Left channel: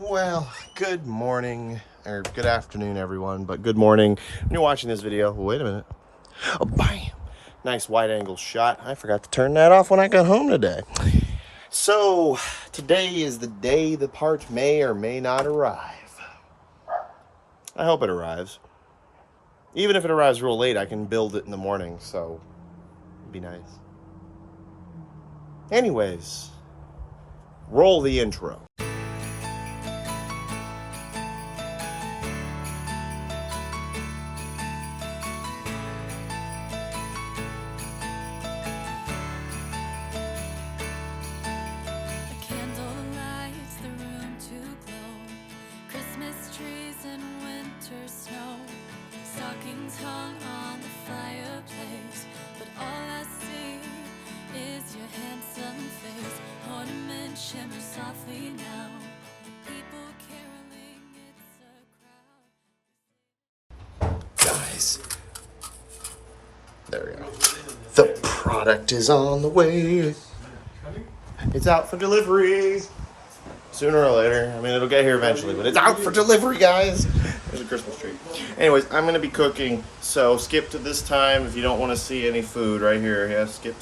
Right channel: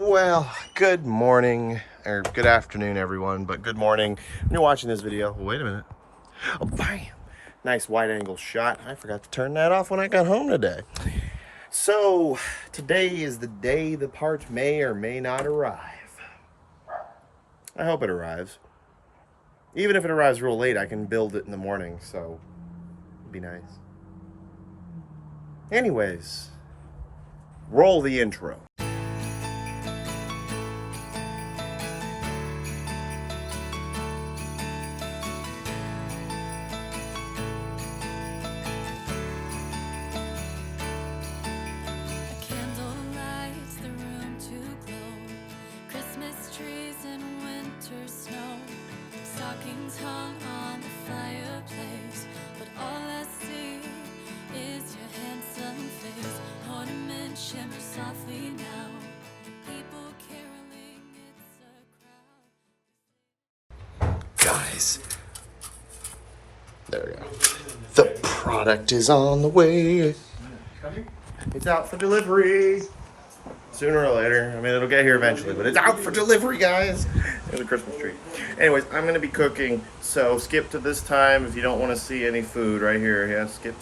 Well, good morning, or good afternoon, everyone, but good morning. When you're watching this video, wait a minute. Oh, bam! Nice wide angle shot. I forgot to turn that off when I got home today. So, today is the day the part may or may not arrive. I hope it arrives. Even if it arrives real late, I can build it in the morning, so it'd be nice. Anyways, roll the intro. Stockings hung on the fireplace, but all I see is your handsome face. Ornament shimmers softly now. People caroling, it's a crowd. Guys, there we go. The product is on the way. It's out for delivery. Sooner or later. I mean, it'll get here eventually, but it's out for delivery, guys. There's a Christmas tree. Anyways, I'm going to be cooking, so skip to this time if you don't want to see any food right here. Yeah, skip.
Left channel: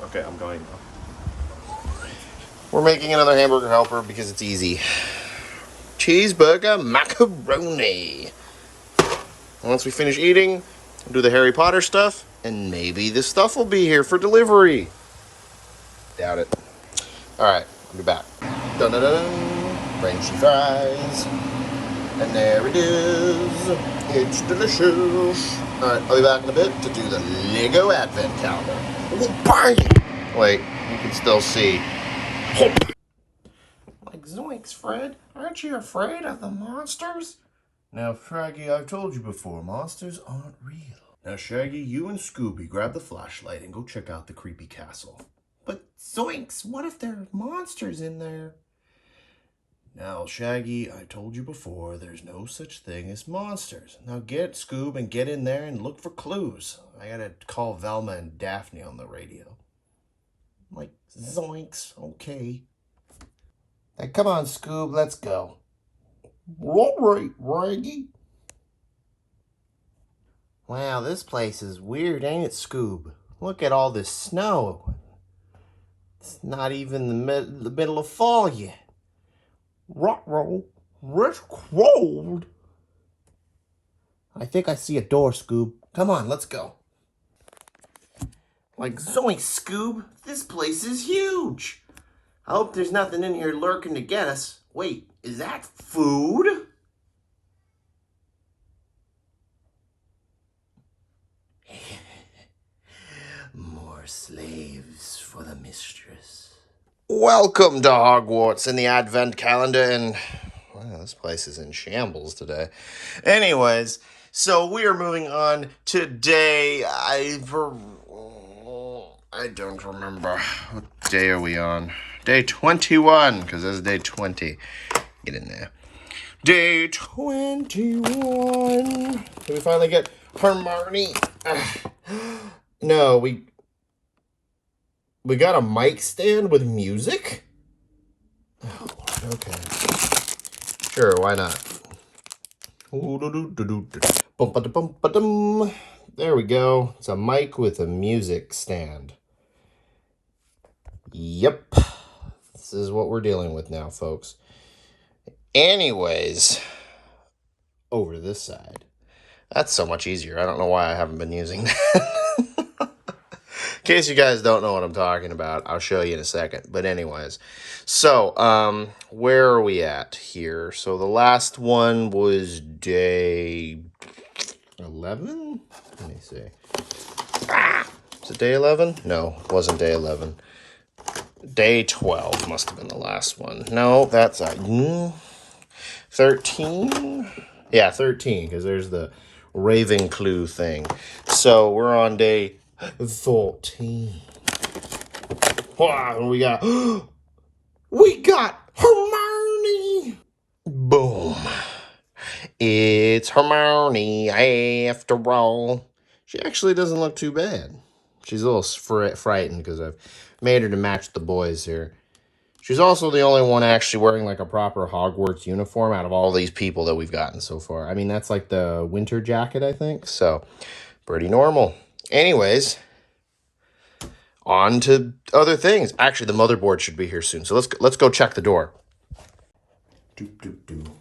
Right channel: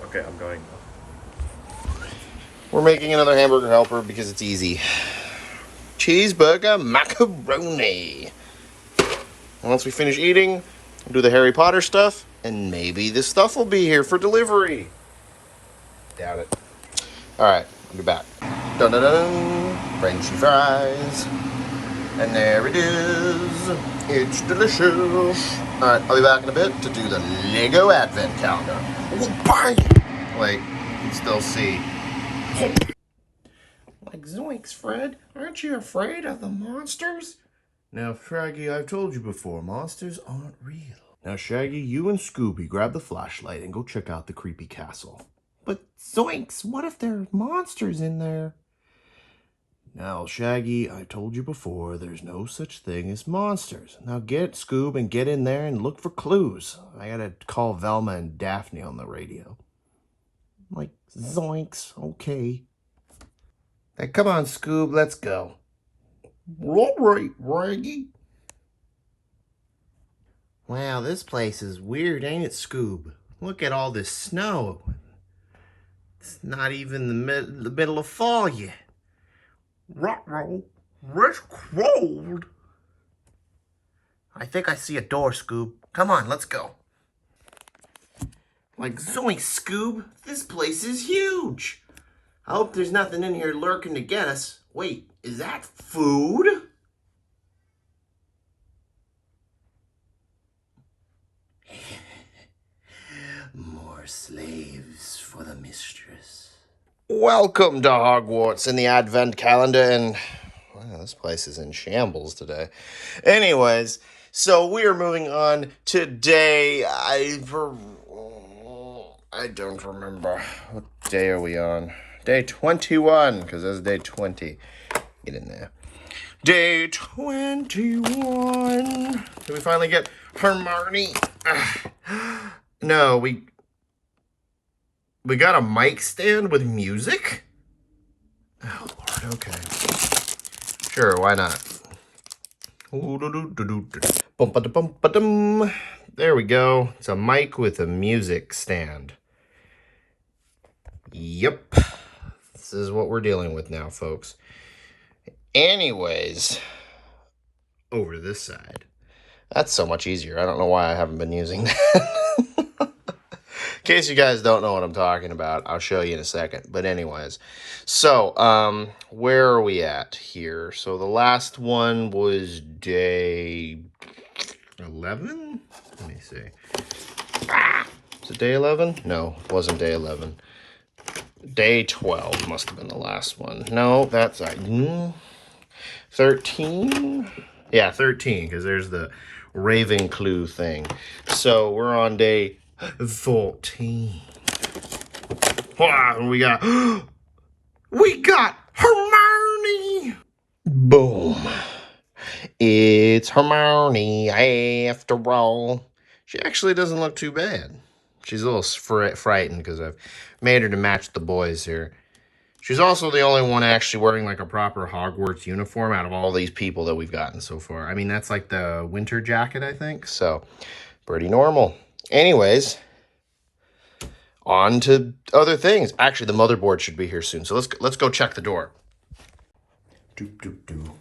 Okay, I'm going now. We're making another hamburger helper because it's easy. Cheeseburger macaroni. Once we finish eating, we'll do the Harry Potter stuff, and maybe this stuff will be here for delivery. Doubt it. Alright, I'll be back. Dun-dun-dun. French fries. And there it is. It's delicious. Alright, I'll be back in a bit to do the Lego Advent Calendar. Wait, you can still see. Like zoinks, Fred. Aren't you afraid of the monsters? Now, Shaggy, I've told you before, monsters aren't real. Now, Shaggy, you and Scooby grab the flashlight and go check out the creepy castle. But zoinks, what if there are monsters in there? Now, Shaggy, I told you before, there's no such thing as monsters. Now get Scoob and get in there and look for clues. I gotta call Velma and Daphne on the radio. Like, zoinks, okay. Hey, come on, Scoob, let's go. All right, Raggy. Wow, this place is weird, ain't it, Scoob? Look at all this snow. It's not even the middle of fall yet. Ruh-roh, it's cold. I think I see a door, Scoob. Come on, let's go. Like, zoink, Scoob. This place is huge. I hope there's nothing in here lurking to get us. Wait, is that food? More slaves for the mistress. Welcome to Hogwarts in the Advent Calendar, and wow, this place is in shambles today. Anyways, so we are moving on today. I don't remember. What day are we on? Day 21, because that's day 20. Get in there. Day 21. Did we finally get Hermione? No, we got a mic stand with music? Oh, Lord, okay. Sure, why not? There we go. It's a mic with a music stand. Yep. This is what we're dealing with now, folks. Anyways, over to this side. That's so much easier. I don't know why I haven't been using that. In case you guys don't know what I'm talking about, I'll show you in a second. But anyways, so where are we at here? So the last one was day 11? Let me see. Is it day 11? No, it wasn't day 11. Day 12 must have been the last one. No, that's 13? Yeah, 13, because there's the Ravenclaw thing. So we're on day 14. Wow, we got Hermione. Boom. It's Hermione after all. She actually doesn't look too bad. She's a little frightened because I've made her to match the boys here. She's also the only one actually wearing like a proper Hogwarts uniform out of all these people that we've gotten so far. I mean, that's like the winter jacket, I think. So, pretty normal. Anyways, on to other things. Actually, the motherboard should be here soon. So let's go check the door. Doop, doop, doop.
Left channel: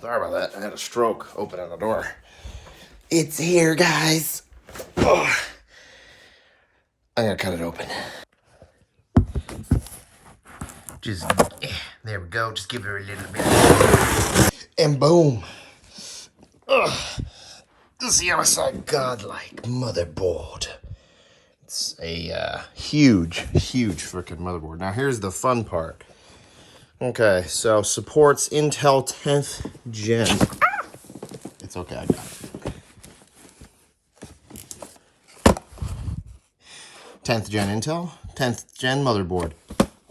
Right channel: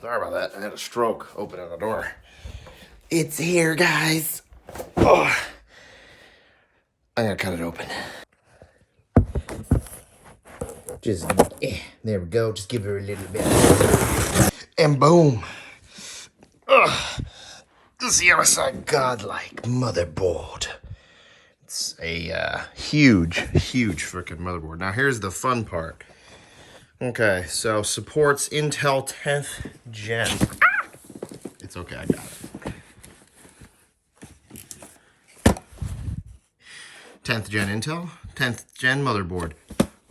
Sorry about that. I had a stroke opening the door. It's here, guys. Oh. I'm gonna cut it open. Just, there we go. Just give her a little bit. And boom. This is a godlike motherboard. It's a huge freaking motherboard. Now here's the fun part. Okay, so supports Intel 10th Gen. It's okay, I got it. 10th Gen Intel, 10th Gen motherboard.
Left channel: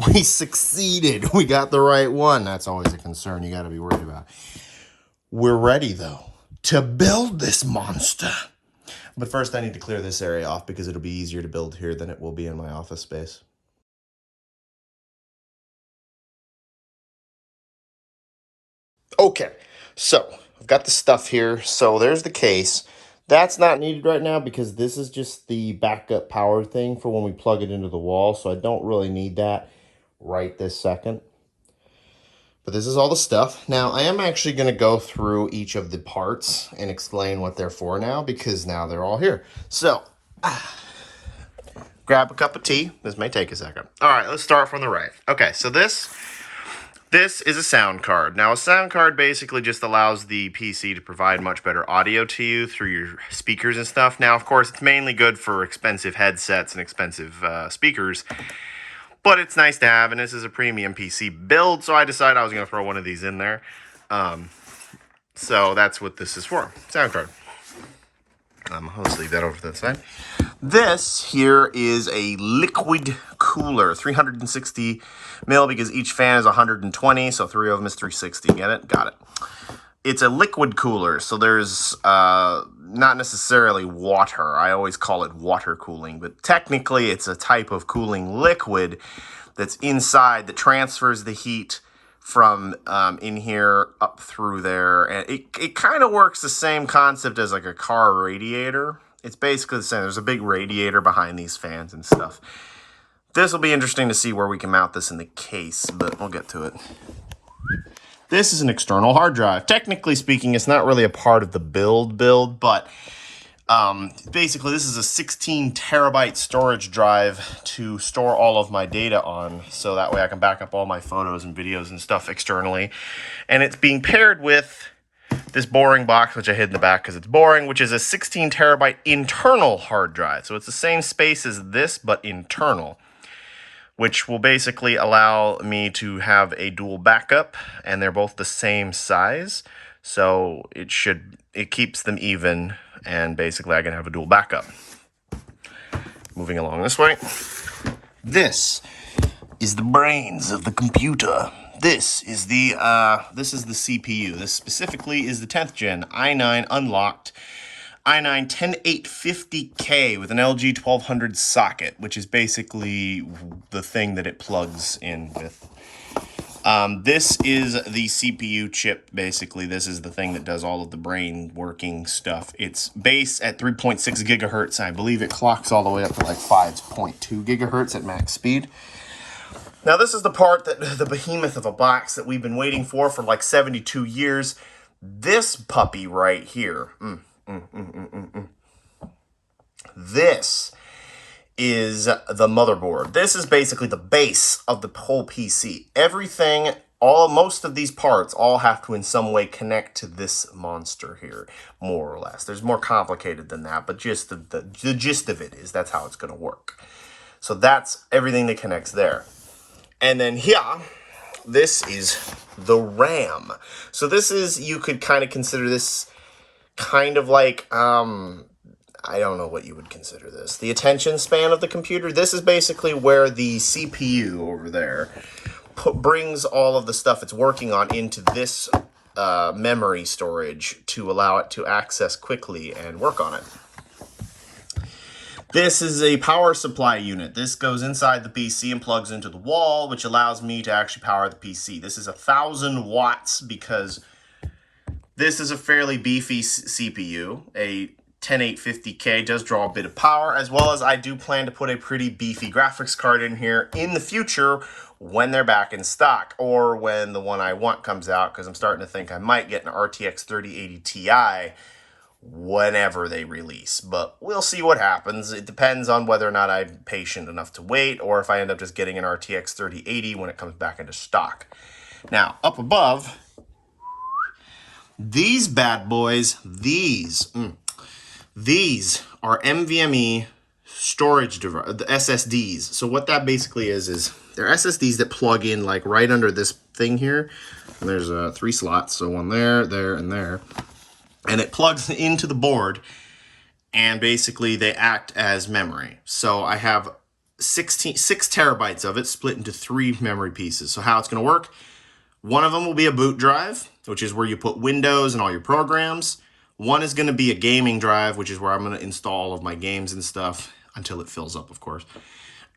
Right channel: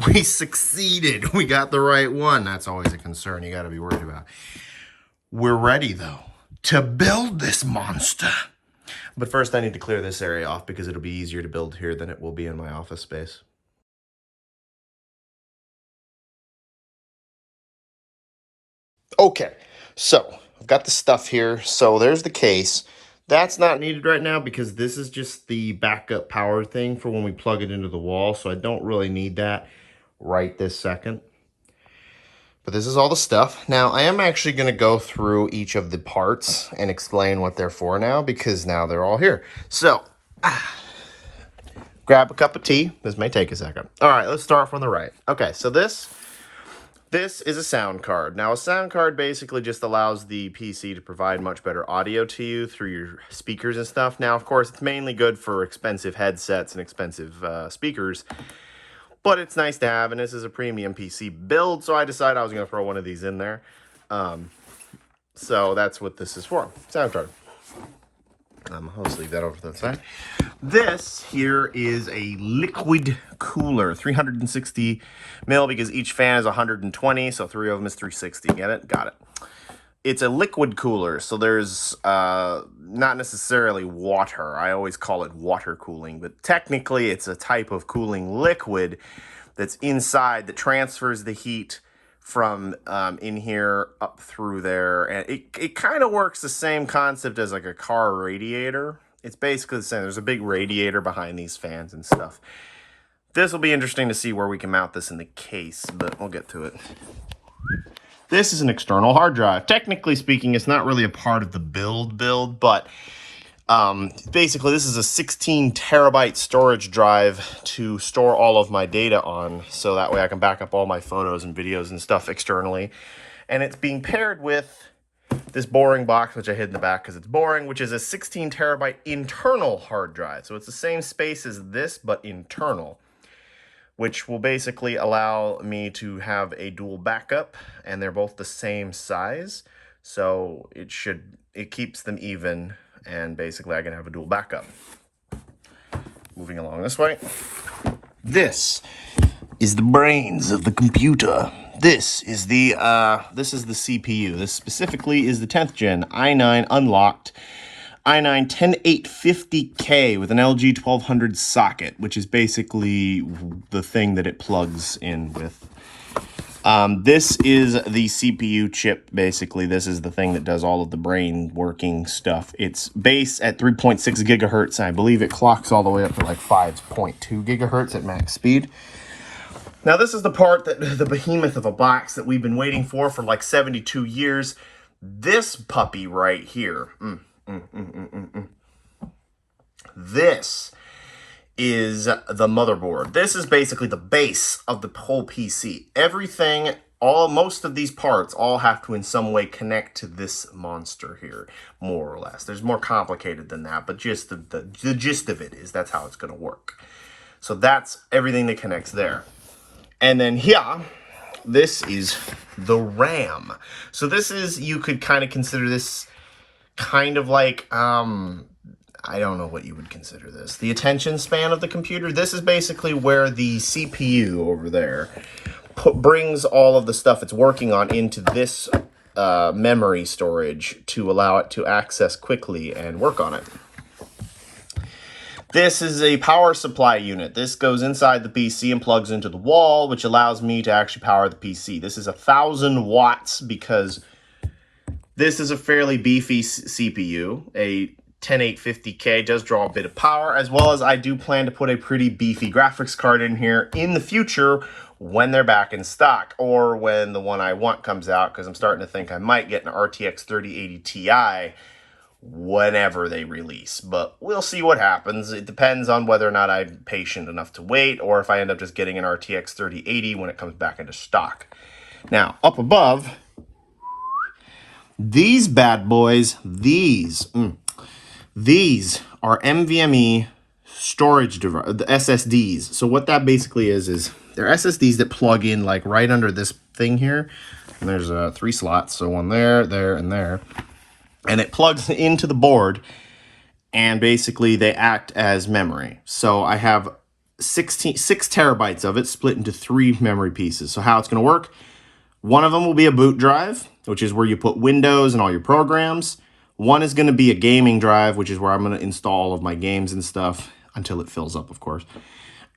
We succeeded. We got the right one. That's always a concern you got to be worried about. We're ready, though, to build this monster. But first, I need to clear this area off because it'll be easier to build here than it will be in my office space. Okay, so I've got the stuff here. So there's the case. That's not needed right now because this is just the backup power thing for when we plug it into the wall. So I don't really need that right this second. But this is all the stuff. Now, I am actually going to go through each of the parts and explain what they're for now because now they're all here. So, grab a cup of tea. This may take a second. All right, let's start from the right. Okay, so this is a sound card. Now, a sound card basically just allows the PC to provide much better audio to you through your speakers and stuff. Now, of course, it's mainly good for expensive headsets and expensive speakers. But it's nice to have, and this is a premium PC build, so I decided I was going to throw one of these in there. So that's what this is for, sound card. I'll just leave that over to the side. This here is a liquid cooler, 360 mil, because each fan is 120, so 3 of them is 360. Get it? Got it. It's a liquid cooler, so there's not necessarily water. I always call it water cooling, but technically it's a type of cooling liquid that's inside that transfers the heat from in here up through there. And it kind of works the same concept as like a car radiator. It's basically the same. There's a big radiator behind these fans and stuff. This will be interesting to see where we can mount this in the case, but we'll get to it. This is an external hard drive. Technically speaking, it's not really a part of the build, but basically this is a 16 terabyte storage drive to store all of my data on, so that way I can back up all my photos and videos and stuff externally. And it's being paired with this boring box, which I hid in the back because it's boring, which is a 16 terabyte internal hard drive. So it's the same space as this, but internal, which will basically allow me to have a dual backup, and they're both the same size, so it keeps them even, and basically I can have a dual backup. Moving along this way. This is the brains of the computer. This is the CPU. This specifically is the 10th gen i9 unlocked i9 10850K with an LG 1200 socket, which is basically the thing that it plugs in with. This is the CPU chip, basically. This is the thing that does all of the brain working stuff. It's base at 3.6 gigahertz, and I believe it clocks all the way up to like 5.2 gigahertz at max speed. Now, this is the part that the behemoth of a box that we've been waiting for like 72 years. This puppy right here. This is the motherboard. This is basically the base of the whole PC. Everything, most of these parts all have to in some way connect to this monster here, more or less. There's more complicated than that, but just the gist of it is that's how it's going to work. So that's everything that connects there. And then here, this is the RAM. So this is, you could kind of consider this kind of like, I don't know what you would consider this. The attention span of the computer. This is basically where the CPU over there brings all of the stuff it's working on into this memory storage to allow it to access quickly and work on it. This is a power supply unit. This goes inside the PC and plugs into the wall, which allows me to actually power the PC. This is 1,000 watts because this is a fairly beefy CPU. A 10850K does draw a bit of power, as well as I do plan to put a pretty beefy graphics card in here in the future when they're back in stock, or when the one I want comes out, because I'm starting to think I might get an RTX 3080 Ti whenever they release. But we'll see what happens. It depends on whether or not I'm patient enough to wait, or if I end up just getting an RTX 3080 when it comes back into stock. Now, up above, these bad boys, these are NVMe storage device, the SSDs. So what that basically is they're SSDs that plug in like right under this thing here. And there's 3 slots, so one there, there, and there. And it plugs into the board, and basically they act as memory. So I have 6 terabytes of it split into 3 memory pieces. So how it's going to work, one of them will be a boot drive, which is where you put Windows and all your programs. One is going to be a gaming drive, which is where I'm going to install all of my games and stuff until it fills up, of course.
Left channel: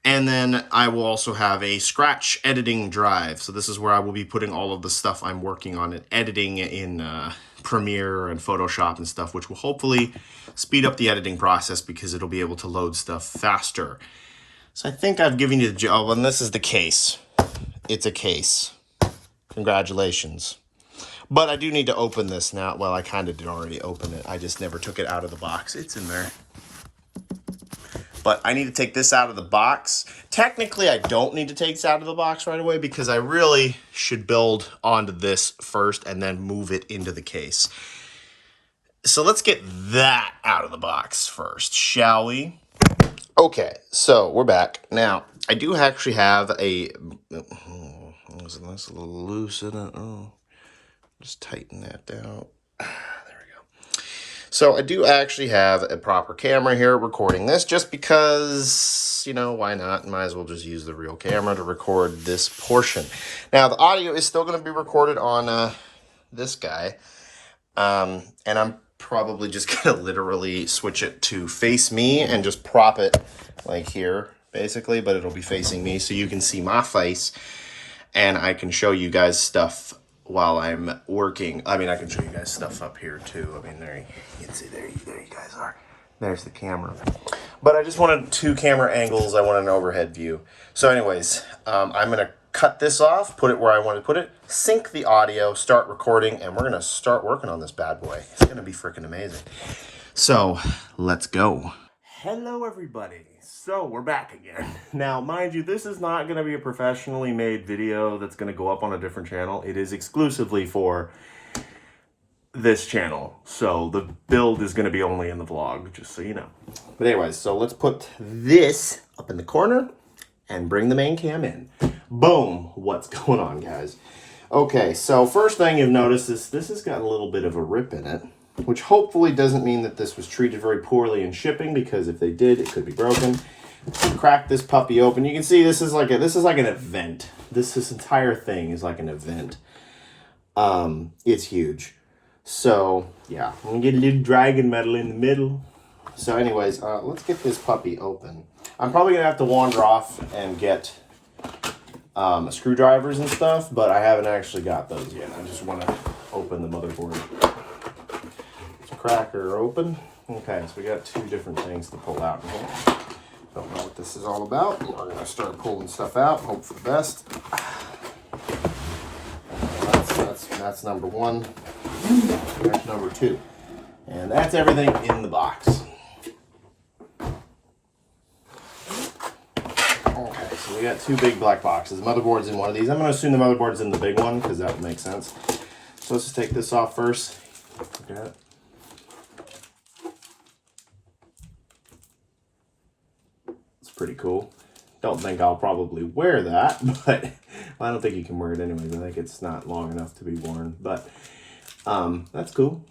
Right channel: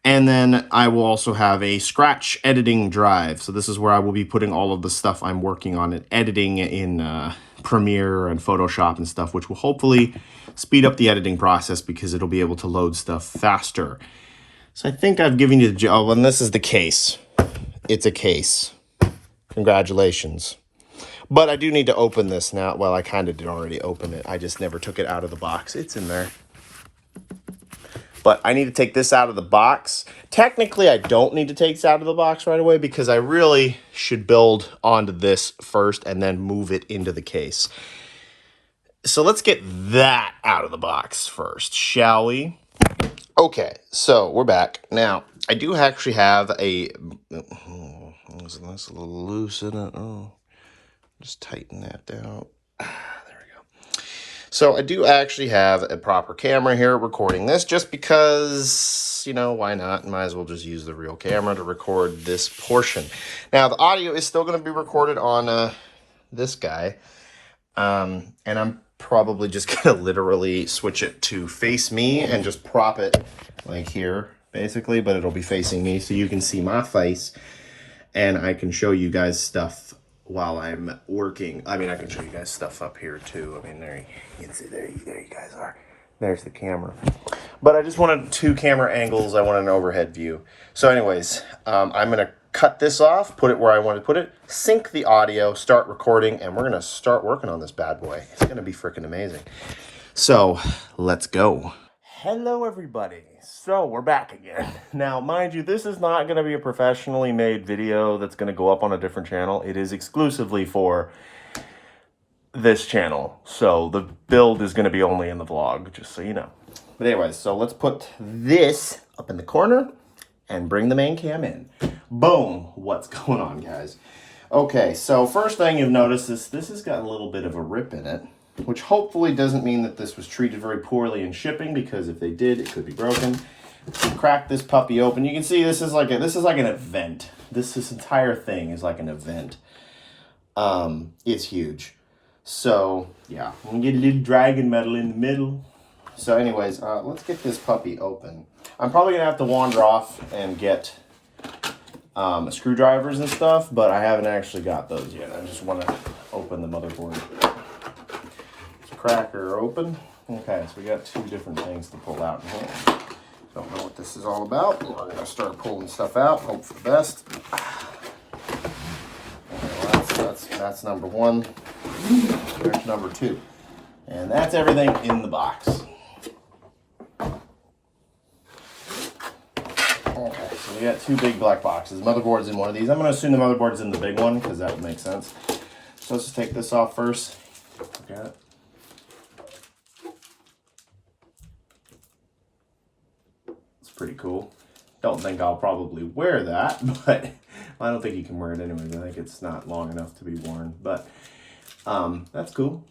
And then I will also have a Scratch editing drive. So this is where I will be putting all of the stuff I'm working on and editing in Premiere and Photoshop and stuff, which will hopefully speed up the editing process because it'll be able to load stuff faster. So I think I've given you the... Oh, and this is the case. It's a case. Congratulations. But I do need to open this now. Well, I kind of did already open it. I just never took it out of the box. It's in there. But I need to take this out of the box. Technically, I don't need to take this out of the box right away because I really should build onto this first and then move it into the case. So let's get that out of the box first, shall we? Okay, so we're back. Now, I do actually have a... That's a little loose, isn't it? Oh, just tighten that down. So I do actually have a proper camera here recording this just because, you know, why not? Might as well just use the real camera to record this portion. Now, the audio is still going to be recorded on this guy. And I'm probably just going to literally switch it to face me and just prop it like here, basically. But it'll be facing me so you can see my face and I can show you guys stuff while I'm working. I mean, I can show you guys stuff up here too. I mean, there you can see, there you guys are. There's the camera. But I just wanted 2 camera angles. I want an overhead view. So anyways, I'm going to cut this off, put it where I want to put it, sync the audio, start recording, and we're going to start working on this bad boy. It's going to be freaking amazing. So let's go. Hello, everybody. So we're back again. Now, mind you, this is not going to be a professionally made video that's going to go up on a different channel. It is exclusively for this channel. So the build is going to be only in the vlog, just so you know. But anyways, so let's put this up in the corner and bring the main cam in. Boom. What's going on, guys? Okay, so first thing you've noticed is this has got a little bit of a rip in it, which hopefully doesn't mean that this was treated very poorly in shipping, because if they did, it could be broken. Crack this puppy open. You can see this is like an event. This entire thing is like an event. It's huge. So yeah, I'm gonna get a little dragon metal in the middle. So anyways, let's get this puppy open. I'm probably gonna have to wander off and get screwdrivers and stuff, but I haven't actually got those yet. I just want to open the motherboard. Let's crack her open. Okay, so we got 2 different things to pull out. Don't know what this is all about. We're gonna start pulling stuff out. Hope for the best. Okay, well, that's number 1. There's number 2, and that's everything in the box. Okay, so we got 2 big black boxes. Motherboard's in one of these. I'm gonna assume the motherboard's in the big one because that would make sense. So let's just take this off first. Got it. Pretty cool. Don't think I'll probably wear that, but I don't think you can wear it anyways. I think it's not long enough to be worn, but that's cool.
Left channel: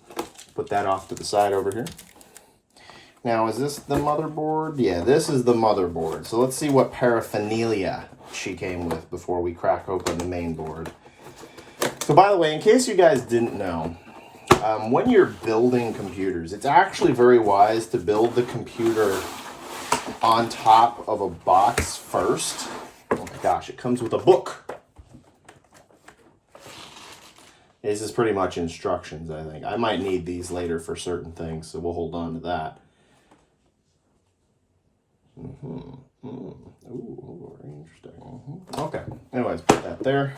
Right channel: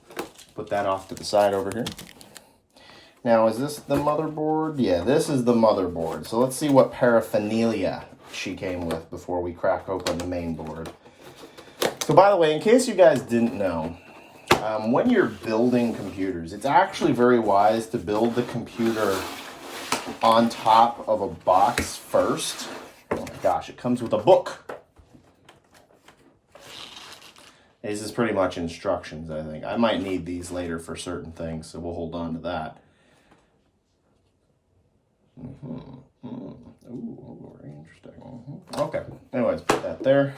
Put that off to the side over here. Now, is this the motherboard? Yeah, this is the motherboard. So let's see what paraphernalia she came with before we crack open the main board. So by the way, in case you guys didn't know, when you're building computers, it's actually very wise to build the computer on top of a box first. Oh my gosh, it comes with a book. This is pretty much instructions, I think. I might need these later for certain things, so we'll hold on to that. Ooh, very interesting. Okay, anyways, put that there.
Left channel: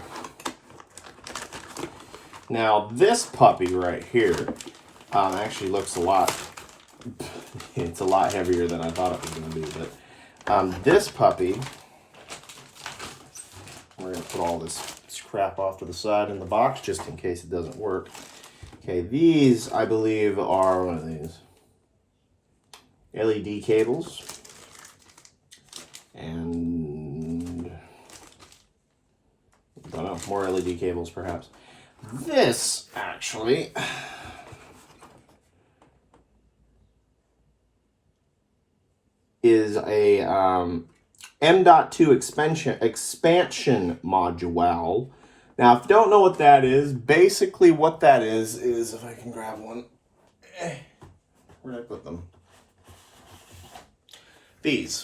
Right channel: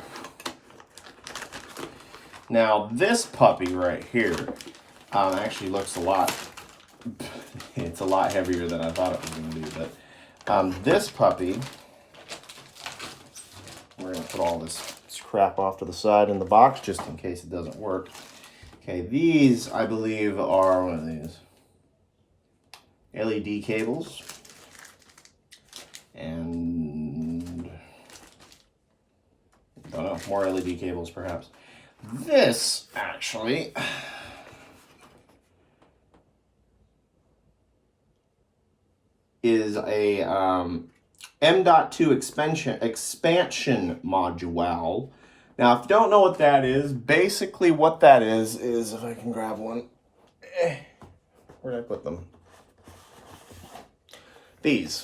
Now, this puppy right here actually looks a lot, it's a lot heavier than I thought it was going to be, but this puppy, we're going to put all this crap off to the side in the box just in case it doesn't work. Okay, these I believe are, what are these? LED cables. And I don't know, more LED cables perhaps. This actually is a M.2 expansion module. Now, if you don't know what that is, basically what that is if I can grab one. Where did I put them? These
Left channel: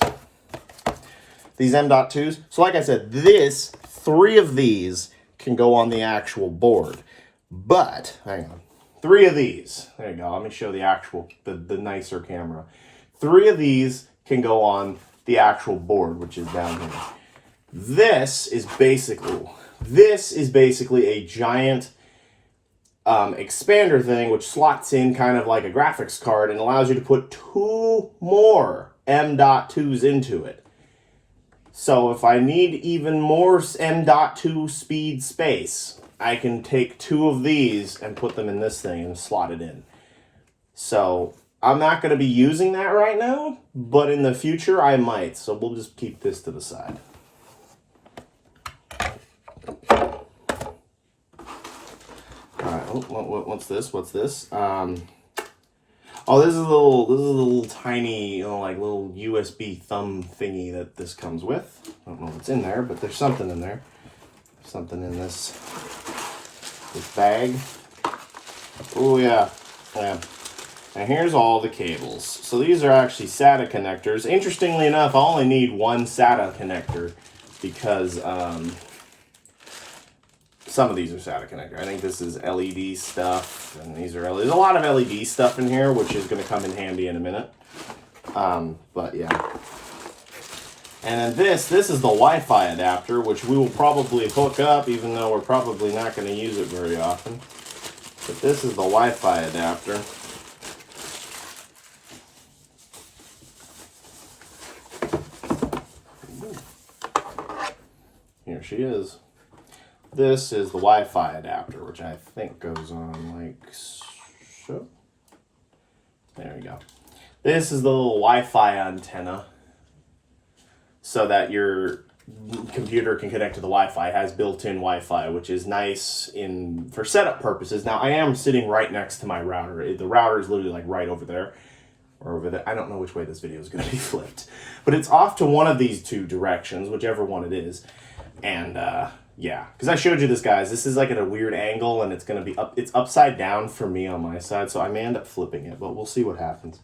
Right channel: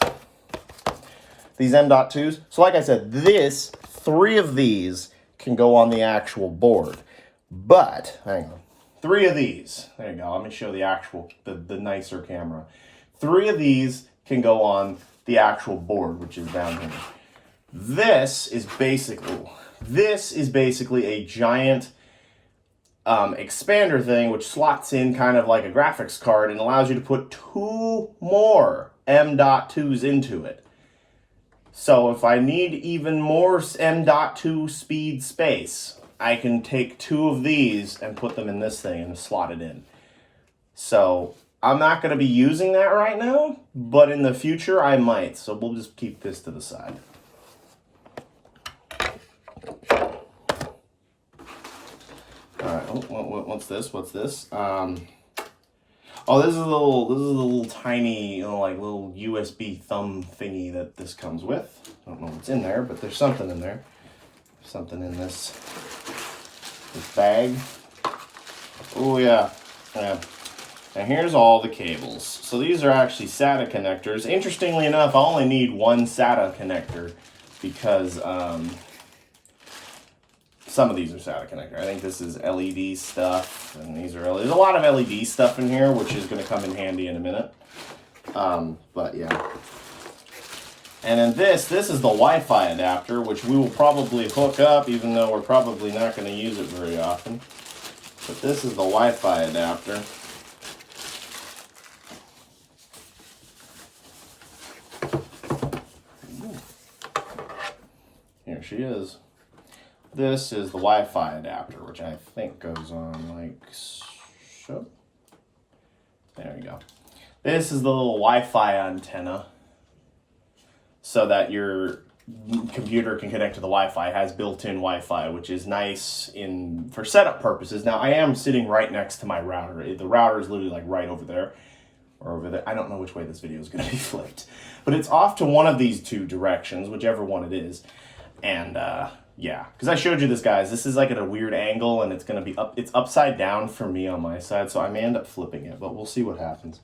M.2s. So like I said, 3 of these can go on the actual board. But, hang on. 3 of these. There you go. Let me show the actual, the nicer camera. 3 of these can go on the actual board, which is down here. This is basically a giant expander thing, which slots in kind of like a graphics card and allows you to put 2 more M.2s into it. So if I need even more M.2 speed space, I can take 2 of these and put them in this thing and slot it in. So I'm not going to be using that right now, but in the future I might. So we'll just keep this to the side. All right. Oh, what's this? What's this? Oh, this is a little tiny, like little USB thumb thingy that this comes with. I don't know what's in there, but there's something in there. There's something in this bag. Oh yeah. And here's all the cables. So these are actually SATA connectors. Interestingly enough, I only need 1 SATA connector because some of these are SATA connector. I think this is LED stuff, and these are LED. There's a lot of LED stuff in here, which is going to come in handy in a minute. But yeah. And then this is the Wi-Fi adapter, which we will probably hook up, even though we're probably not going to use it very often. But this is the Wi-Fi adapter. Here she is. This is the Wi-Fi adapter, which I think goes on like so. There we go. This is the little Wi-Fi antenna so that your computer can connect to the Wi-Fi. It has built-in Wi-Fi, which is nice for setup purposes. Now, I am sitting right next to my router. The router is literally like right over there. Or over there. I don't know which way this video is going to be flipped. But it's off to one of these 2 directions, whichever one it is. And, yeah, because I showed you this, guys. This is like at a weird angle, and it's going to be it's upside down for me on my side, so I may end up flipping it, but we'll see what happens.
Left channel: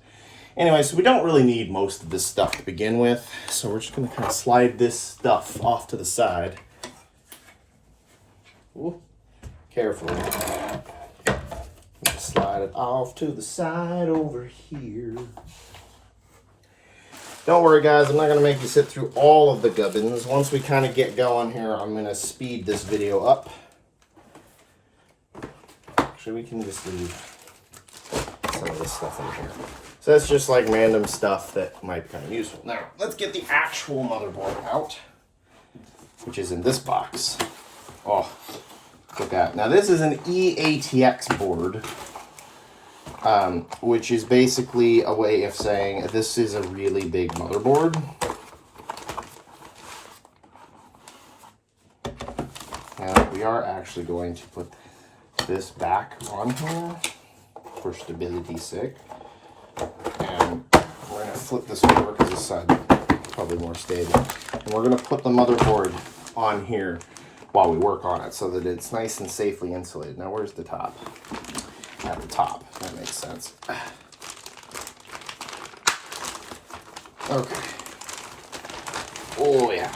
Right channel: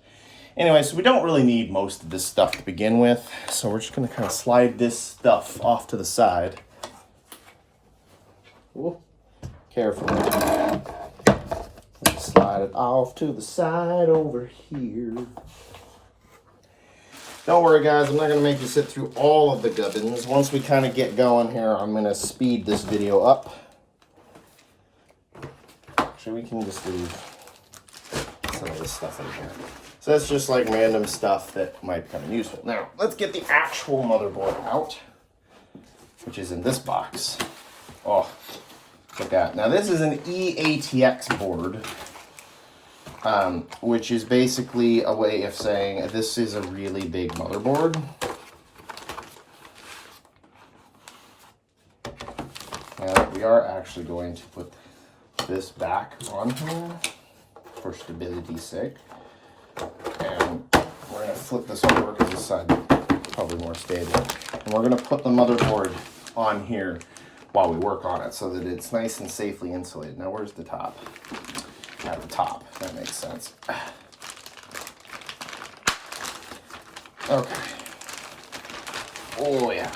Anyway, so we don't really need most of this stuff to begin with, so we're just going to kind of slide this stuff off to the side. Ooh, carefully. Just slide it off to the side over here. Don't worry, guys, I'm not going to make you sit through all of the gubbins. Once we kind of get going here, I'm going to speed this video up. Actually, we can just leave some of this stuff in here. So that's just like random stuff that might be kind of useful. Now, let's get the actual motherboard out, which is in this box. Oh, look at that. Now, this is an eATX board. Which is basically a way of saying this is a really big motherboard. And we are actually going to put this back on here for stability's sake. And we're going to flip this over because this side is probably more stable. And we're going to put the motherboard on here while we work on it so that it's nice and safely insulated. Now, where's the top? At the top, if that makes sense. Okay. Oh, yeah.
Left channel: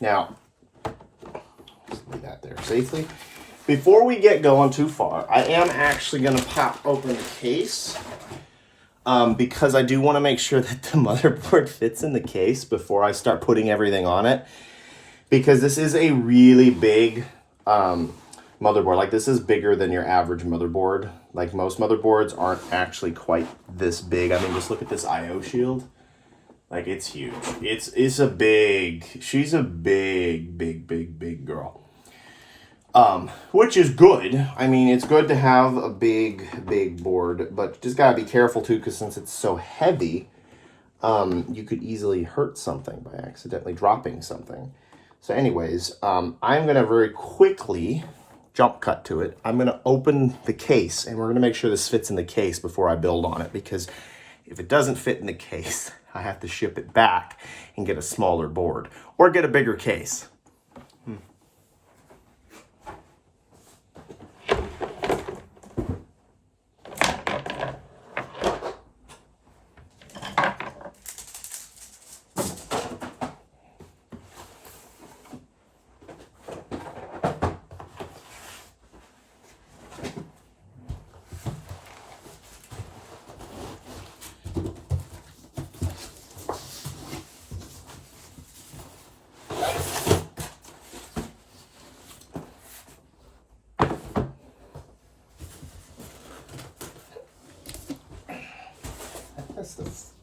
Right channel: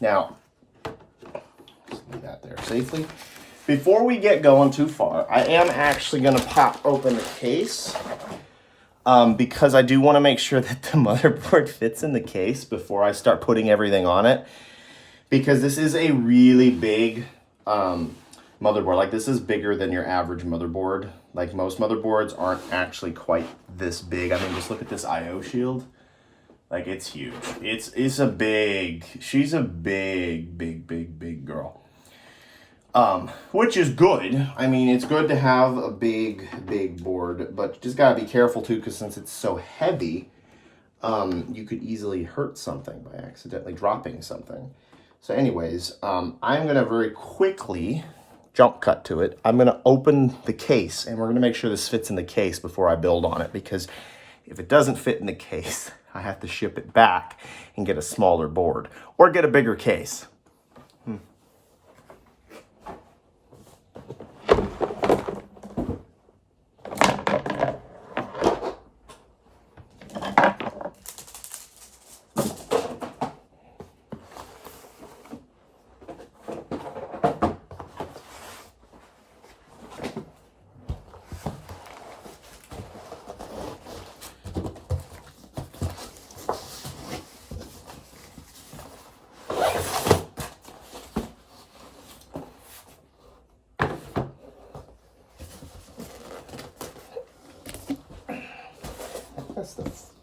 Now, just leave that there safely. Before we get going too far, I am actually going to pop open the case because I do want to make sure that the motherboard fits in the case before I start putting everything on it. Because this is a really big motherboard. Like, this is bigger than your average motherboard. Like, most motherboards aren't actually quite this big. I mean, just look at this I/O shield. Like, it's huge. It's a big, she's a big girl. Which is good. I mean, it's good to have a big board, but you just gotta be careful too, because since it's so heavy, you could easily hurt something by accidentally dropping something. So anyways, I'm gonna very quickly jump cut to it. I'm gonna open the case, and we're gonna make sure this fits in the case before I build on it, because if it doesn't fit in the case, I have to ship it back and get a smaller board or get a bigger case.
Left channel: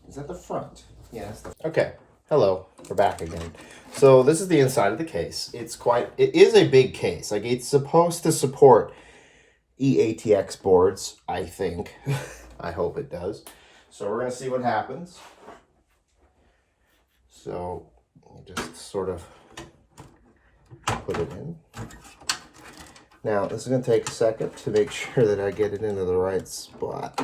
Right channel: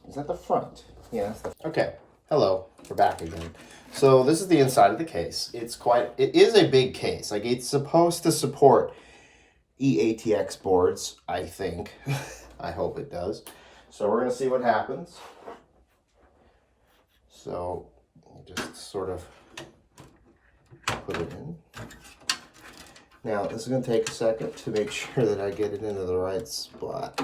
Is that the front? Yeah, that's the okay. Hello, we're back again. So this is the inside of the case. It is a big case. Like, it's supposed to support eATX boards, I think. I hope it does. So we're gonna see what happens. So just sort of put it in. Now this is gonna take a second to make sure that I get it into the right spot.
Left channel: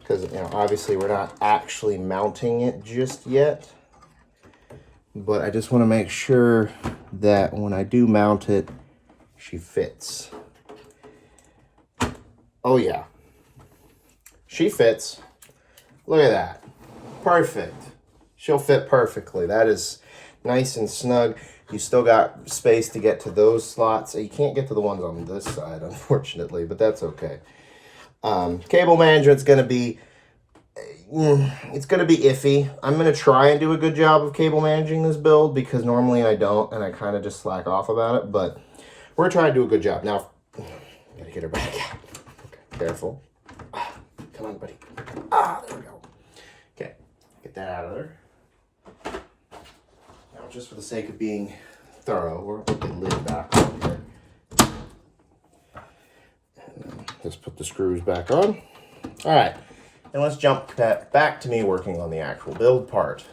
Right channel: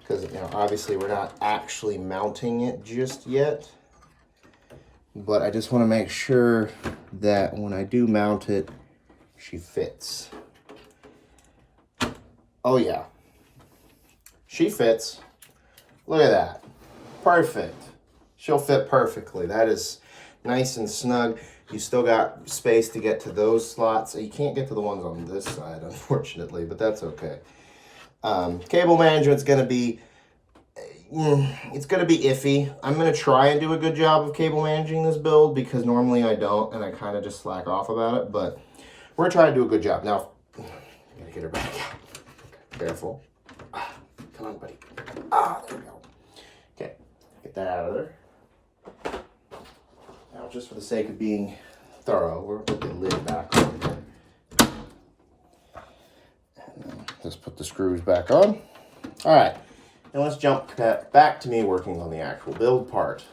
Because, you know, obviously we're not actually mounting it just yet, but I just want to make sure that when I do mount it, she fits. Oh yeah, she fits. Look at that. Perfect. She'll fit perfectly. That is nice and snug. You still got space to get to those slots. You can't get to the ones on this side, unfortunately, but that's okay. Cable management's going to be, it's going to be iffy. I'm going to try and do a good job of cable managing this build, because normally I don't, and I kind of just slack off about it, but we're trying to do a good job. Now, gotta get her back. Okay, careful. Come on, buddy. There we go. Okay, get that out of there. Now, just for the sake of being thorough, we'll put the lid back on here. Just put the screws back on. All right, and let's jump back to me working on the actual build part.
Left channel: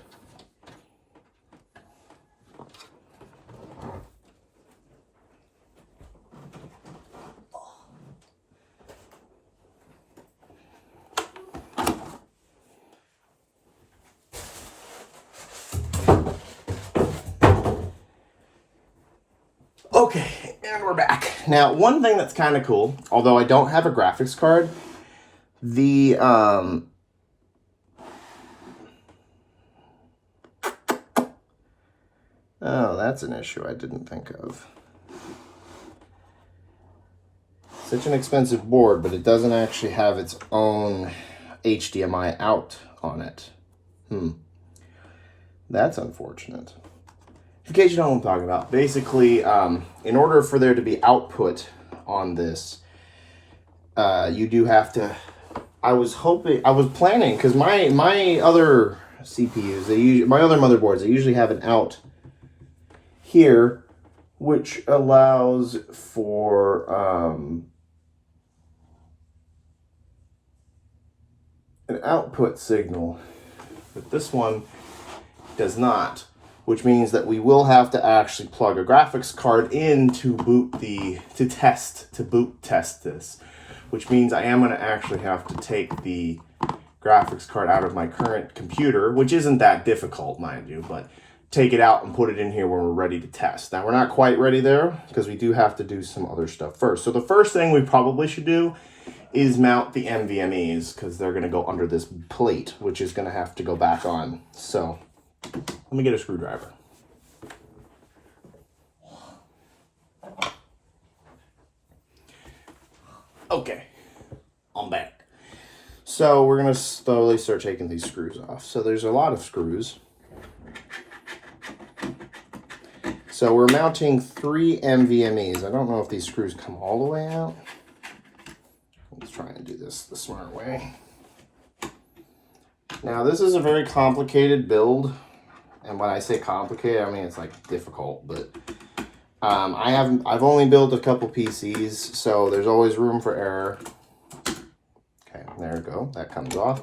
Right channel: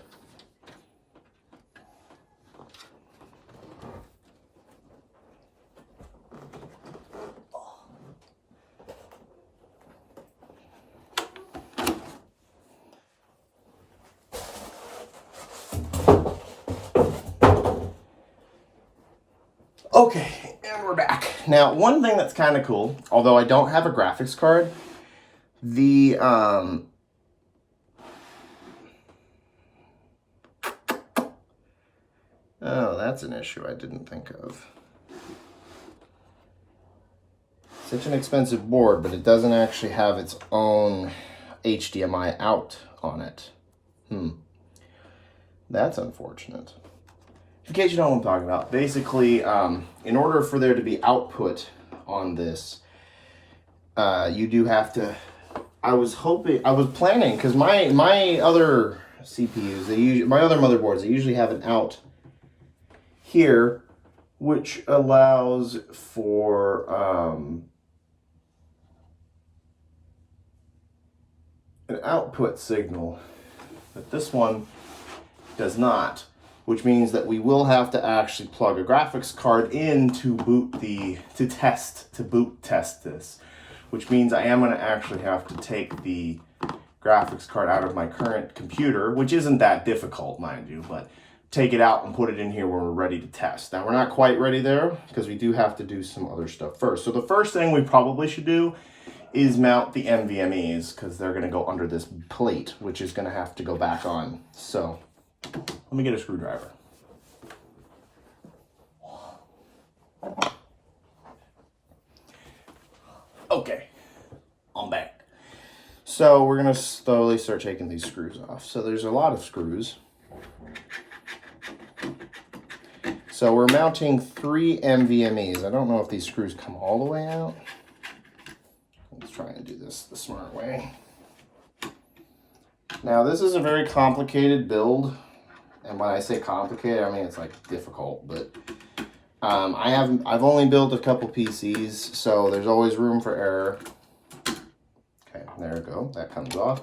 Okay, and we're back. Now, one thing that's kind of cool, although I don't have a graphics card, the oh, that's an issue I didn't think of. Such an expensive board, but it doesn't actually have its own HDMI out on it. That's unfortunate. In case you don't know what I'm talking about, basically, in order for there to be output on this, you do have to. I was planning, because my other CPUs, my other motherboards, they usually have an out here, which allows for an output signal, but this one does not. Which means that we will have to actually plug a graphics card in to boot test this. Which means I am going to actually have to take the graphics card out of my current computer, which isn't that difficult, mind you, but take it out and put it in here when we're ready to test. Now, we're not quite ready there, because we do have to do some other stuff first. So the first thing we probably should do is mount the NVMEs, because they're going to go under this plate, which is going to have to go back on. So let me get a screwdriver. Okay, I'm back. So we're going to slowly start taking these screws off. So there's a lot of screws. So we're mounting 3 NVMEs. I don't know if these screws come all the way out. Let's try and do this the smart way. Now this is a very complicated build. And when I say complicated, I mean it's like difficult, but I've only built a couple PCs, so there's always room for error. Okay, there we go. That comes off.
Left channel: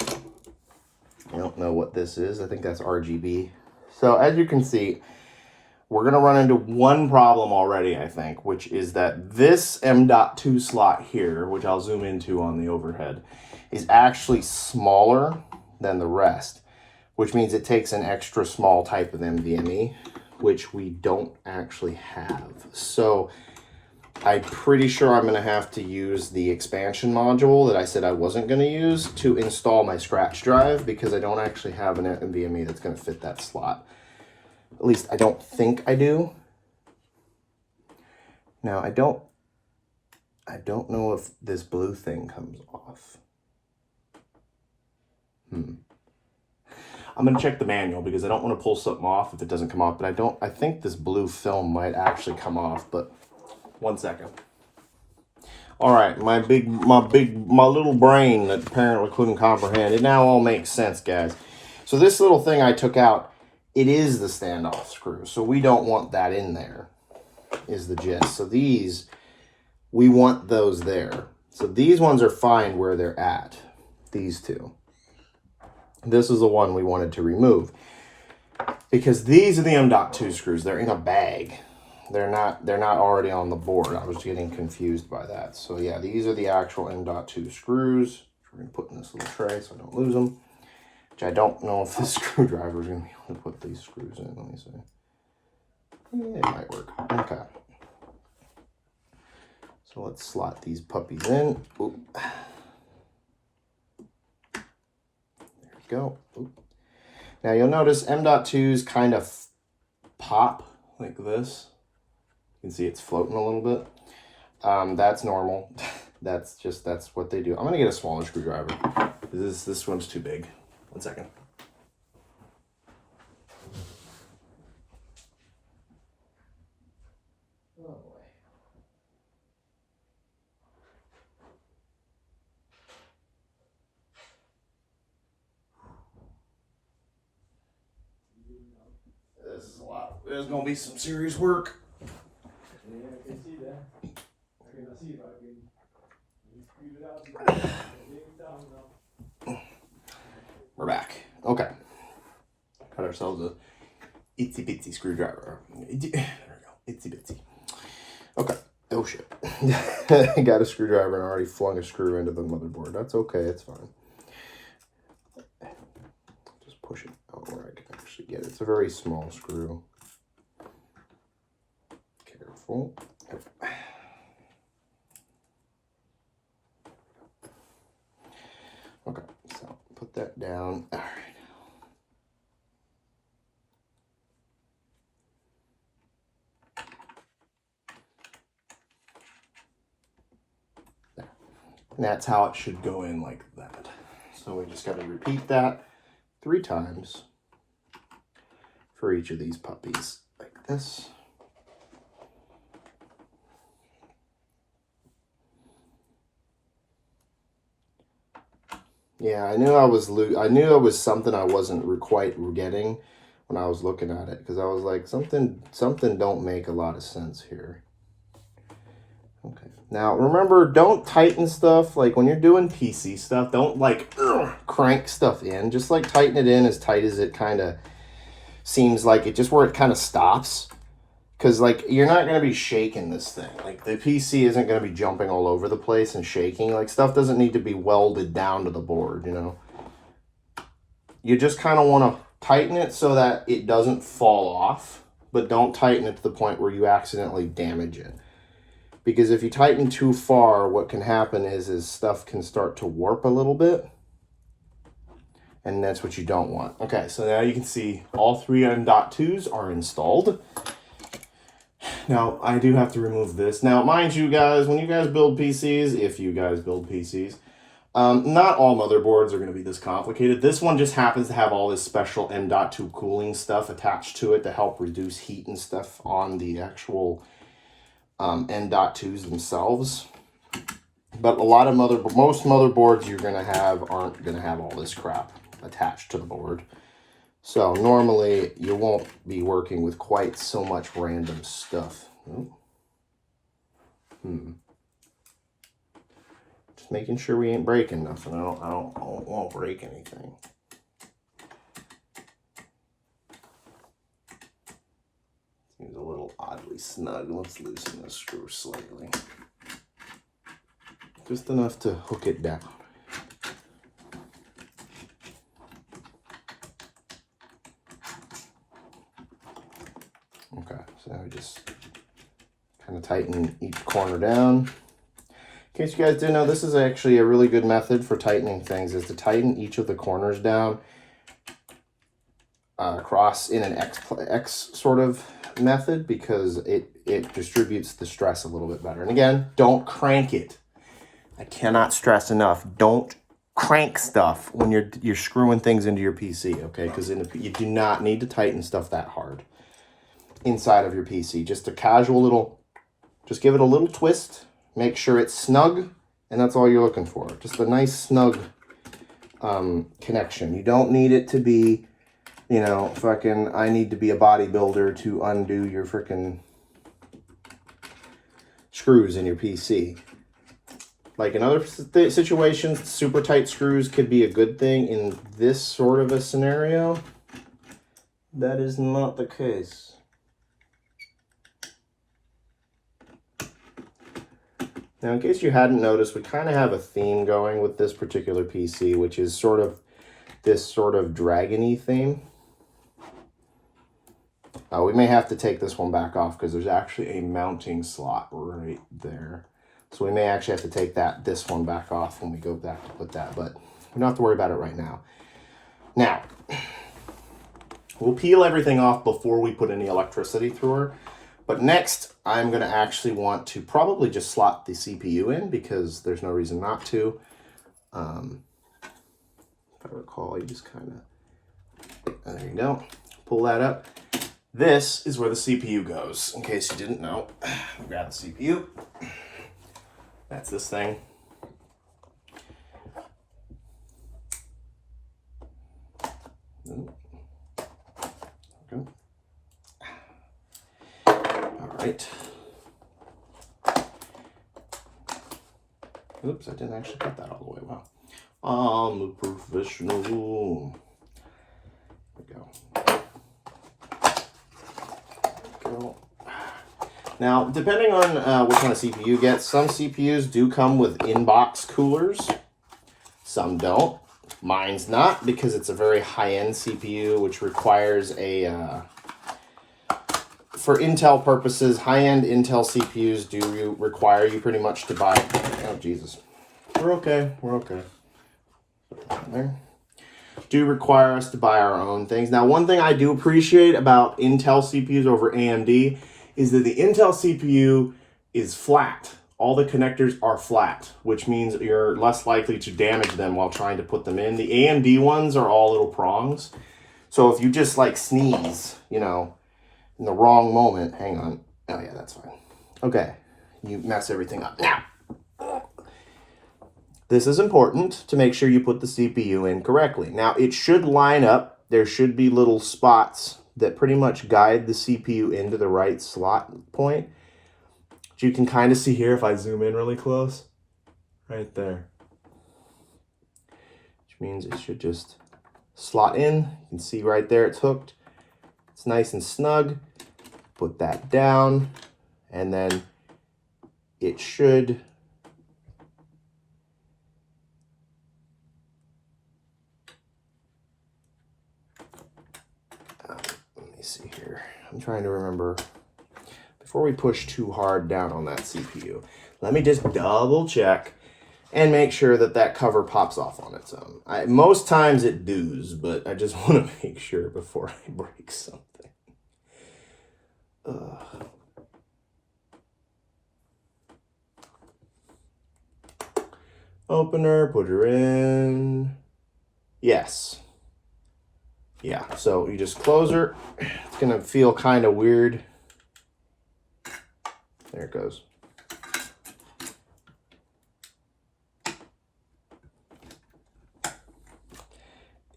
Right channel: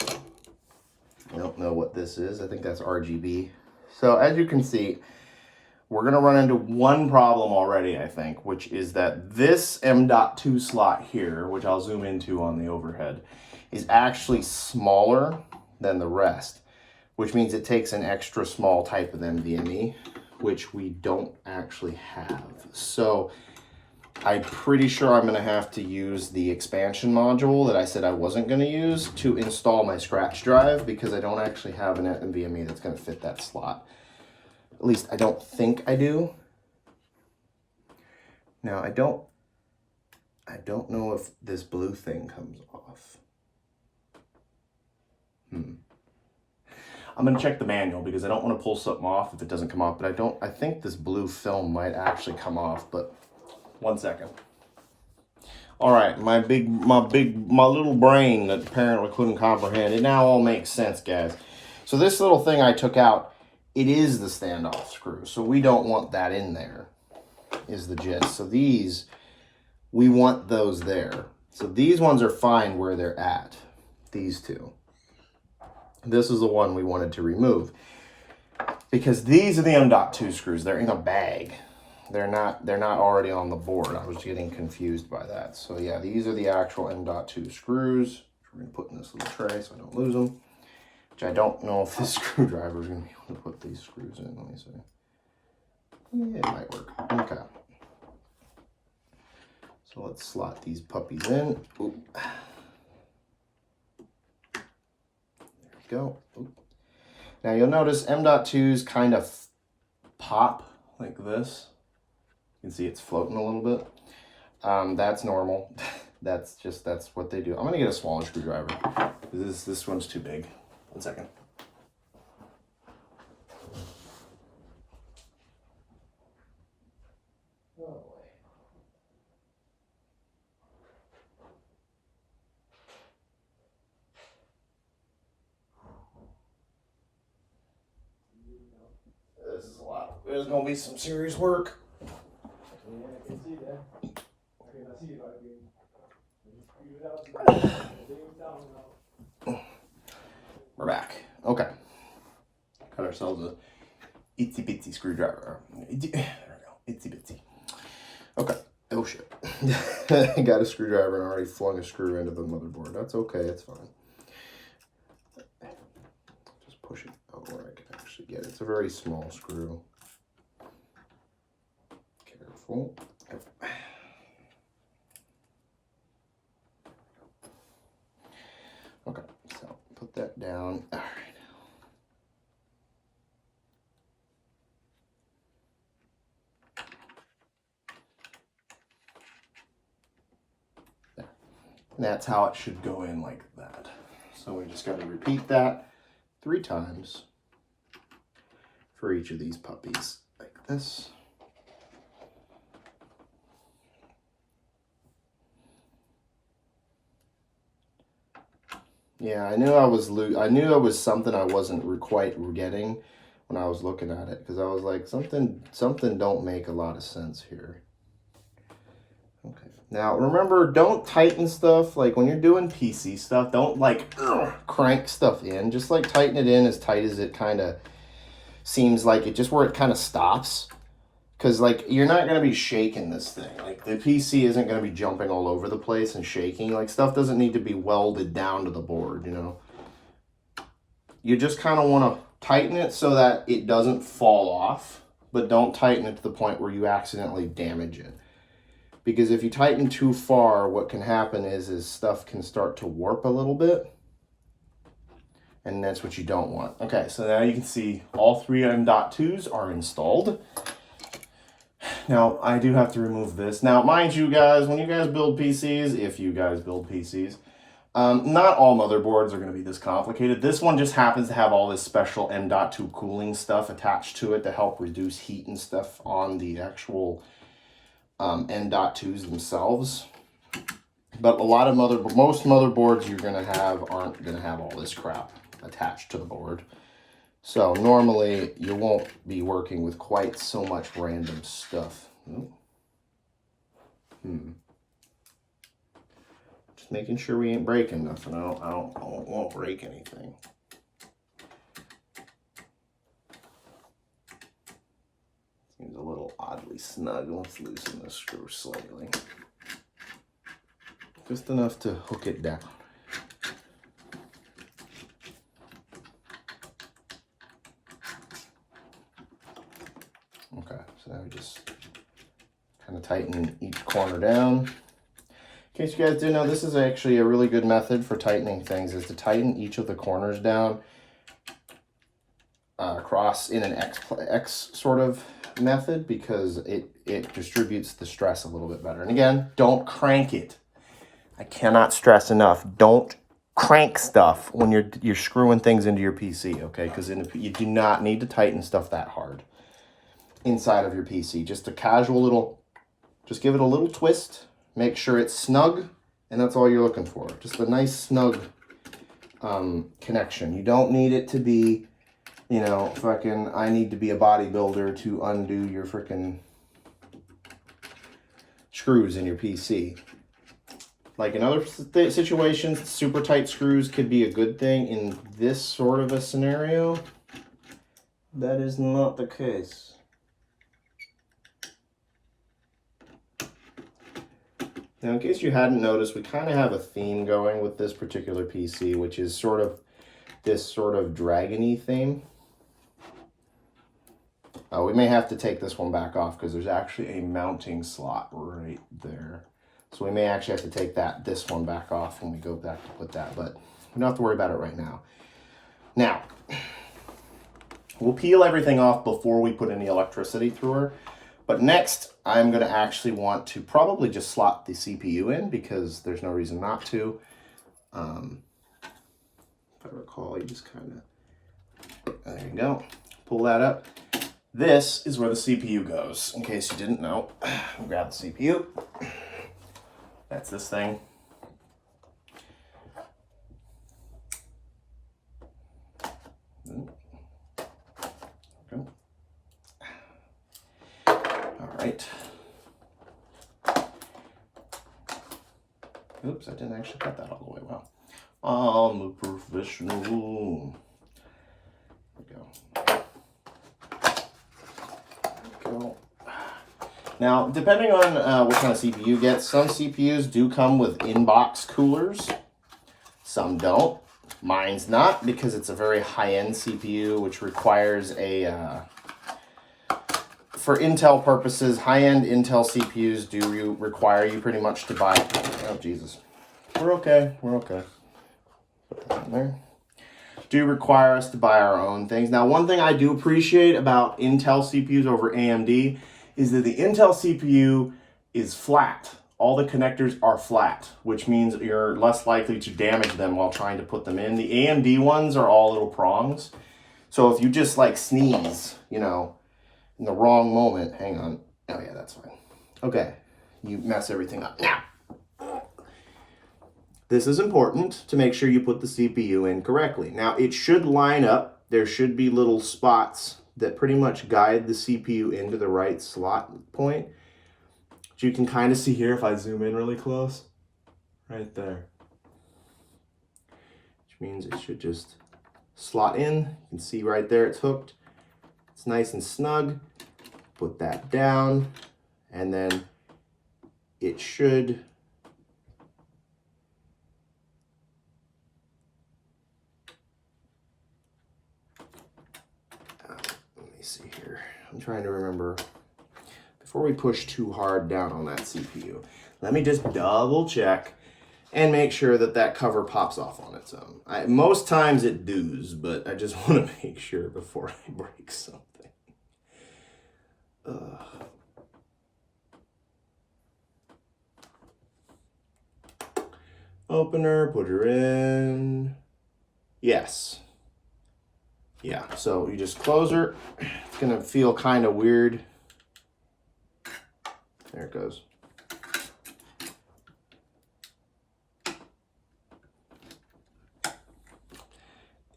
I don't know what this is. I think that's RGB. So as you can see, we're going to run into one problem already, I think, which is that this M.2 slot here, which I'll zoom into on the overhead, is actually smaller than the rest, which means it takes an extra small type of NVMe, which we don't actually have. So I'm pretty sure I'm going to have to use the expansion module that I said I wasn't going to use to install my scratch drive, because I don't actually have an NVMe that's going to fit that slot. At least I don't think I do. Now I don't know if this blue thing comes off. I'm going to check the manual, because I don't want to pull something off if it doesn't come off, but I think this blue film might actually come off, but 1 second. All right, my little brain that apparently couldn't comprehend, it now all makes sense, guys. So this little thing I took out, it is the standoff screw, so we don't want that in there, is the gist. So these, we want those there. So these ones are fine where they're at, these two. This is the one we wanted to remove, because these are the M.2 screws. They're in a bag. They're not already on the board. I was getting confused by that. So yeah, these are the actual M.2 screws. We're going to put in this little tray so I don't lose them. Which I don't know if this screwdriver is going to be able to put these screws in. Let me see. Yeah, it might work. Okay. So let's slot these puppies in. Oop. Go. Oop. Now you'll notice M.2s kind of pop like this. You can see it's floating a little bit. That's normal. that's what they do. I'm gonna get a smaller screwdriver. This one's too big. 1 second. This is a lot. There's gonna be some serious work. We're back. Okay. Got ourselves a itsy bitsy screwdriver. There we go. Itsy bitsy. Okay. Oh shit. I got a screwdriver and I already flung a screw into the motherboard. That's okay. It's fine. Just push it out where I can actually get it. It's a very small screw. Careful. Okay, so put that down. All right. There. And that's how it should go in, like that. So we just got to repeat that 3 times for each of these puppies, like this. Yeah, I knew I was something I wasn't quite getting when I was looking at it, because I was like, something don't make a lot of sense here. Okay. Now, remember, don't tighten stuff. Like, when you're doing PC stuff, don't, like, crank stuff in. Just, like, tighten it in as tight as it kind of seems like it, just where it kind of stops. Because, like, you're not going to be shaking this thing. Like, the PC isn't going to be jumping all over the place and shaking. Like, stuff doesn't need to be welded down to the board, you know. You just kind of want to tighten it so that it doesn't fall off. But don't tighten it to the point where you accidentally damage it. because if you tighten too far, what can happen is stuff can start to warp a little bit, and that's what you don't want. Okay, so now you can see all 3 M.2s are installed. Now, I do have to remove this. Now, mind you guys, when you guys build PCs, if you guys build PCs, not all motherboards are going to be this complicated. This one just happens to have all this special M.2 cooling stuff attached to it to help reduce heat and stuff on the actual M.2s themselves. But most motherboards you're going to have aren't going to have all this crap attached to the board. So normally you won't be working with quite so much random stuff. Just making sure we ain't breaking nothing. I won't break anything. Seems a little oddly snug. Let's loosen the screw slightly. Just enough to hook it down. Okay, so now we just kind of tighten each corner down. In case you guys didn't know, this is actually a really good method for tightening things, is to tighten each of the corners down across in an X sort of method, because it distributes the stress a little bit better. And again, don't crank it. I cannot stress enough, don't crank stuff when you're screwing things into your PC, okay? Because you do not need to tighten stuff that hard inside of your PC. Just a casual little, just give it a little twist, make sure it's snug, and that's all you're looking for. Just a nice snug connection. You don't need it to be, you know, fucking, I need to be a bodybuilder to undo your freaking screws in your PC. Like in other situations, super tight screws could be a good thing. In this sort of a scenario, that is not the case. Now, in case you hadn't noticed, we kind of have a theme going with this particular PC, which is sort of this sort of dragon-y theme. We may have to take this one back off because there's actually a mounting slot right there. So we may actually have to take this one back off when we go back to put that, but we don't have to worry about it right now. Now, we'll peel everything off before we put any electricity through her. But next, I'm going to actually want to probably just slot the CPU in, because there's no reason not to. If I recall, you just kind of, there you go, pull that up. This is where the CPU goes, in case you didn't know. I'll grab the CPU. That's this thing. Okay. All right. Oops, I didn't actually cut that all the way well. I'm a professional. There we go. Now, depending on what kind of CPU you get, some CPUs do come with in-box coolers. Some don't. Mine's not, because it's a very high-end CPU, which requires a... for Intel purposes, high-end Intel CPUs do require you pretty much to buy... Oh, Jesus. We're okay. We're okay. Put that in there. Do require us to buy our own things. Now, one thing I do appreciate about Intel CPUs over AMD is that the Intel CPU is flat. All the connectors are flat, which means you're less likely to damage them while trying to put them in. The AMD ones are all little prongs. So if you just like sneeze, you know, in the wrong moment, hang on. Oh yeah, that's fine. Okay, you mess everything up. Now, this is important to make sure you put the CPU in correctly. Now, it should line up. There should be little spots that pretty much guide the CPU into the right slot point. Which you can kind of see here if I zoom in really close. Right there. Which means it should just slot in. You can see right there it's hooked. It's nice and snug. Put that down. And then it should... let me see here. I'm trying to remember. before we push too hard down on that CPU, let me just double check and make sure that that cover pops off on its own. Most times it does, but I just want to make sure before I break something. Opener, put her in. Yes. Yeah, so you just close her. It's gonna feel kind of weird. There it goes.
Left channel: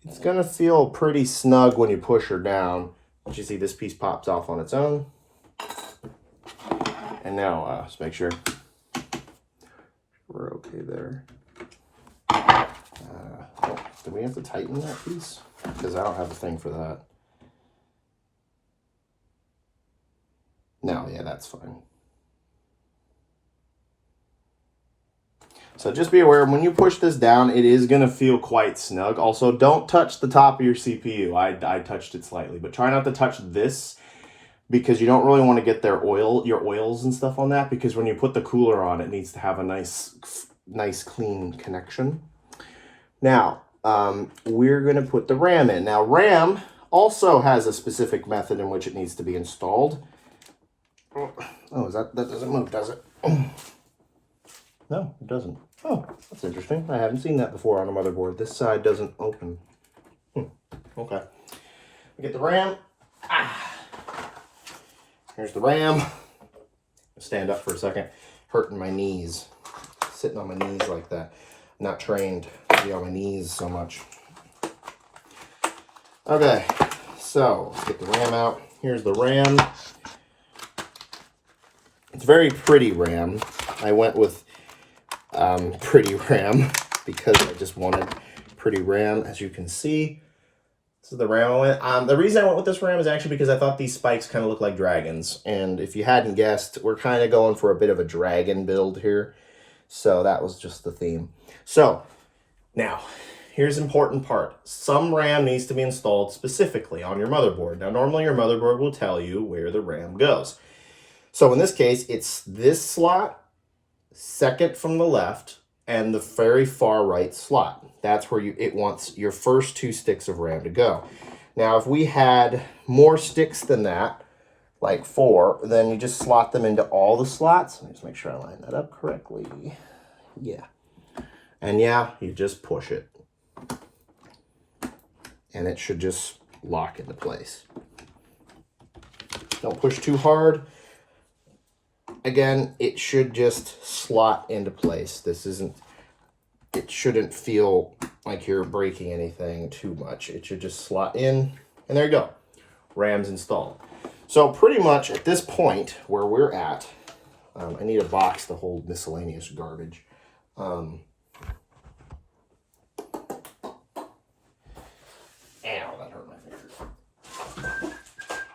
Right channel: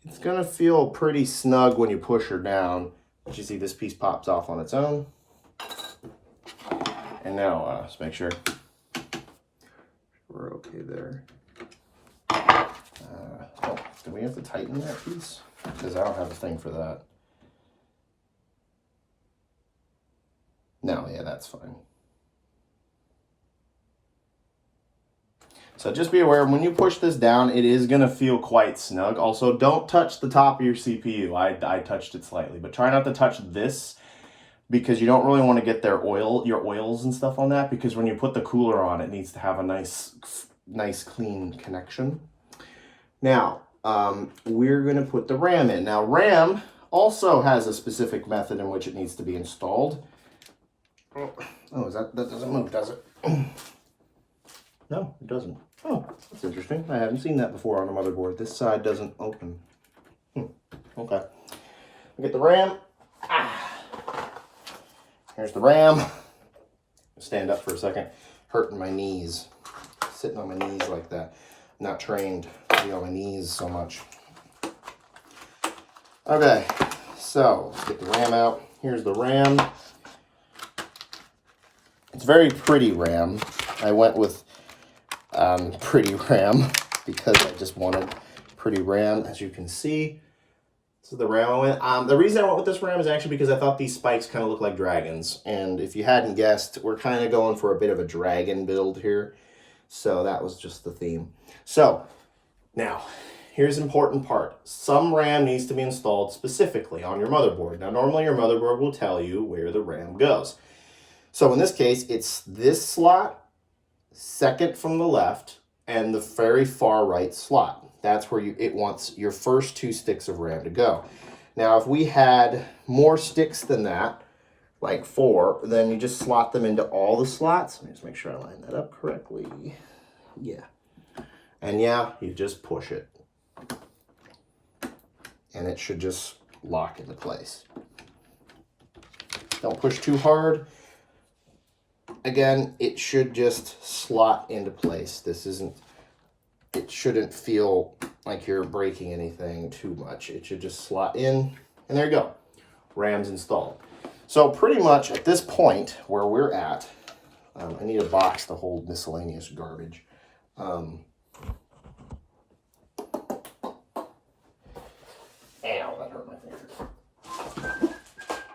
It's gonna feel pretty snug when you push her down. But you see this piece pops off on its own. And now, let's make sure we're okay there. Oh, do we have to tighten that piece? Because I don't have a thing for that. No, yeah, that's fine. So just be aware, when you push this down, it is going to feel quite snug. Also, don't touch the top of your CPU. I touched it slightly, but try not to touch this because you don't really want to get your oils and stuff on that, because when you put the cooler on, it needs to have a nice clean connection. Now, we're going to put the RAM in. Now, RAM also has a specific method in which it needs to be installed. Oh, that doesn't move, does it? No, it doesn't. Oh, that's interesting. I haven't seen that before on a motherboard. This side doesn't open. Okay. We get the RAM. Here's the RAM. Stand up for a second. Hurting my knees. Sitting on my knees like that. I'm not trained to be on my knees so much. Okay, so let's get the RAM out. Here's the RAM. It's very pretty RAM. I went with pretty RAM because I just wanted pretty RAM, as you can see. This is the RAM I went. The reason I went with this RAM is actually because I thought these spikes kind of look like dragons. And if you hadn't guessed, we're kind of going for a bit of a dragon build here. So that was just the theme. So now, here's the important part. Some RAM needs to be installed specifically on your motherboard. Now, normally your motherboard will tell you where the RAM goes. So in this case, it's this slot, second from the left, and the very far right slot. That's where it wants your first 2 sticks of RAM to go. Now, if we had more sticks than that, like 4, then you just slot them into all the slots. Let me just make sure I line that up correctly. Yeah. And yeah, you just push it. And it should just lock into place. Don't push too hard. Again, it should just slot into place. It shouldn't feel like you're breaking anything too much. It should just slot in, and there you go. RAM's installed. So pretty much at this point where we're at, I need a box to hold miscellaneous garbage. Ow, that hurt my fingers.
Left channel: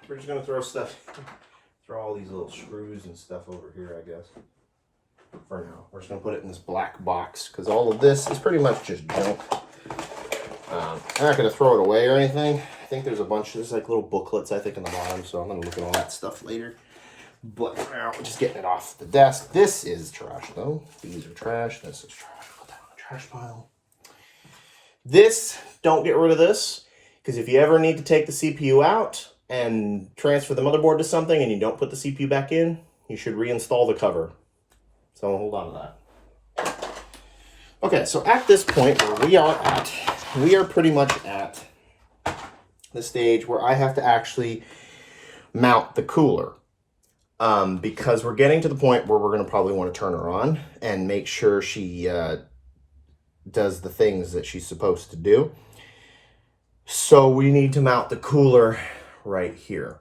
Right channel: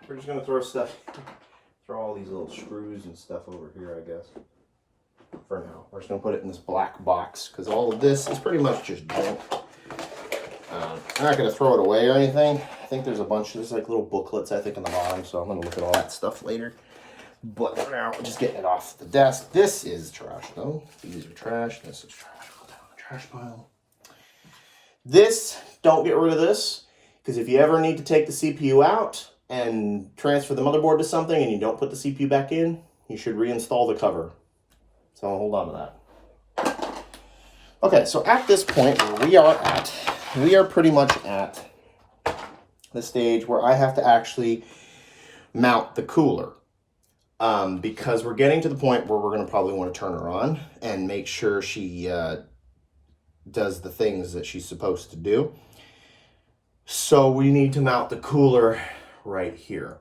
We're just gonna throw all these little screws and stuff over here, I guess. For now, we're just gonna put it in this black box because all of this is pretty much just junk. I'm not gonna throw it away or anything. I think there's like little booklets, I think, in the bottom, so I'm gonna look at all that stuff later. But for now, we're just getting it off the desk. This is trash, though. These are trash. This is trash. Put that on the trash pile. This, don't get rid of this, because if you ever need to take the CPU out and transfer the motherboard to something and you don't put the CPU back in, you should reinstall the cover. So hold on to that. Okay, so at this point where we are pretty much at the stage where I have to actually mount the cooler. Because we're getting to the point where we're going to probably want to turn her on and make sure she does the things that she's supposed to do. So we need to mount the cooler right here.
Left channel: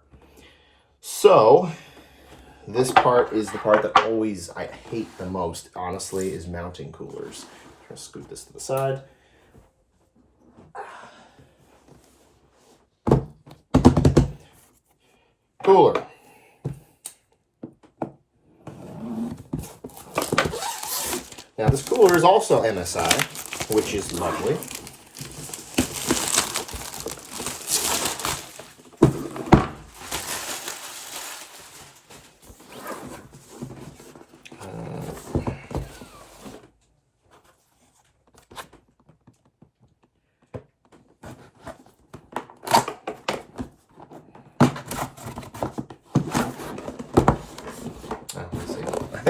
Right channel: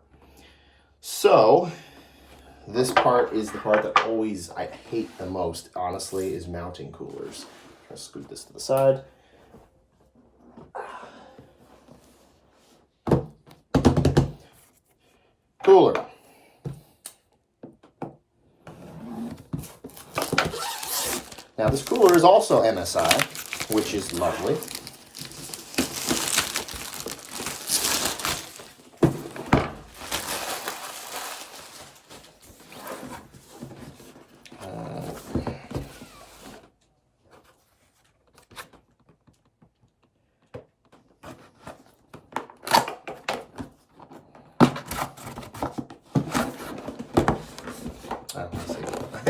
So this part is the part that I hate the most, honestly, is mounting coolers. I'm going to scoot this to the side. Cooler. Now this cooler is also MSI, which is lovely.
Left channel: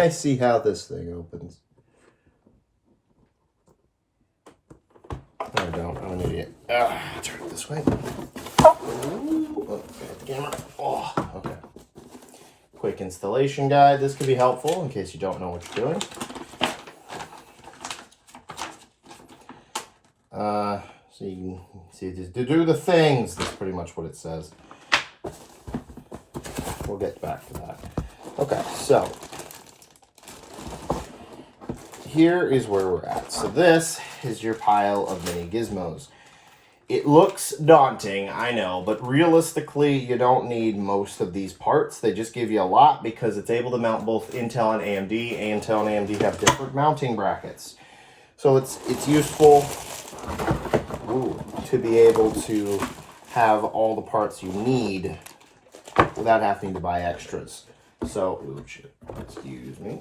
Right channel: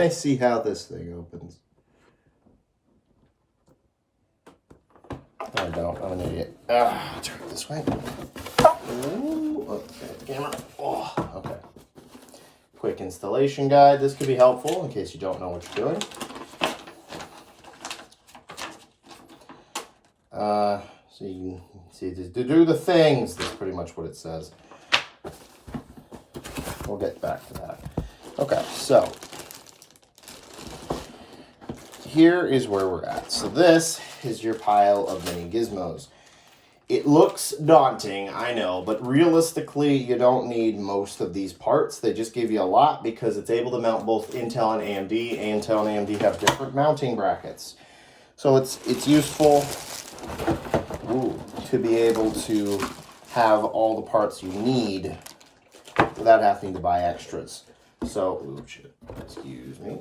I see how this thing opens. I don't. I'm an idiot. Turn it this way. Ooh, okay, camera. Oh, okay. Quick installation guide. This could be helpful in case you don't know what you're doing. So you can see to do the things. That's pretty much what it says. We'll get back to that. Okay, so here is where we're at. So this is your pile of mini gizmos. It looks daunting, I know, but realistically, you don't need most of these parts. They just give you a lot because it's able to mount both Intel and AMD. Intel and AMD have different mounting brackets. So it's useful to be able to have all the parts you need without having to buy extras. So, ooh, shit, excuse me.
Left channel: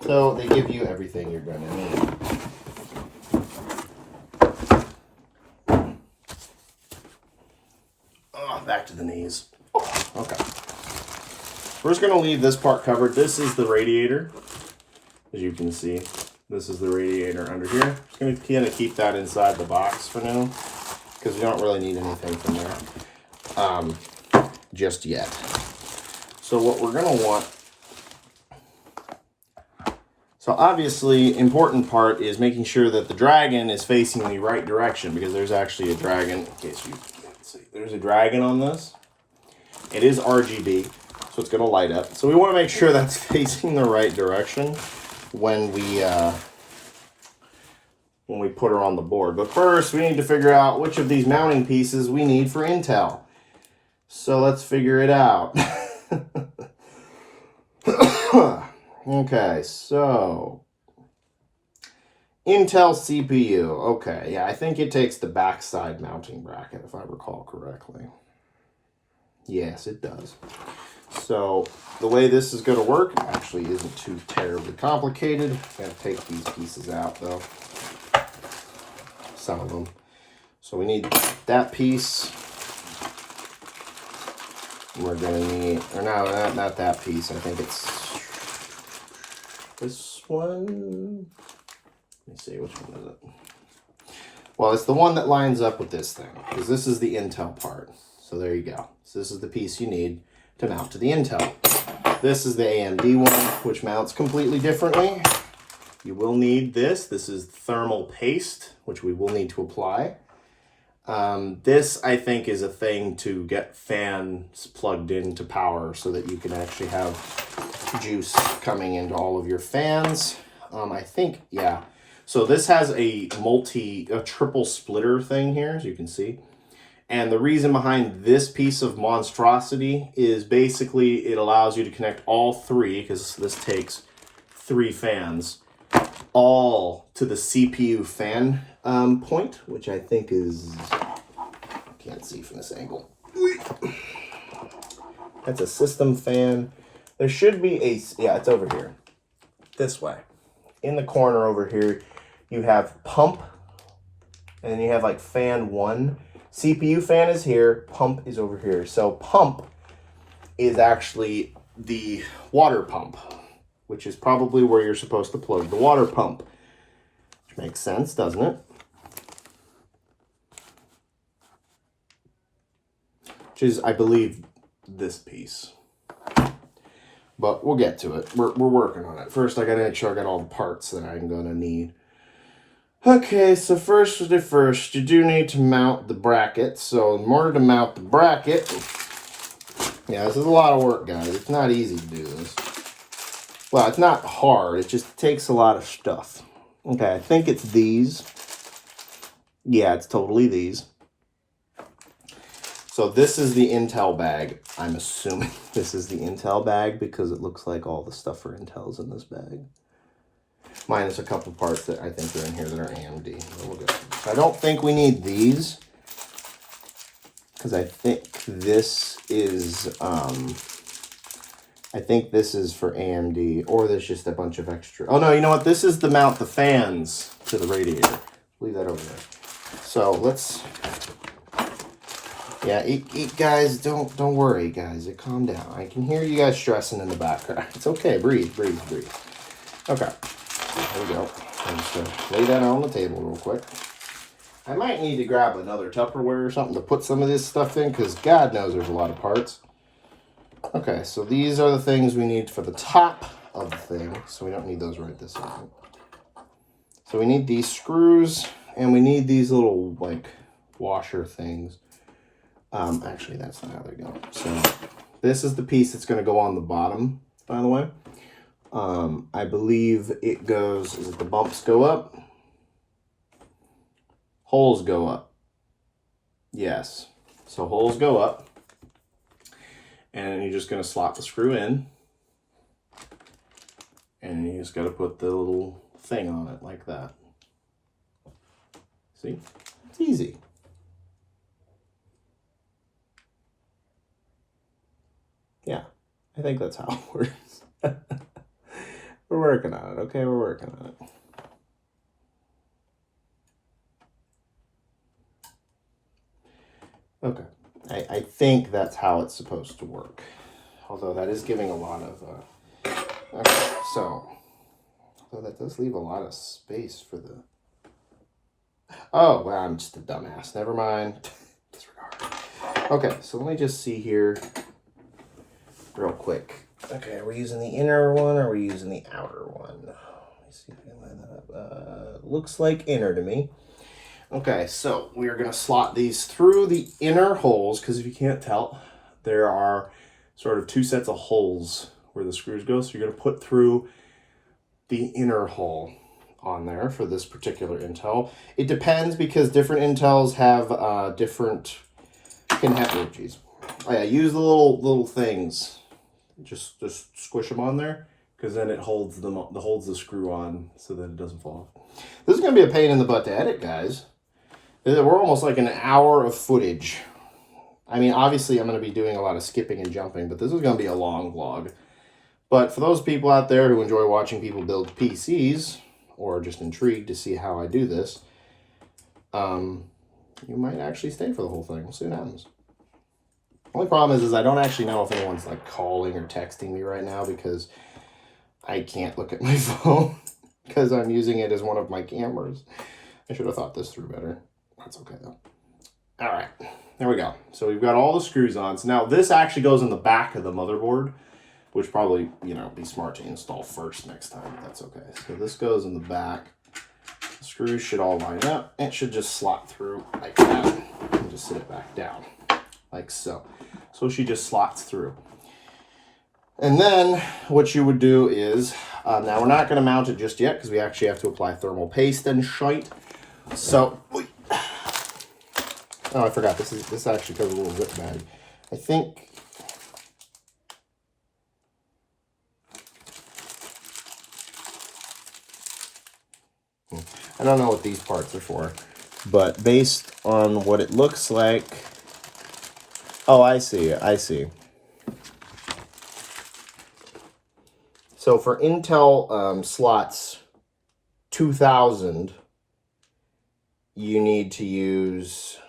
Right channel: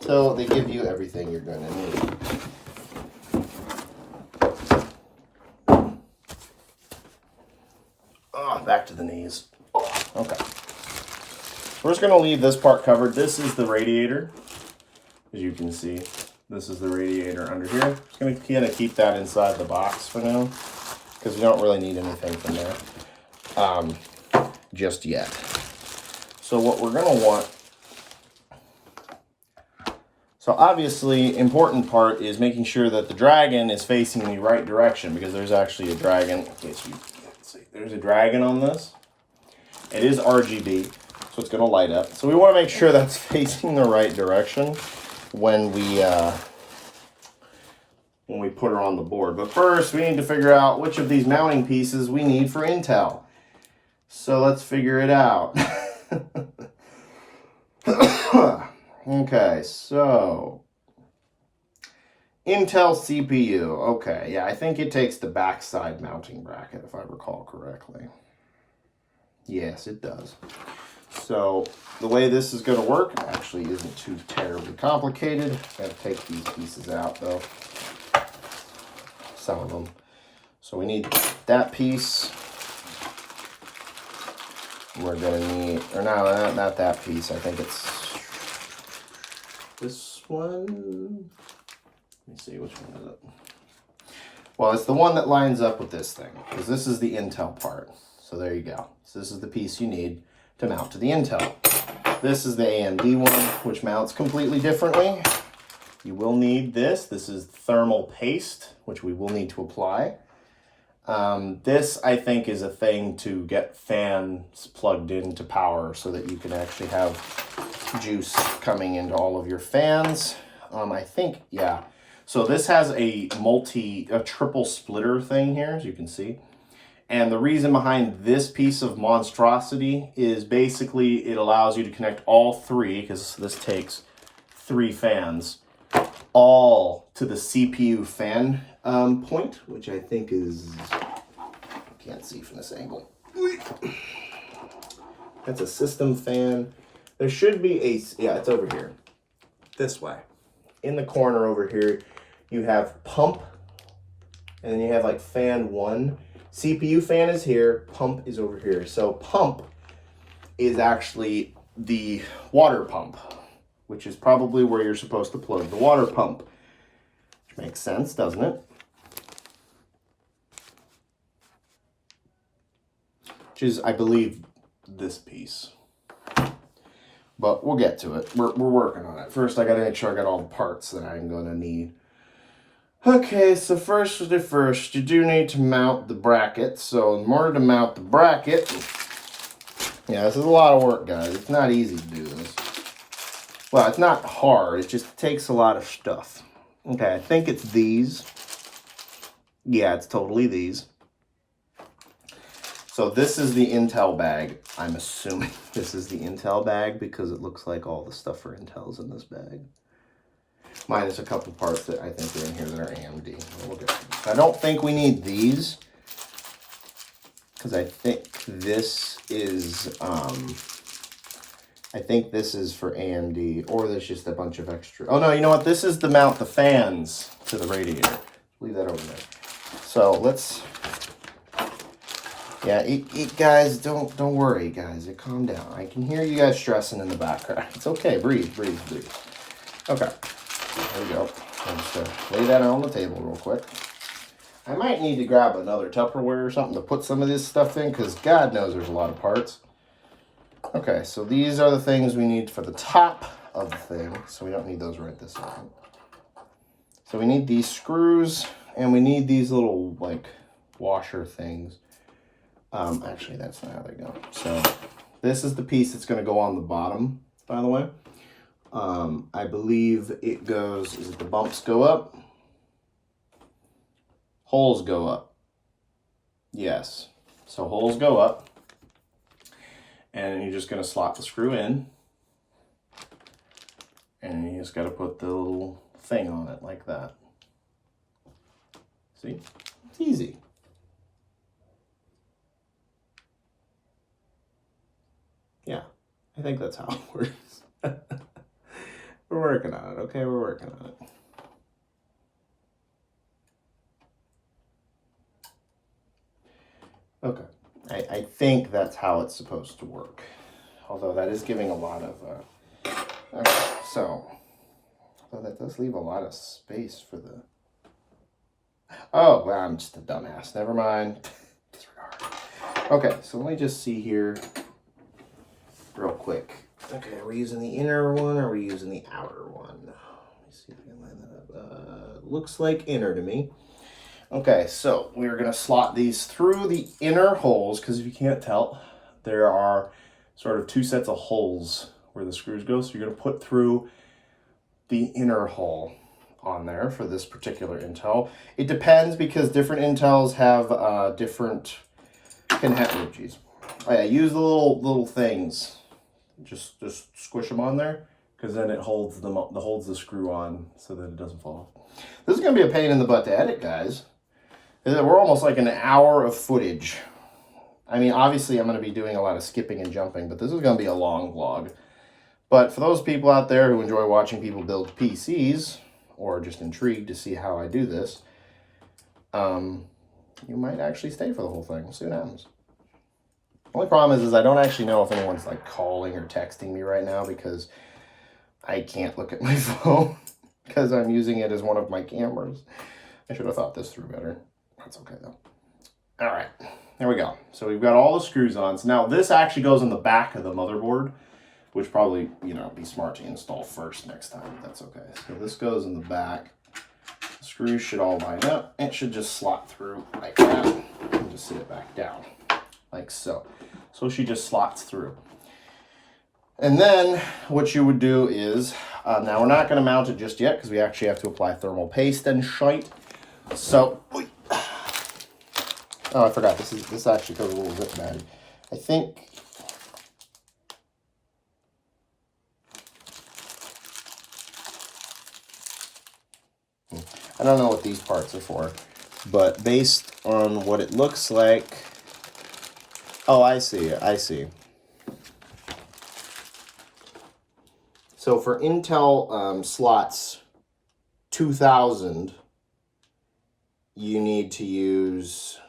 So they give you everything you're gonna need. Back to the knees. Okay. We're just going to leave this part covered. This is the radiator. As you can see, this is the radiator under here. Just going to kind of keep that inside the box for now because we don't really need anything from there just yet. So what we're going to want, so obviously important part is making sure that the dragon is facing the right direction because there's actually a dragon, in case you see, there's a dragon on this. It is RGB, so it's going to light up. So we want to make sure that's facing the right direction when we put her on the board. But first, we need to figure out which of these mounting pieces we need for Intel. So let's figure it out. Okay, so Intel CPU. Okay, yeah, I think it takes the backside mounting bracket, if I recall correctly. Yes, it does. So the way this is going to work actually isn't too terribly complicated. Got to take these pieces out, though. Some of them. So we need that piece. We're going to need, or no, not that piece. I think it's this one. Let me see, which one is it? Well, it's the one that lines up with this thing, because this is the Intel part. So there you go. So this is the piece you need to mount to the Intel. This is the AMD one, which mounts completely differently. You will need this. This is thermal paste, which we will need to apply. This, I think, is a thing to get fans plugged into power so that you can actually have juice coming into all of your fans. I think, yeah. So this has a triple splitter thing here, as you can see. And the reason behind this piece of monstrosity is basically it allows you to connect all three, because this takes 3 fans, all to the CPU fan point, which I think is, can't see from this angle. That's a system fan. There should be a, yeah, it's over here. This way. In the corner over here, you have pump, and then you have like fan 1. CPU fan is here, pump is over here. So pump is actually the water pump, which is probably where you're supposed to plug the water pump. Which makes sense, doesn't it? Which is, I believe, this piece. But we'll get to it. We're working on it. First, I gotta make sure I got all the parts that I'm gonna need. Okay, so first, you do need to mount the bracket. So in order to mount the bracket, yeah, this is a lot of work, guys. It's not easy to do this. Well, it's not hard. It just takes a lot of stuff. Okay, I think it's these. Yeah, it's totally these. So this is the Intel bag. I'm assuming this is the Intel bag because it looks like all the stuff for Intel's in this bag. Minus a couple parts that I think are in here that are AMD. We'll get I don't think we need these because I think this is for AMD, or there's just a bunch of extra. Oh no, you know what? This is to mount the fans to the radiator. Leave that over there. So let's Yeah, guys, don't worry, guys. Calm down. I can hear you guys stressing in the background. It's okay. Breathe. Okay, there we go. I'm just gonna lay that on the table real quick. I might need to grab another Tupperware or something to put some of this stuff in, because God knows there's a lot of parts. Okay, so these are the things we need for the top of the thing. So we don't need those right this second. So we need these screws, and we need these little, like, washer things. Actually, that's not how they go. So this is the piece that's going to go on the bottom, by the way. I believe it goes, is it the bumps go up? Holes go up. Yes. So holes go up. And you're just going to slot the screw in. And you just got to put the little thing on it like that. See? It's easy. Yeah, I think that's how it works. We're working on it, okay? We're working on it. Okay, I think that's how it's supposed to work. Although that is giving a lot of... okay, so... Although that does leave a lot of space for the... Oh, well, I'm just a dumbass. Never mind. Disregard. Okay, so let me just see here real quick. Okay, are we using the inner one or are we using the outer one? Let me see if I can line that up. Looks like inner to me. Okay, so we're going to slot these through the inner holes, because if you can't tell, there are sort of two sets of holes where the screws go. So you're going to put through the inner hole on there for this particular Intel. It depends, because different Intels have different... Oh, geez. Oh, yeah, use the little things. Just squish them on there, because then it holds the screw on so that it doesn't fall off. This is going to be a pain in the butt to edit, guys. We're almost like an hour of footage. I mean, obviously I'm going to be doing a lot of skipping and jumping, but this is going to be a long vlog. But for those people out there who enjoy watching people build PCs, or just intrigued to see how I do this, you might actually stay for the whole thing. We'll see what happens. Only problem is I don't actually know if anyone's like calling or texting me right now, because I can't look at my phone because I'm using it as one of my cameras. I should have thought this through better. That's okay though. All right, there we go. So we've got all the screws on. So now this actually goes on the back of the motherboard, which probably, you know, be smart to install first next time. But that's okay. So this goes in the back. The screws should all line up. It should just slot through like that, and just sit it back down like so. So she just slots through. And then what you would do is, now we're not going to mount it just yet, because we actually have to apply thermal paste and shite. So, oh, I forgot. This actually goes a little zip bag. I think. I don't know what these parts are for, but based on what it looks like. Oh, I see. So for Intel slots 2000, you need to use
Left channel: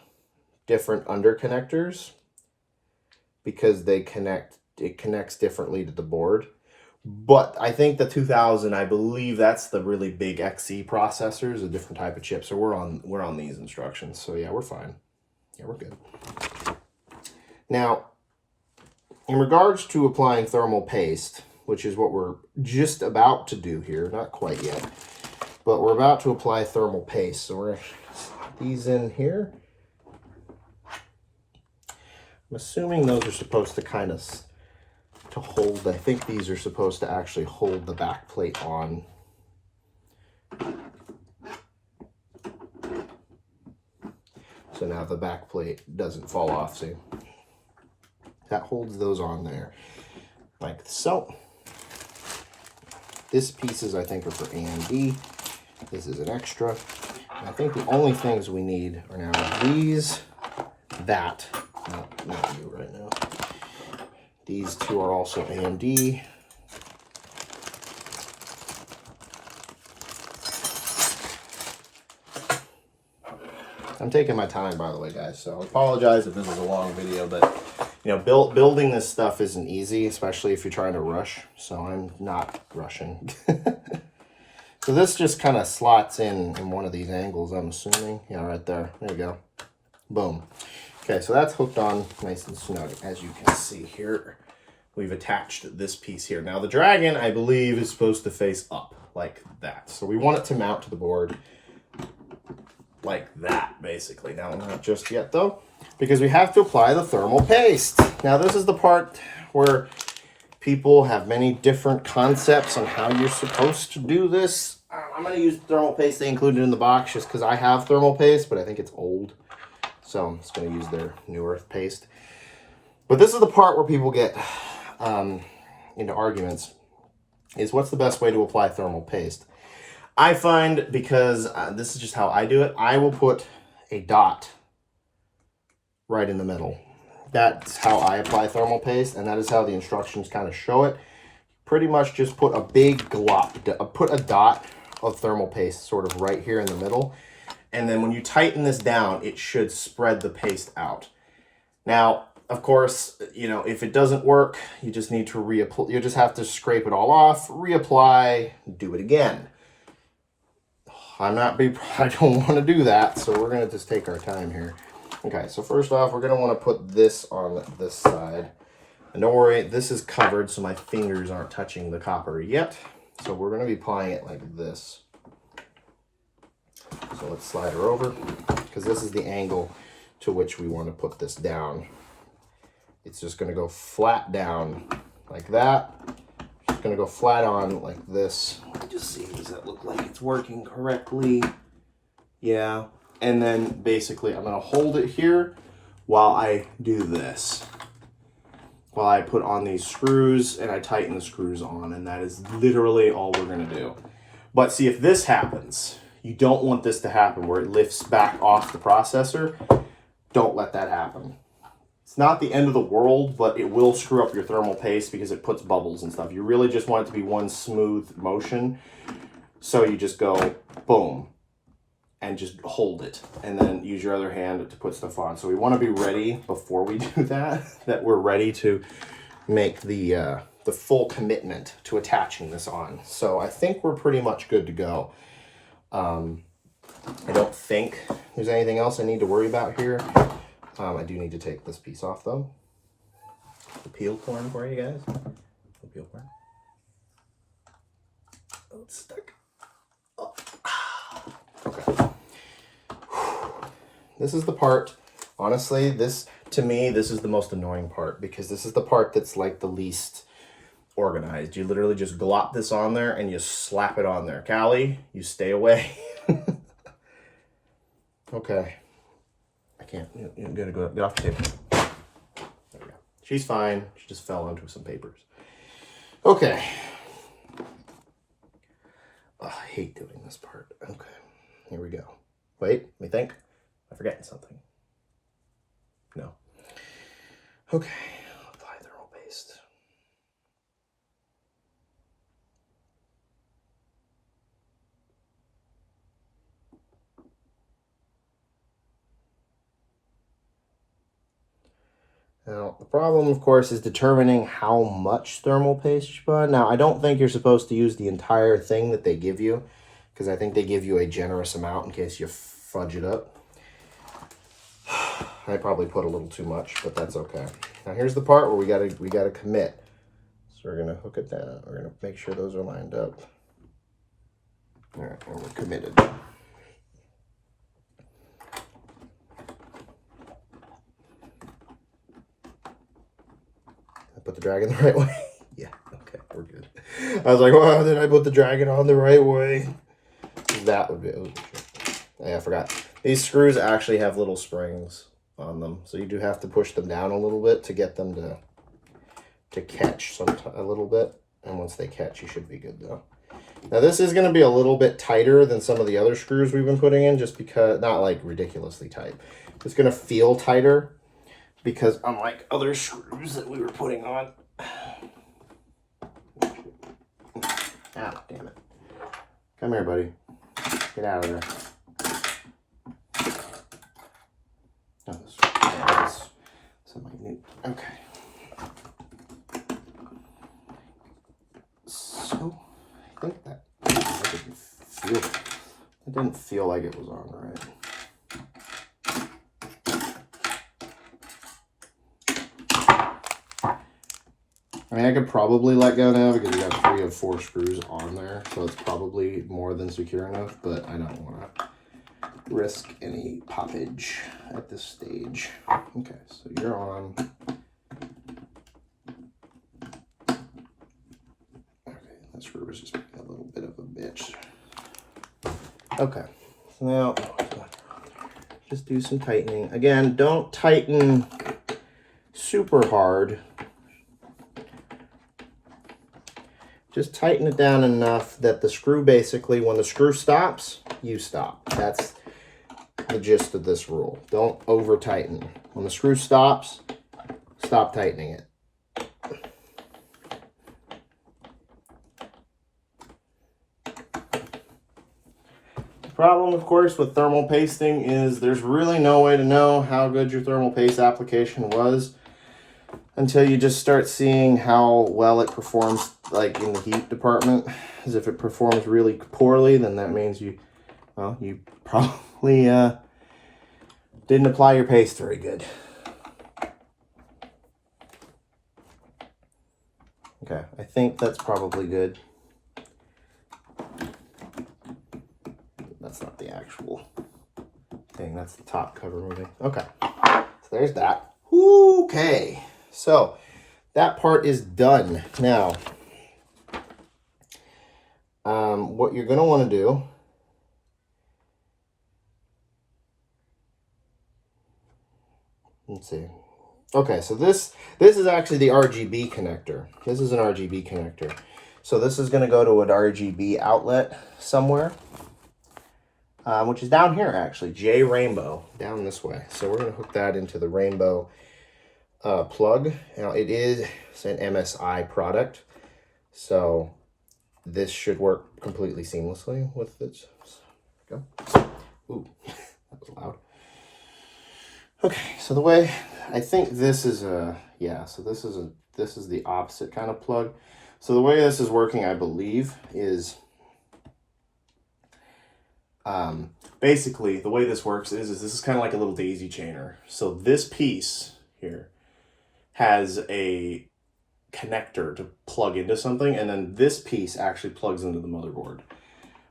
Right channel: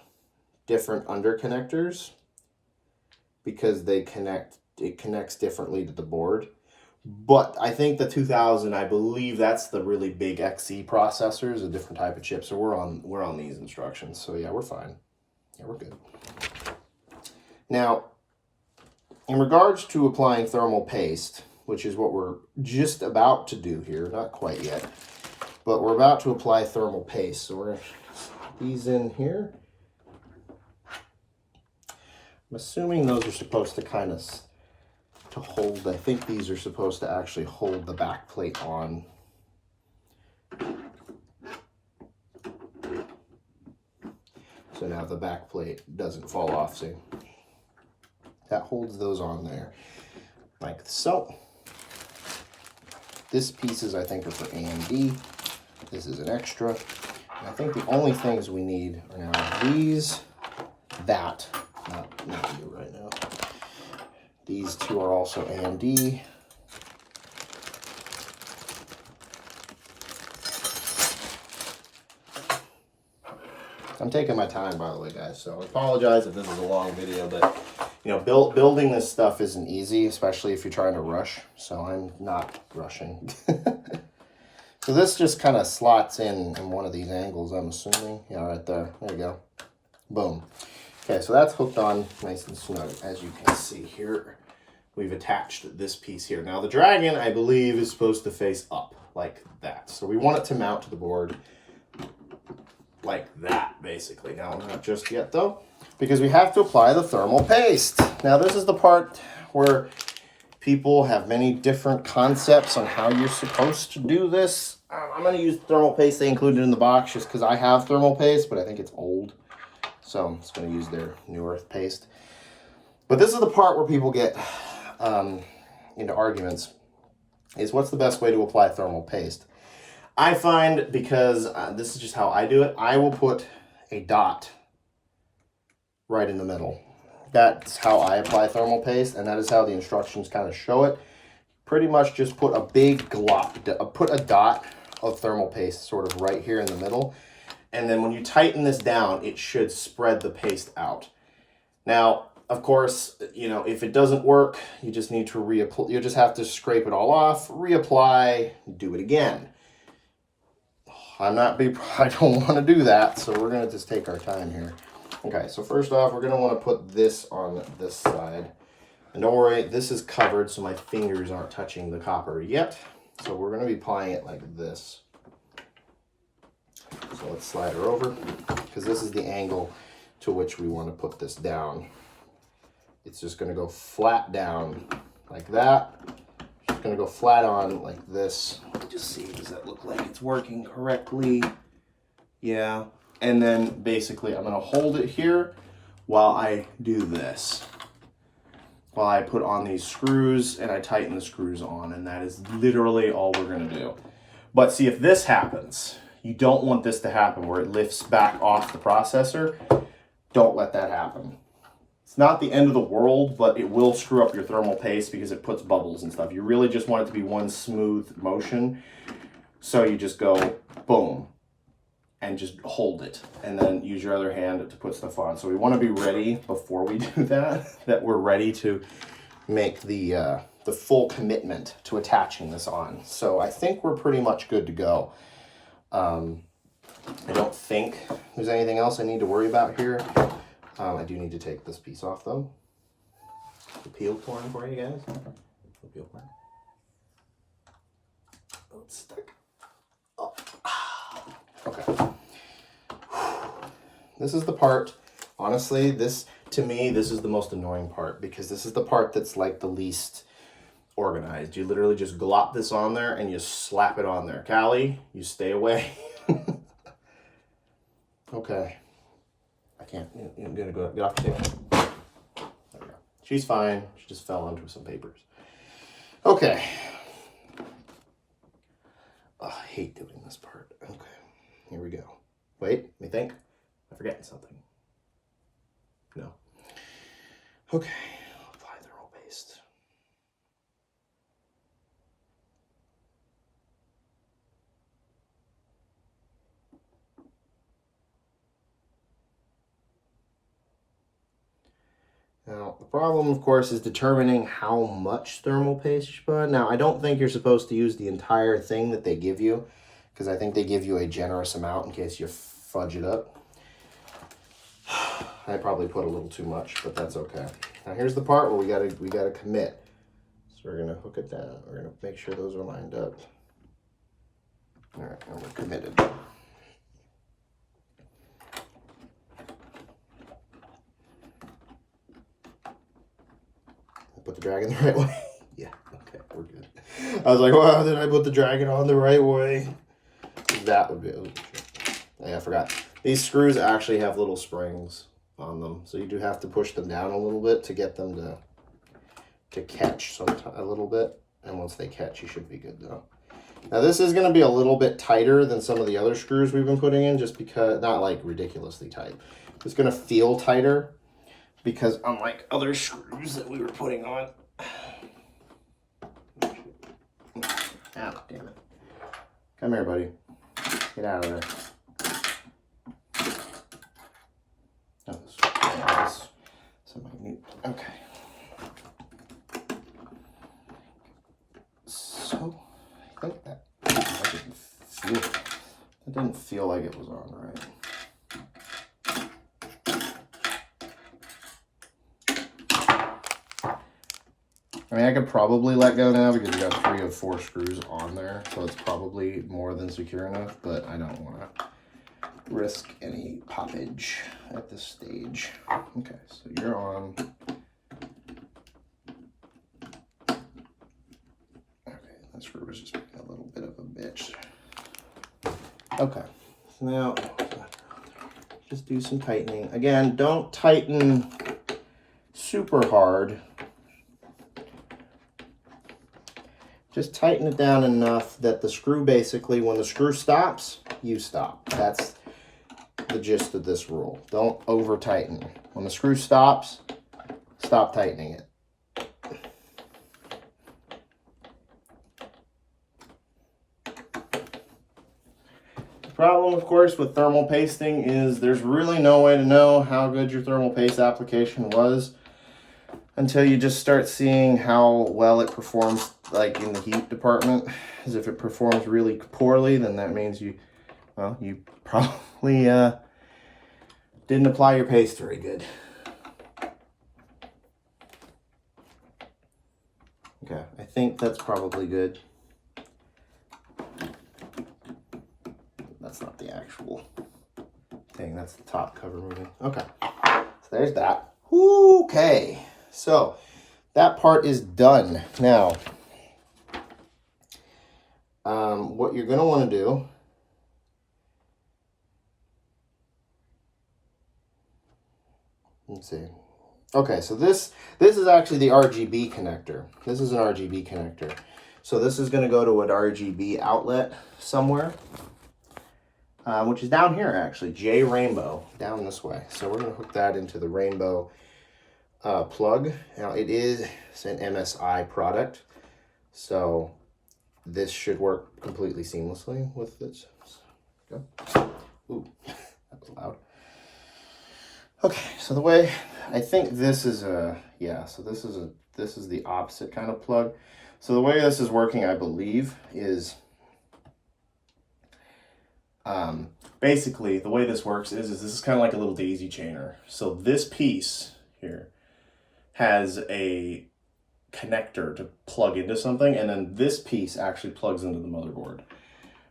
different underconnectors, because it connects differently to the board. But I think the 2000, I believe that's the really big XE processors, a different type of chip. So we're on these instructions. So yeah, we're fine. Yeah, we're good. Now, in regards to applying thermal paste, which is what we're just about to do here, not quite yet, but we're about to apply thermal paste. So we're going to slot these in here. I'm assuming those are supposed to kind of hold. I think these are supposed to actually hold the back plate on. So now the back plate doesn't fall off, see? That holds those on there, like so. This pieces, I think, are for AMD. This is an extra. And I think the only things we need are now these, that, not you right now. These two are also AMD. I'm taking my time, by the way, guys. So I apologize if this is a long video, but you know, building this stuff isn't easy, especially if you're trying to rush. So I'm not rushing. So this just kind of slots in one of these angles, I'm assuming. Yeah, right there. There you go. Boom. Okay, so that's hooked on nice and snug. As you can see here, we've attached this piece here. Now the dragon, I believe, is supposed to face up like that. So we want it to mount to the board like that, basically. Now, not just yet, though, because we have to apply the thermal paste. Now, this is the part where people have many different concepts on how you're supposed to do this. I'm going to use thermal paste they included in the box just because I have thermal paste, but I think it's old. So I'm just going to use their newer paste. But this is the part where people get into arguments, is what's the best way to apply thermal paste. I find, because this is just how I do it, I will put a dot right in the middle. That's how I apply thermal paste, and that is how the instructions kind of show it. Pretty much just put a big glop, put a dot of thermal paste sort of right here in the middle. And then when you tighten this down, it should spread the paste out. Now, of course, you know, if it doesn't work, you just need to reapply. You just have to scrape it all off, reapply, do it again. I don't want to do that, so we're going to just take our time here. Okay, so first off, we're going to want to put this on this side. And don't worry, this is covered, so my fingers aren't touching the copper yet. So we're going to be applying it like this. So let's slide her over, because this is the angle to which we want to put this down. It's just going to go flat down like that. Just going to go flat on like this. Just see, does that look like it's working correctly? Yeah. And then basically I'm going to hold it here while I do this. While I put on these screws and I tighten the screws on, and that is literally all we're going to do. But see, if this happens, you don't want this to happen where it lifts back off the processor. Don't let that happen. It's not the end of the world, but it will screw up your thermal paste because it puts bubbles and stuff. You really just want it to be one smooth motion. So you just go boom and just hold it, and then use your other hand to put stuff on. So we want to be ready before we do that, that we're ready to make the full commitment to attaching this on. So I think we're pretty much good to go. I don't think there's anything else I need to worry about here. I do need to take this piece off, though. The peel corn for you guys. The peel corn. Oh, it's stuck. Oh. Okay. This is the part, honestly, to me, this is the most annoying part, because this is the part that's like the least organized. You literally just glop this on there and you slap it on there. Callie, you stay away. Okay. I can't. You're gonna go get off the table. There we go. She's fine. She just fell onto some papers. Okay. Oh, I hate doing this part. Okay. Here we go. Wait. Let me think. I'm forgetting something. No. Okay. Apply thermal paste. Now, the problem, of course, is determining how much thermal paste you put. Now, I don't think you're supposed to use the entire thing that they give you, because I think they give you a generous amount in case you fudge it up. I probably put a little too much, but that's okay. Now, here's the part where we gotta commit. So we're gonna hook it down. We're gonna make sure those are lined up. All right, and we're committed. Put the dragon the right way? Yeah, okay, we're good. I was like, well, did I put the dragon on the right way? That would be, oh, shit. Yeah, I forgot. These screws actually have little springs on them, so you do have to push them down a little bit to get them to catch a little bit. And once they catch, you should be good though. Now this is going to be a little bit tighter than some of the other screws we've been putting in, just because, not like ridiculously tight. It's going to feel tighter, because unlike other screws that we were putting on. Ow, damn it. Come here, buddy. Get out of there. is so minute. Okay. So I think that didn't feel like it was on right. I mean, I could probably let go now because we got 3 of 4 screws on there, so it's probably more than secure enough, but I don't want to risk any poppage at this stage. Okay, so you're on. Okay, that screw was just a little bit of a bitch. Okay, so now just do some tightening. Again, don't tighten super hard. Just tighten it down enough that the screw basically, when the screw stops, you stop. That's the gist of this rule. Don't over tighten. When the screw stops, stop tightening it. The problem, of course, with thermal pasting is there's really no way to know how good your thermal paste application was until you just start seeing how well it performs, like in the heat department. As if it performs really poorly, then that means you probably didn't apply your paste very good. Okay, I think that's probably good. That's not the actual thing, that's the top cover moving. Okay, so there's that. Okay. So that part is done. Now, what you're going to want to do, let's see. Okay, so this is actually the RGB connector. This is an RGB connector. So this is going to go to an RGB outlet somewhere, which is down here actually, J Rainbow, down this way. So we're going to hook that into the Rainbow plug. Now it's an MSI product, so this should work completely seamlessly with this. Go. Ooh, that was loud. Okay, so the way I think this is so this is the opposite kind of plug. So the way this is working, I believe, is basically the way this works is this is kind of like a little daisy chainer. So this piece here has a connector to plug into something, and then this piece actually plugs into the motherboard,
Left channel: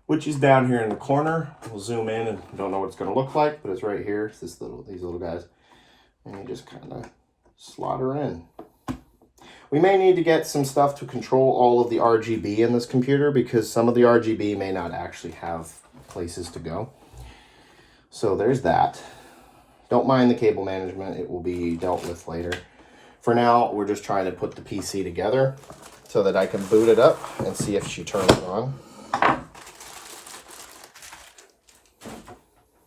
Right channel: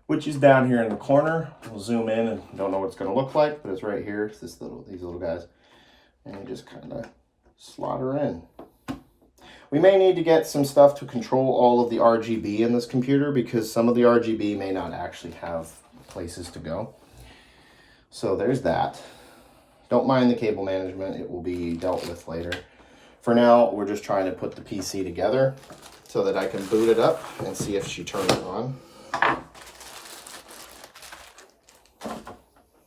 which is down here in the corner. We'll zoom in and don't know what it's going to look like, but it's right here. It's these little guys, and you just kind of slot her in. We may need to get some stuff to control all of the RGB in this computer because some of the RGB may not actually have places to go. So there's that. Don't mind the cable management. It will be dealt with later. For now, we're just trying to put the PC together so that I can boot it up and see if she turns it on.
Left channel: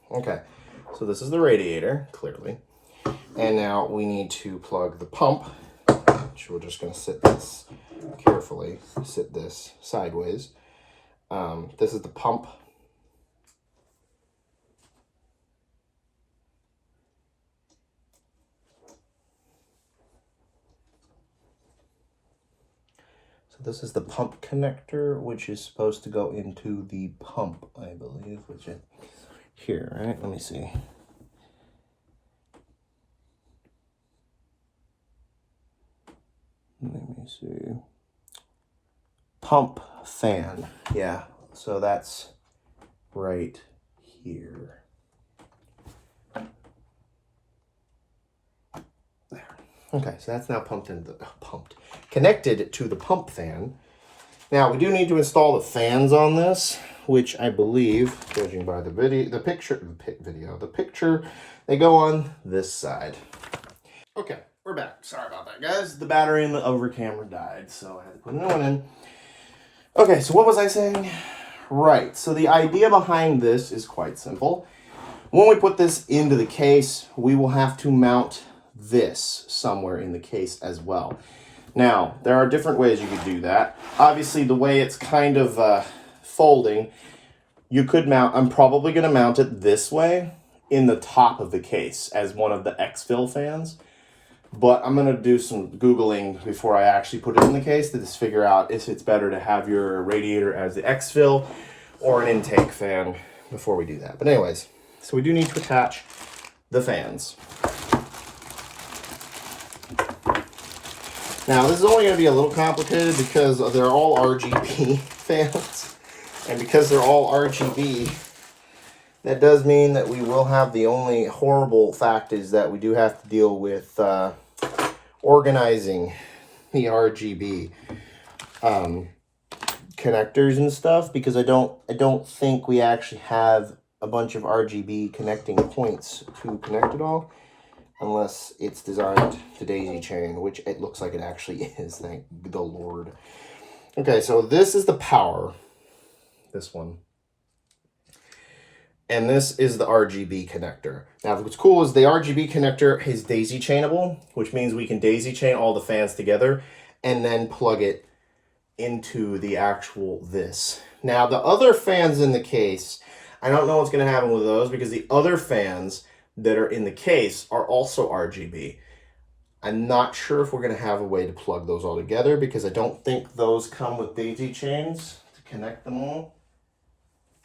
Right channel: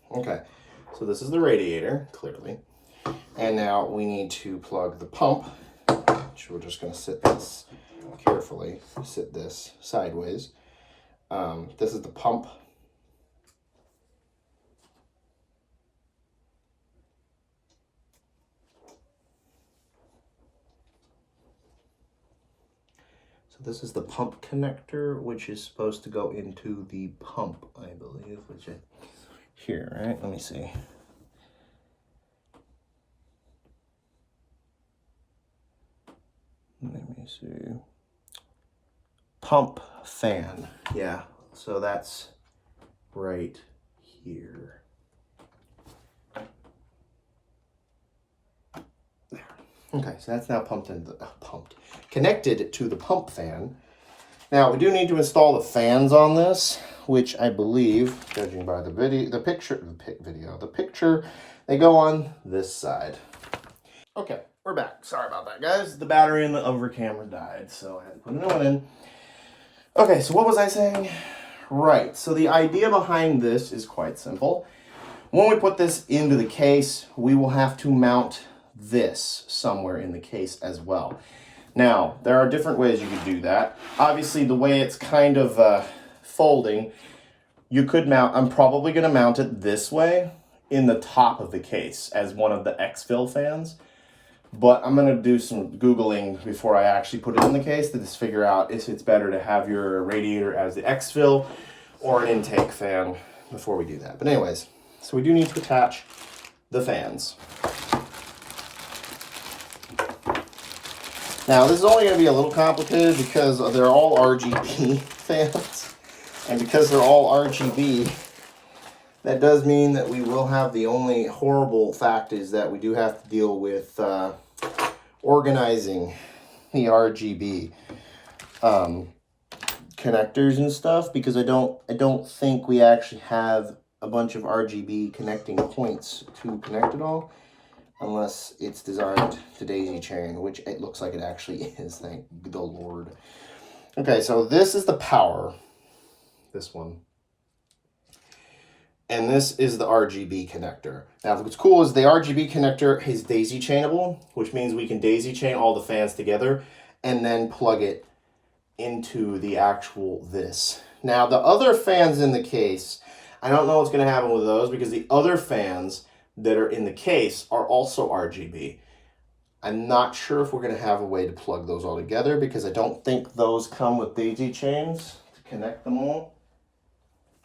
Okay, so this is the radiator, clearly. And now we need to plug the pump, which we're just going to sit this carefully, sit this sideways. This is the pump. This is the pump connector, which is supposed to go into the pump, I believe, which is here, right? Let me see. Let me see. Pump fan. Yeah, so that's right here. There. Okay, so that's now connected to the pump fan. Now we do need to install the fans on this, which I believe, judging by the picture, they go on this side. Okay, we're back. Sorry about that, guys. The battery in the over camera died, so I had to put a new one in. Okay, so what was I saying? Right, so the idea behind this is quite simple. When we put this into the case, we will have to mount this somewhere in the case as well. Now, there are different ways you could do that. Obviously, the way it's kind of folding, you could mount, I'm probably going to mount it this way in the top of the case as one of the exfil fans. But I'm going to do some Googling before I actually put it in the case to just figure out if it's better to have your radiator as the exfil or an intake fan before we do that. But anyways, so we do need to attach the fans. Now, this is only going to be a little complicated because they're all RGB fans. And because they're all RGB, that does mean that we will have the only horrible fact is that we do have to deal with organizing the RGB connectors and stuff, because I don't think we actually have a bunch of RGB connecting points to connect it all, unless it's designed to daisy chain, which it looks like it actually is, thank the Lord. Okay, so this is the power, this one. And this is the RGB connector. Now, what's cool is the RGB connector is daisy chainable, which means we can daisy chain all the fans together and then plug it into the actual this. Now, the other fans in the case, I don't know what's going to happen with those, because the other fans that are in the case are also RGB. I'm not sure if we're going to have a way to plug those all together, because I don't think those come with daisy chains to connect them all.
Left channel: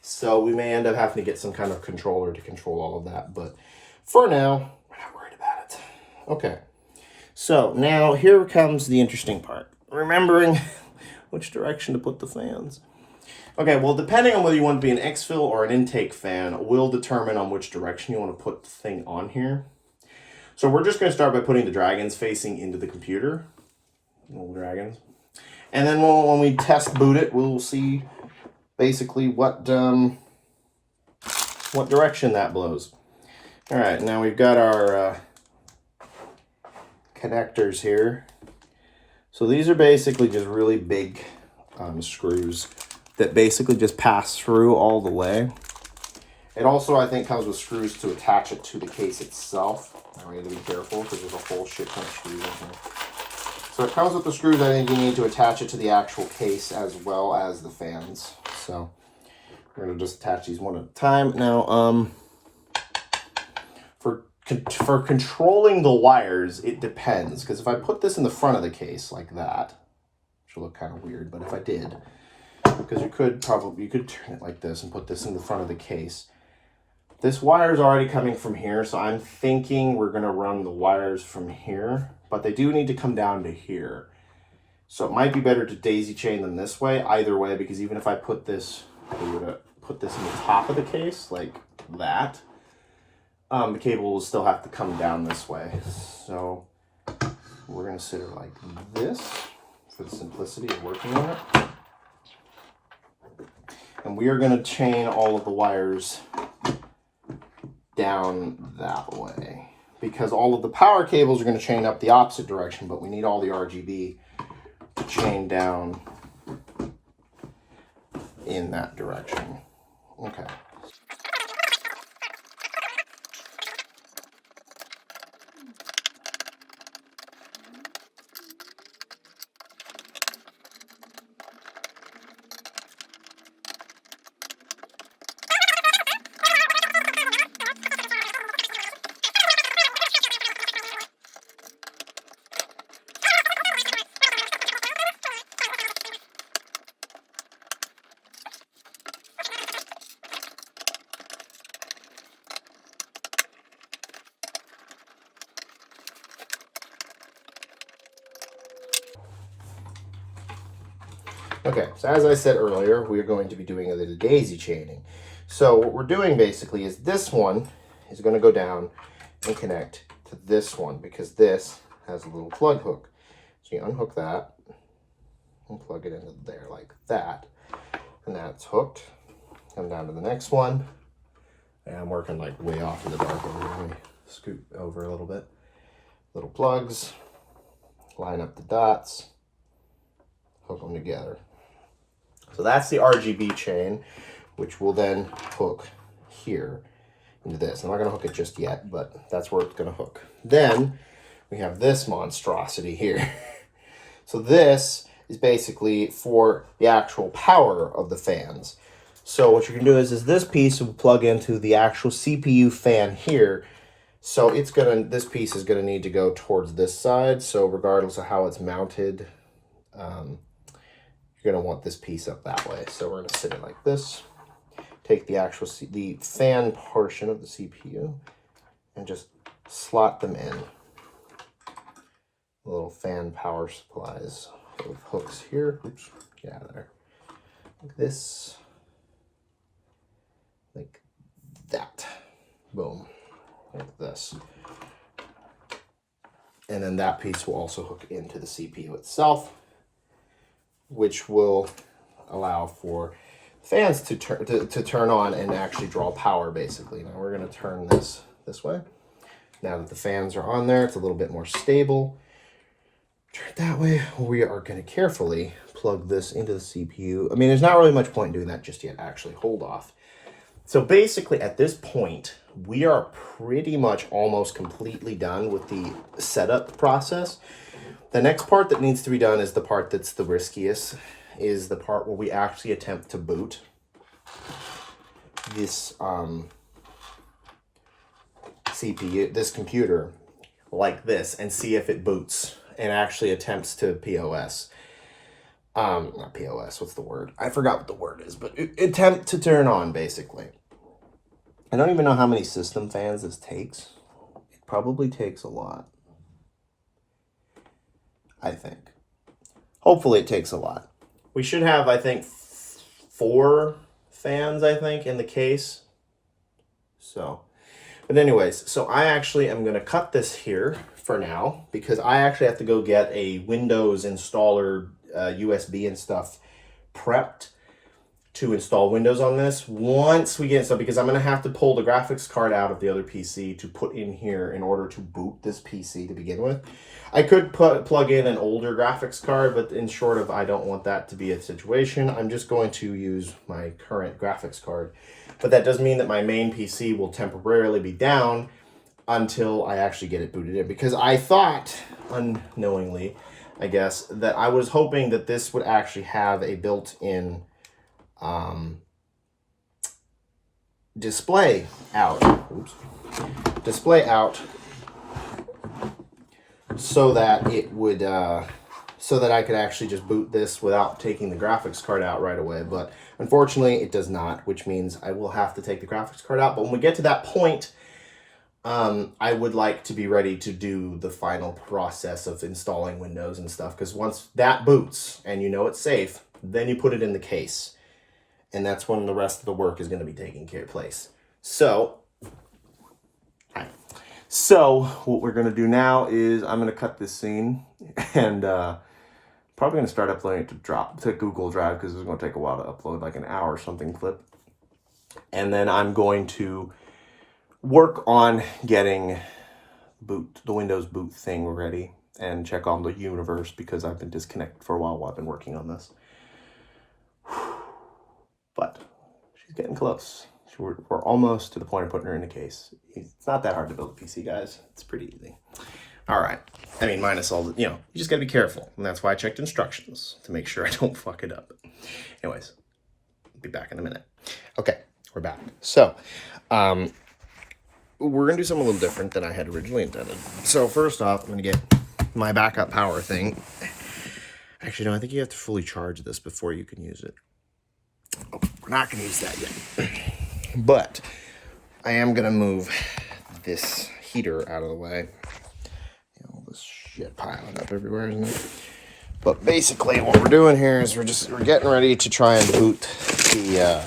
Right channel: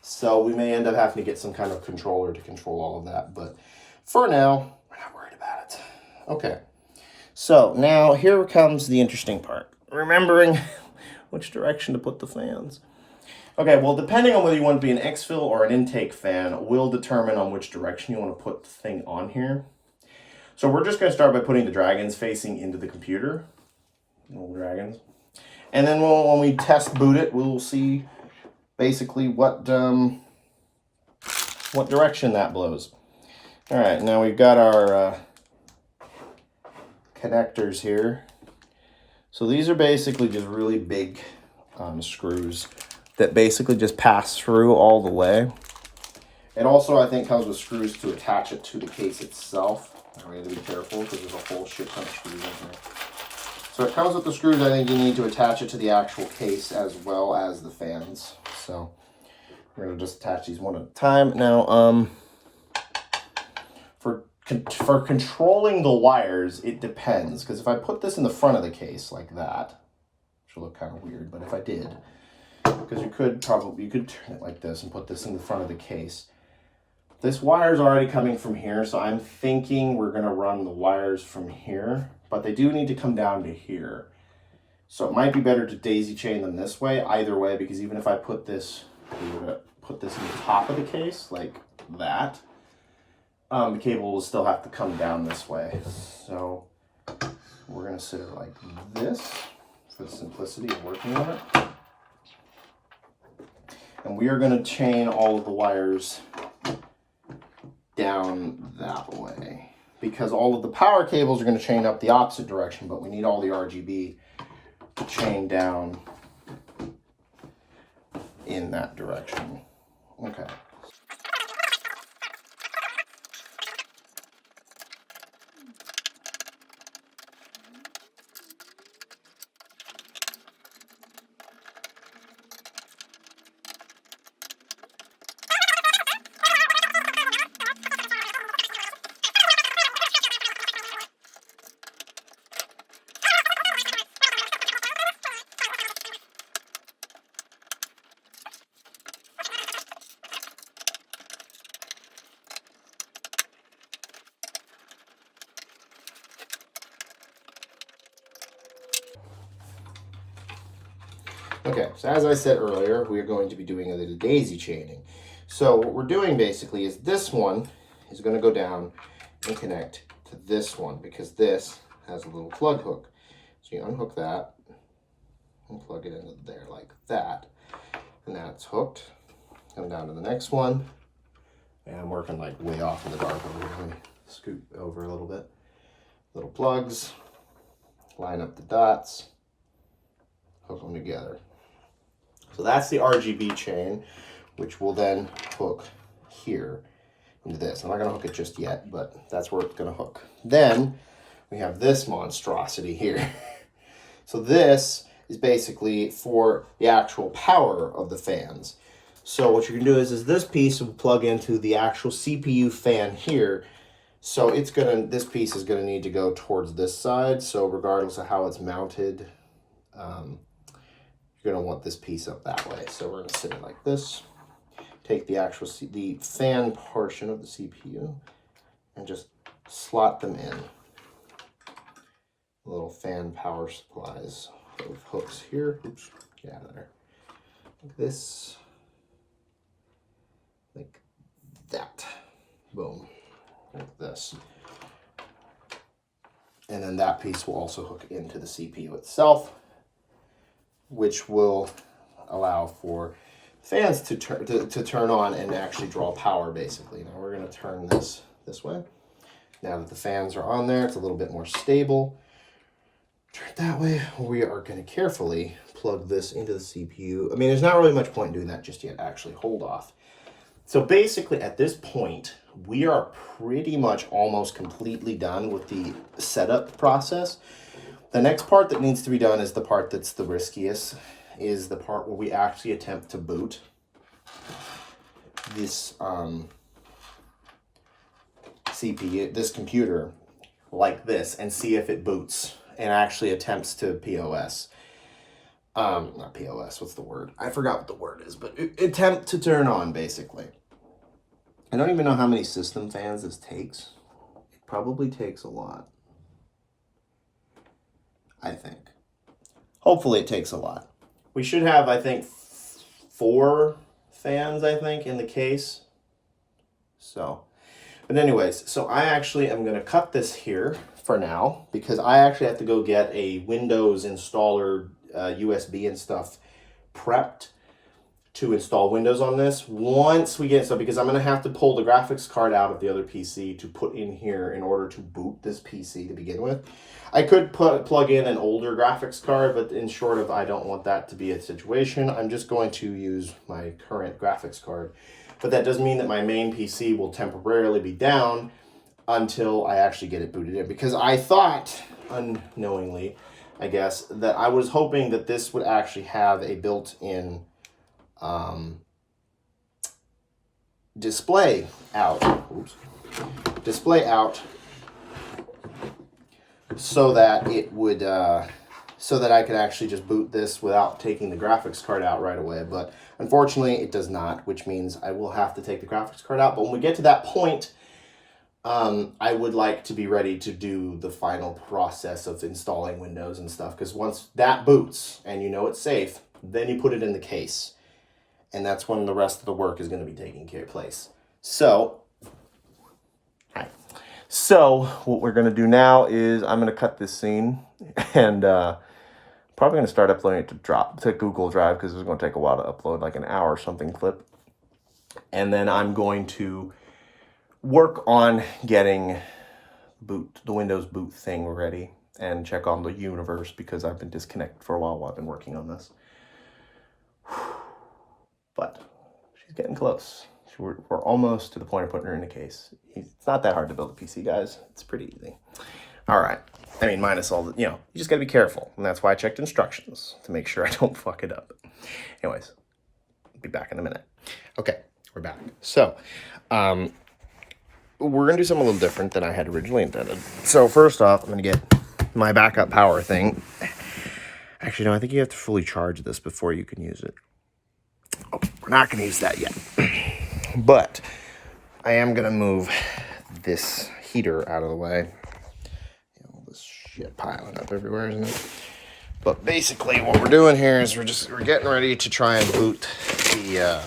So we may end up having to get some kind of controller to control all of that. But for now, we're not worried about it. Okay. So now here comes the interesting part. Remembering which direction to put the fans. Okay, well, depending on whether you want to be an exfil or an intake fan will determine on which direction you want to put the thing on here. So we're just going to start by putting the dragons facing into the computer. Little dragons. And then when we test boot it, we'll see basically what direction that blows. All right, now we've got our connectors here. So these are basically just really big screws that basically just pass through all the way. It also, I think, comes with screws to attach it to the case itself. We have to be careful because there's a whole shit ton of screws in here. So it comes with the screws. I think you need to attach it to the actual case as well as the fans. So we're going to just attach these one at a time. Now, for controlling the wires, it depends. Because if I put this in the front of the case like that, which will look kind of weird, but if I did, because you could turn it like this and put this in the front of the case. This wire is already coming from here, so I'm thinking we're going to run the wires from here, but they do need to come down to here. So it might be better to daisy chain them this way, either way, because even if I put this, we would put this in the top of the case like that, the cable will still have to come down this way. So we're going to sit it like this for the simplicity of working on it. And we are going to chain all of the wires down that way, because all of the power cables are going to chain up the opposite direction, but we need all the RGB to chain down in that direction. Okay. Okay, so as I said earlier, we are going to be doing a little daisy chaining. So what we're doing basically is this one is going to go down and connect to this one, because this has a little plug hook. So you unhook that and plug it into there like that, and that's hooked. Come down to the next one, and I'm working like way off in the dark over here. Let me scoot over a little bit. Little plugs, line up the dots, hook them together. So that's the RGB chain, which will then hook here into this. I'm not going to hook it just yet, but that's where it's going to hook. Then we have this monstrosity here. So this is basically for the actual power of the fans. So what you can do is this piece will plug into the actual CPU fan here. So this piece is gonna need to go towards this side. So regardless of how it's mounted, you're gonna want this piece up that way. So we're gonna sit it like this. Take the fan portion of the CPU and just slot them in. Little fan power supplies, little hooks here. Oops, get out of there. Like this, like that. Boom, like this. And then that piece will also hook into the CPU itself, which will allow for fans to turn on and actually draw power, basically. Now we're going to turn this way. Now that the fans are on there, it's a little bit more stable. Turn it that way. We are going to carefully plug this into the CPU. I mean, there's not really much point in doing that just yet. Actually, hold off. So basically, at this point, we are pretty much almost completely done with the setup process. The next part that needs to be done is the part that's the riskiest, is the part where we actually attempt to boot this CPU, this computer, like this, and see if it boots and actually attempts to POS. Not POS, what's the word? I forgot what the word is, but attempt to turn on, basically. I don't even know how many system fans this takes. It probably takes a lot, I think. Hopefully it takes a lot. We should have, I think, 4 fans, I think, in the case. So, but anyways, so I actually am going to cut this here for now, because I actually have to go get a Windows installer, USB and stuff prepped to install Windows on this. Once we get stuff, because I'm going to have to pull the graphics card out of the other PC to put in here in order to boot this PC to begin with. I could plug in an older graphics card, but in short of, I don't want that to be a situation. I'm just going to use my current graphics card. But that does mean that my main PC will temporarily be down until I actually get it booted in. Because I thought, unknowingly, I guess, that I was hoping that this would actually have a built-in display out. Oops. Display out, so that it would so that I could actually just boot this without taking the graphics card out right away. But unfortunately it does not, which means I will have to take the graphics card out. But when we get to that point, I would like to be ready to do the final process of installing Windows and stuff, because once that boots and you know it's safe, then you put it in the case, and that's when the rest of the work is going to be taking place. So what we're going to do now is I'm going to cut this scene, and probably going to start uploading it to Google Drive, because it's going to take a while to upload, like an hour or something clip. And then I'm going to work on getting the Windows boot thing ready and check on the universe, because I've been disconnected for a while I've been working on this. But she's getting close. We're almost to the point of putting her in a case. It's not that hard to build a PC, guys. It's pretty easy. All right. I mean, minus all the, you just got to be careful. And that's why I checked instructions, to make sure I don't fuck it up. Anyways, I'll be back in a minute. Okay, we're back. So, we're going to do something a little different than I had originally intended. So first off, I'm going to get my backup power thing. Actually, no, I think you have to fully charge this before you can use it. Oh, we're not going to use that yet. But I am going to move this heater out of the way. All this shit piling up everywhere, isn't it? But basically what we're doing here is we're getting ready to try and boot the, I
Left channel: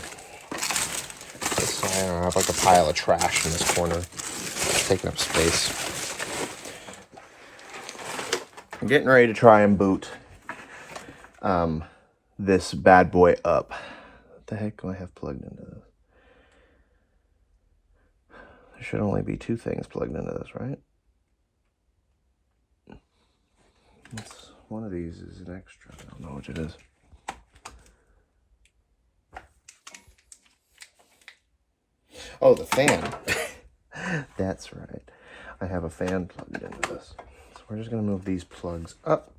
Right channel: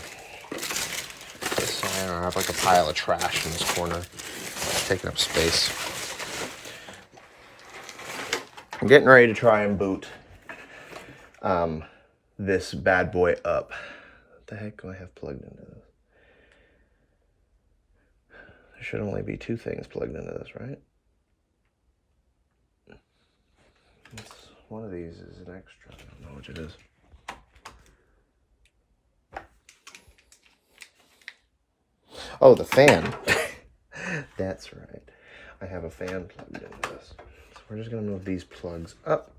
don't know, I have like a pile of trash in this corner. It's taking up space. I'm getting ready to try and boot this bad boy up. What the heck do I have plugged into this? There should only be 2 things plugged into this, right? One of these is an extra. I don't know which it is. Oh, the fan. That's right. I have a fan plugged into this. So we're just going to move these plugs up.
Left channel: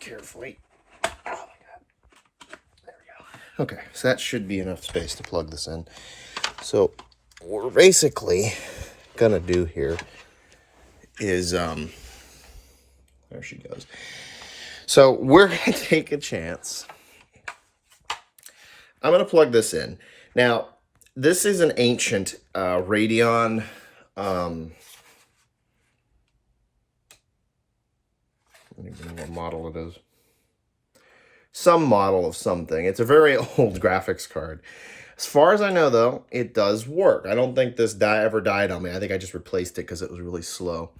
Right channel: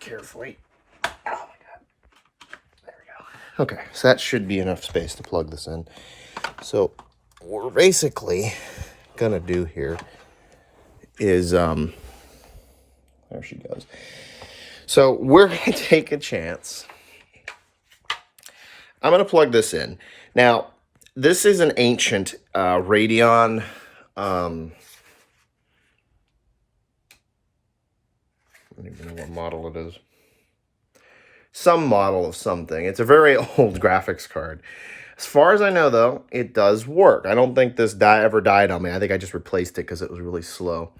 Carefully. Oh my God. There we go. Okay, so that should be enough space to plug this in. So what we're basically gonna do here is, there she goes. So we're gonna take a chance. I'm gonna plug this in. Now, this is an ancient Radeon, I don't even know what model it is. Some model of something. It's a very old graphics card. As far as I know, though, it does work. I don't think this ever died on me. I think I just replaced it because it was really slow.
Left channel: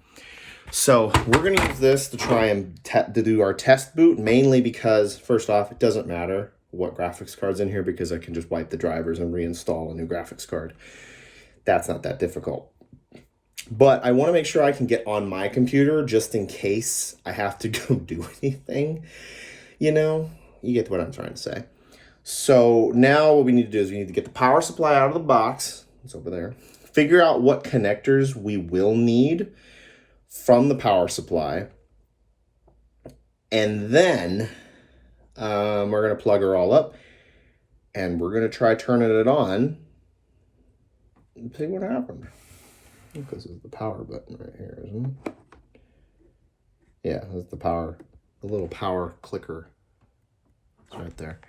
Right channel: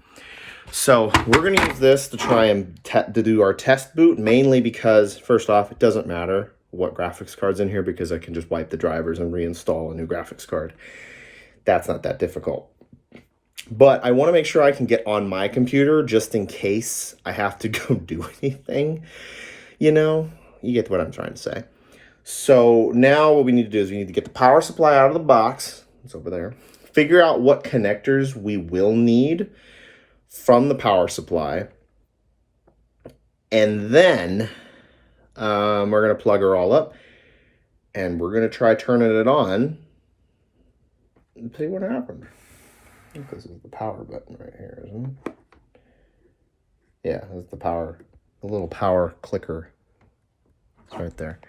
So we're going to use this to try and to do our test boot, mainly because, first off, it doesn't matter what graphics card's in here because I can just wipe the drivers and reinstall a new graphics card. That's not that difficult. But I want to make sure I can get on my computer just in case I have to go do anything. You know, you get what I'm trying to say. So now what we need to do is we need to get the power supply out of the box. It's over there. Figure out what connectors we will need from the power supply. And then we're going to plug her all up. And we're going to try turning it on and see what happens. I think this is the power button right here, isn't it? Yeah, that's the power, the little power clicker. It's right there.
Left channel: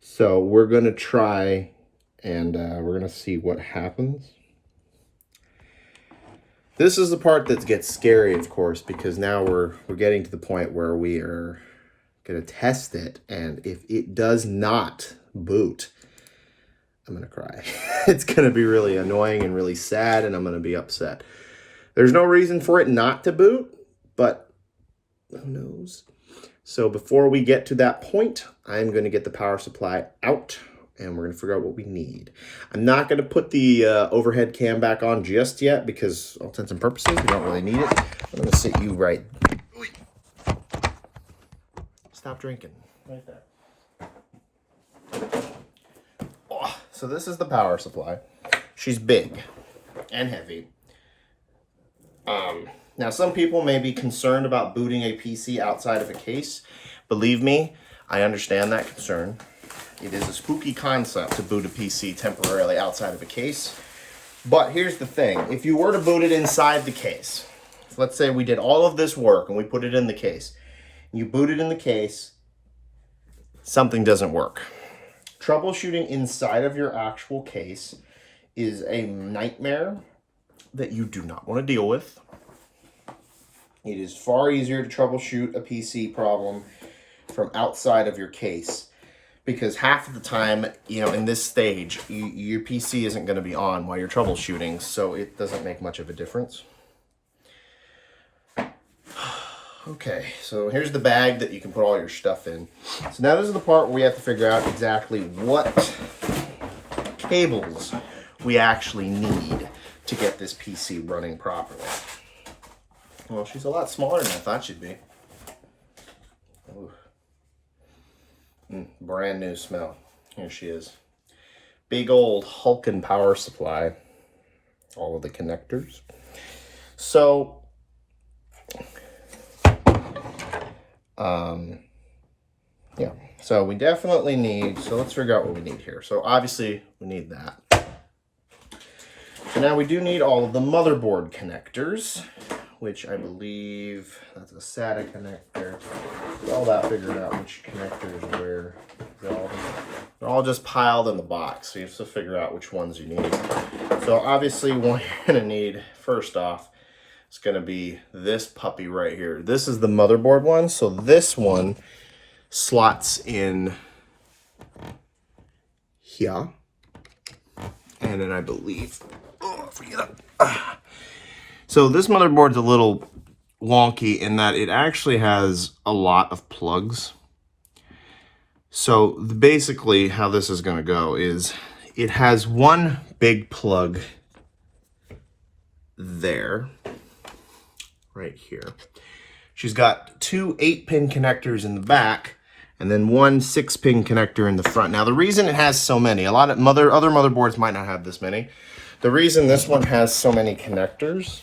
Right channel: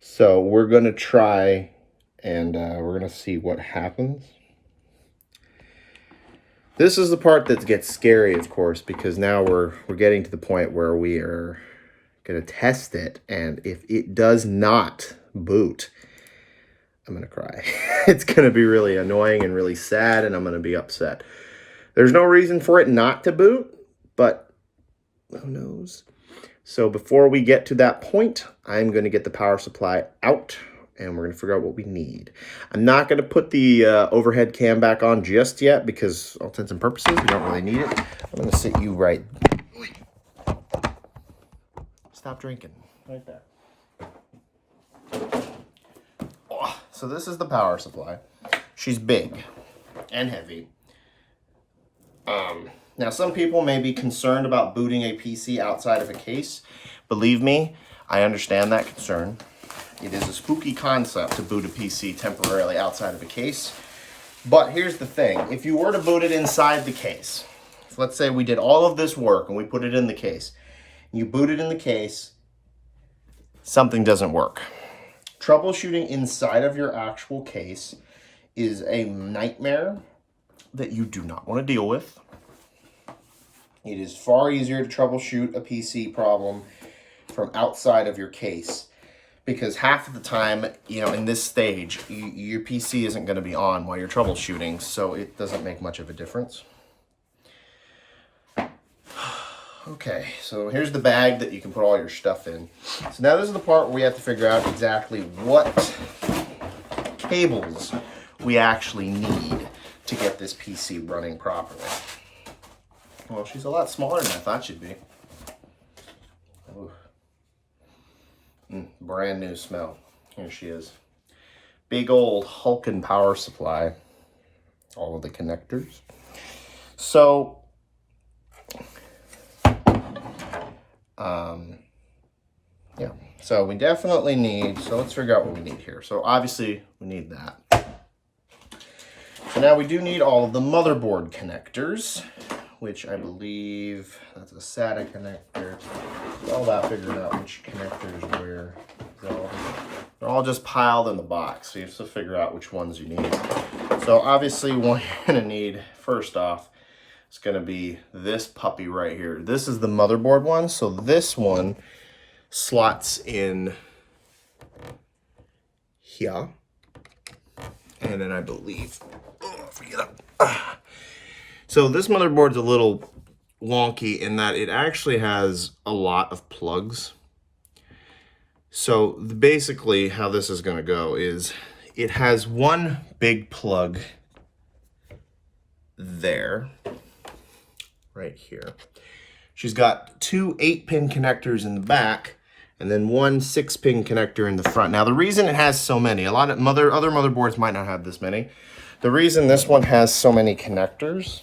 So we're going to try and we're going to see what happens. This is the part that gets scary, of course, because now we're getting to the point where we are going to test it. And if it does not boot, I'm going to cry. It's going to be really annoying and really sad, and I'm going to be upset. There's no reason for it not to boot, but who knows? So before we get to that point, I'm going to get the power supply out, and we're going to figure out what we need. I'm not going to put the overhead cam back on just yet because, all intents and purposes, we don't really need it. I'm going to sit you right. Stop drinking. Right there. Oh, so this is the power supply. She's big and heavy. Now, some people may be concerned about booting a PC outside of a case. Believe me, I understand that concern. It is a spooky concept to boot a PC temporarily outside of a case. But here's the thing. If you were to boot it inside the case, let's say we did all of this work and we put it in the case. You boot it in the case, something doesn't work. Troubleshooting inside of your actual case is a nightmare that you do not want to deal with. It is far easier to troubleshoot a PC problem from outside of your case because half of the time, you know, in this stage, your PC isn't going to be on while you're troubleshooting, so it doesn't make much of a difference. Okay, so here's the bag that you can put all your stuff in. So now this is the part where we have to figure out exactly what cables we actually need to get this PC running properly. Well, she's a lot smaller than I thought she'd be. Brand new smell. Here she is. Big old hulking power supply. All of the connectors. So, yeah. So we definitely need, so let's figure out what we need here. So obviously we need that. So now we do need all of the motherboard connectors, which I believe that's a SATA connector. Get all that figured out, which connectors where. They're all just piled in the box, so you have to figure out which ones you need. So obviously what you're gonna need, first off, is gonna be this puppy right here. This is the motherboard one, so this one slots in here. And then I believe, so this motherboard's a little wonky in that it actually has a lot of plugs. So basically how this is going to go is it has one big plug there, right here. She's got two 8-pin connectors in the back and then one 6-pin connector in the front. Now the reason it has so many, a lot of other motherboards might not have this many. The reason this one has so many connectors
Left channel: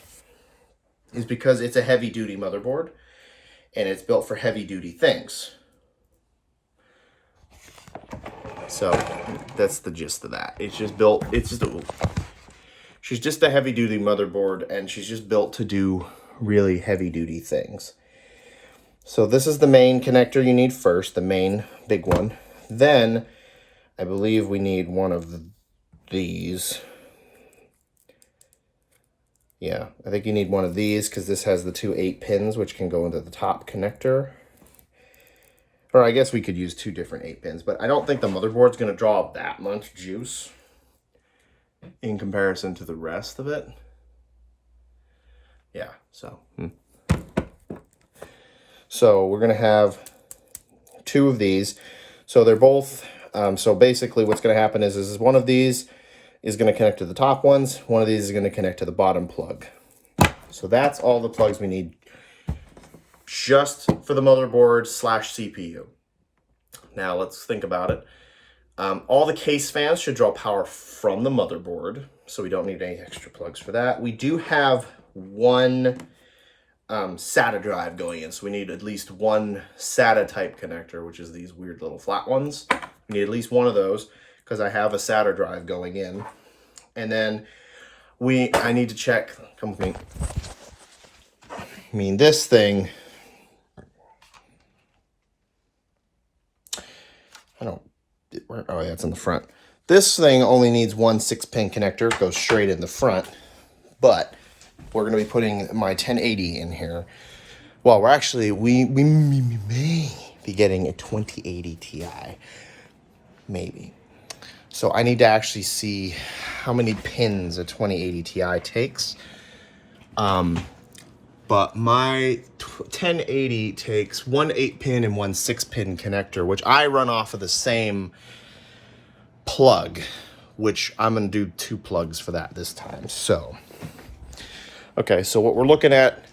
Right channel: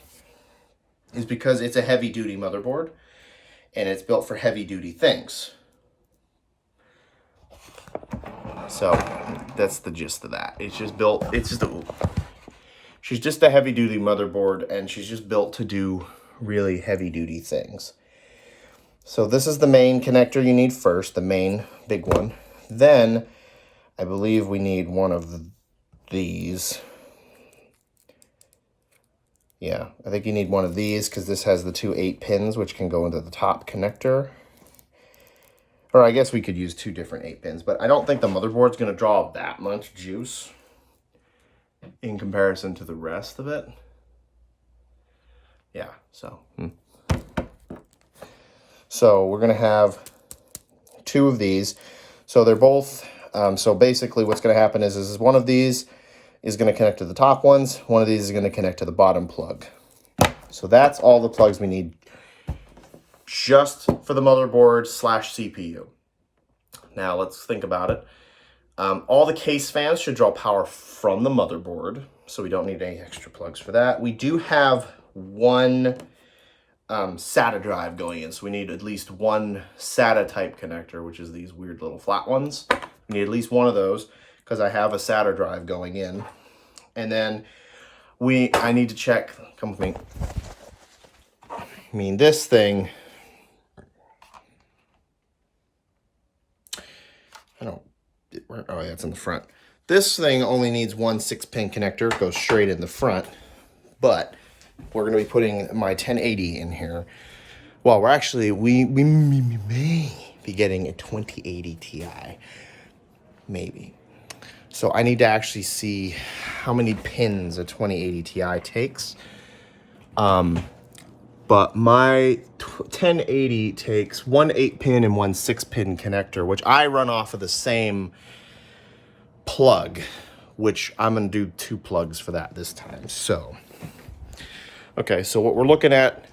is because it's a heavy-duty motherboard and it's built for heavy-duty things. So that's the gist of that. It's just built, she's just a heavy duty motherboard, and she's just built to do really heavy duty things. So this is the main connector you need first, the main big one. Then I believe we need one of these. Yeah, I think you need one of these because this has the two 8 pins, which can go into the top connector. Or I guess we could use 2 different 8 pins, but I don't think the motherboard's going to draw that much juice in comparison to the rest of it. Yeah, so. So we're going to have 2 of these. So they're both, so basically what's going to happen is one of these is going to connect to the top ones. One of these is going to connect to the bottom plug. So that's all the plugs we need just for the motherboard / CPU. Now let's think about it. All the case fans should draw power from the motherboard, so we don't need any extra plugs for that. We do have one SATA drive going in, so we need at least one SATA type connector, which is these weird little flat ones. We need at least one of those because I have a SATA drive going in. And then I need to check, come with me. I mean, this thing, oh yeah, it's in the front. This thing only needs one 6-pin connector, goes straight in the front, but we're going to be putting my 1080 in here. Well, we may be getting a 2080 Ti, maybe. So I need to actually see how many pins a 2080 Ti takes. But my 1080 takes one 8-pin and one 6-pin connector, which I run off of the same plug, which I'm going to do 2 plugs for that this time. So, okay, so what we're looking at,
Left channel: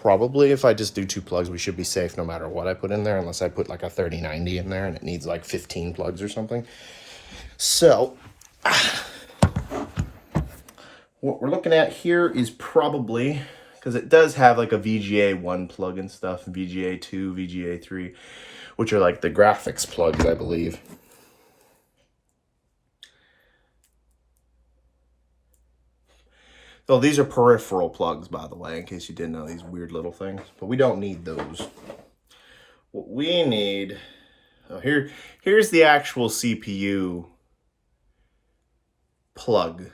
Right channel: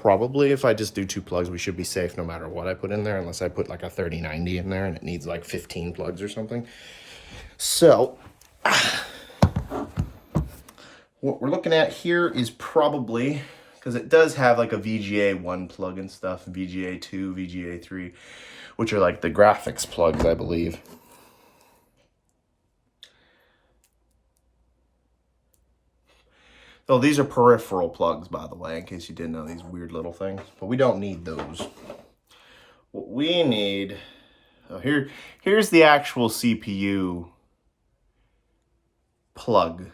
probably if I just do 2 plugs, we should be safe no matter what I put in there, unless I put like a 3090 in there and it needs like 15 plugs or something. So, what we're looking at here is probably, because it does have like a VGA 1 plug and stuff, VGA 2, VGA 3, which are like the graphics plugs, I believe. So these are peripheral plugs, by the way, in case you didn't know, these weird little things. But we don't need those. What we need, here's the actual CPU plug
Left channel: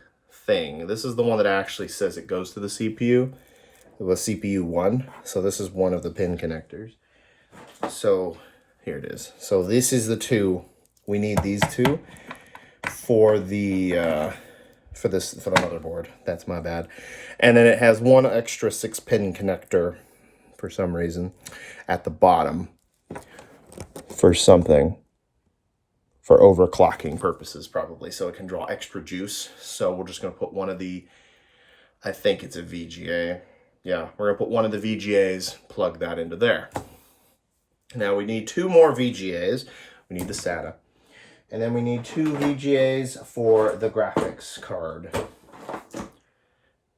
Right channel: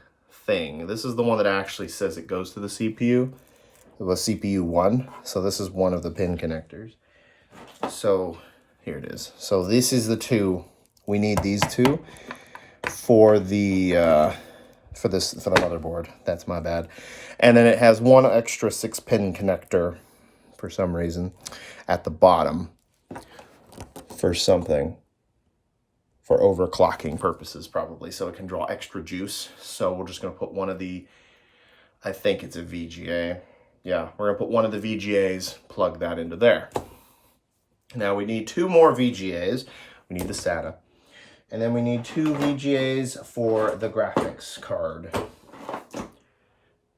thing. This is the one that actually says it goes to the CPU. It was CPU 1. So this is one of the pin connectors. So here it is. So this is the 2. We need these 2 for the for the motherboard. That's my bad. And then it has one extra 6-pin connector for some reason at the bottom for something, for overclocking purposes probably, so it can draw extra juice. So we're just going to put one of the, I think it's a VGA. Yeah, we're going to put one of the VGAs, plug that into there. Now we need 2 more VGAs. We need the SATA. And then we need 2 VGAs for the graphics card,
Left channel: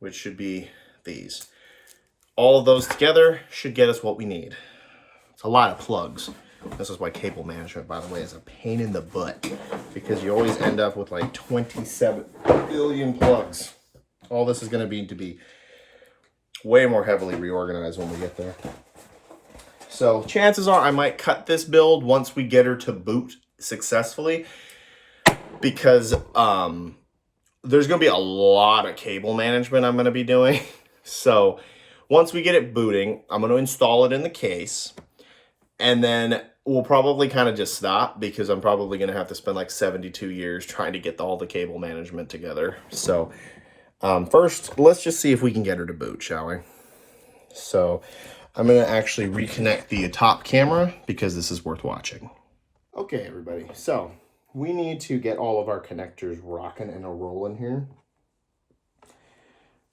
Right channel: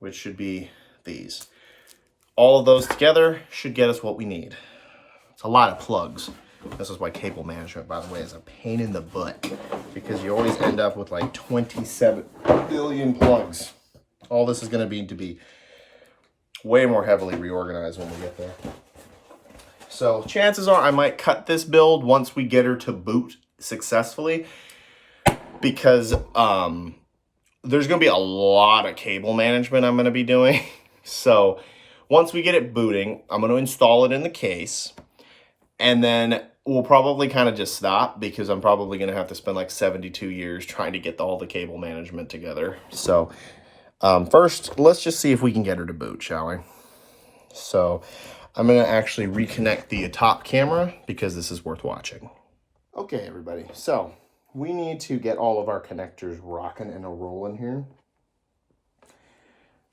which should be these. All of those together should get us what we need. It's a lot of plugs. This is why cable management, by the way, is a pain in the butt, because you always end up with like 27 billion plugs. All this is going to be way more heavily reorganized when we get there. So chances are I might cut this build once we get her to boot successfully, because there's going to be a lot of cable management I'm going to be doing. So once we get it booting, I'm going to install it in the case, and then we'll probably kind of just stop, because I'm probably going to have to spend like 72 years trying to get all the cable management together. So first, let's just see if we can get her to boot, shall we? So I'm going to actually reconnect the top camera, because this is worth watching. Okay, everybody, so we need to get all of our connectors rocking and a-rolling here,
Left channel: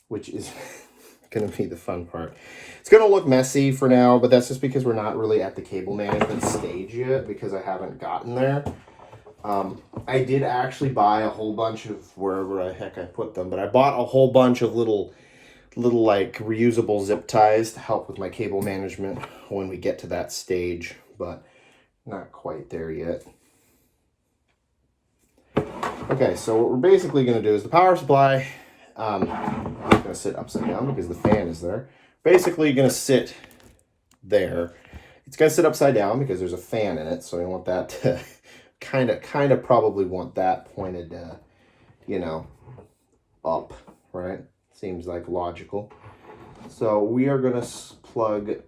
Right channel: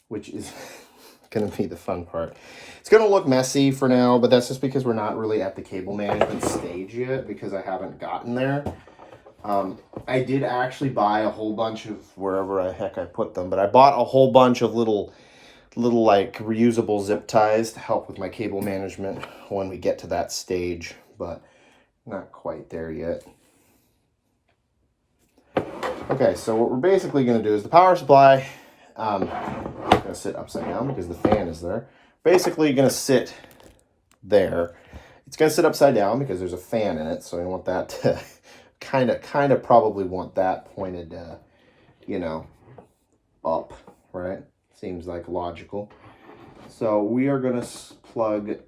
which is going to be the fun part. It's going to look messy for now, but that's just because we're not really at the cable management stage yet, because I haven't gotten there. I did actually buy a whole bunch of, wherever the heck I put them, but I bought a whole bunch of little like reusable zip ties to help with my cable management when we get to that stage, but not quite there yet. Okay, so what we're basically going to do is the power supply, I'm going to sit upside down because the fan is there. Basically going to sit there. It's going to sit upside down because there's a fan in it, so we want that to kind of probably want that pointed, you know, up, right? Seems like logical. So we are going to plug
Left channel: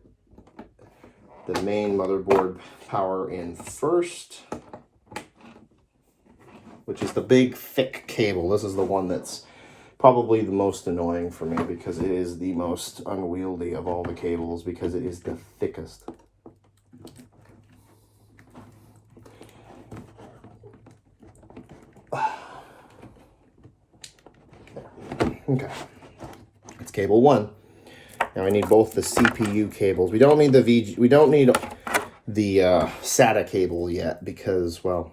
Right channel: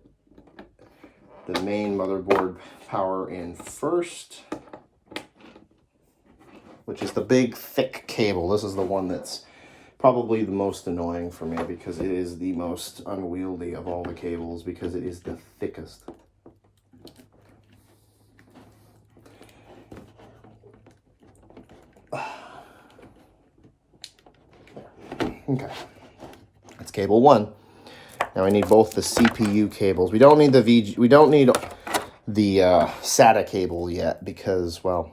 the main motherboard power in first, which is the big thick cable. This is the one that's probably the most annoying for me because it is the most unwieldy of all the cables because it is the thickest. Okay, that's cable one. Now I need both the CPU cables. We don't need the SATA cable yet because, well,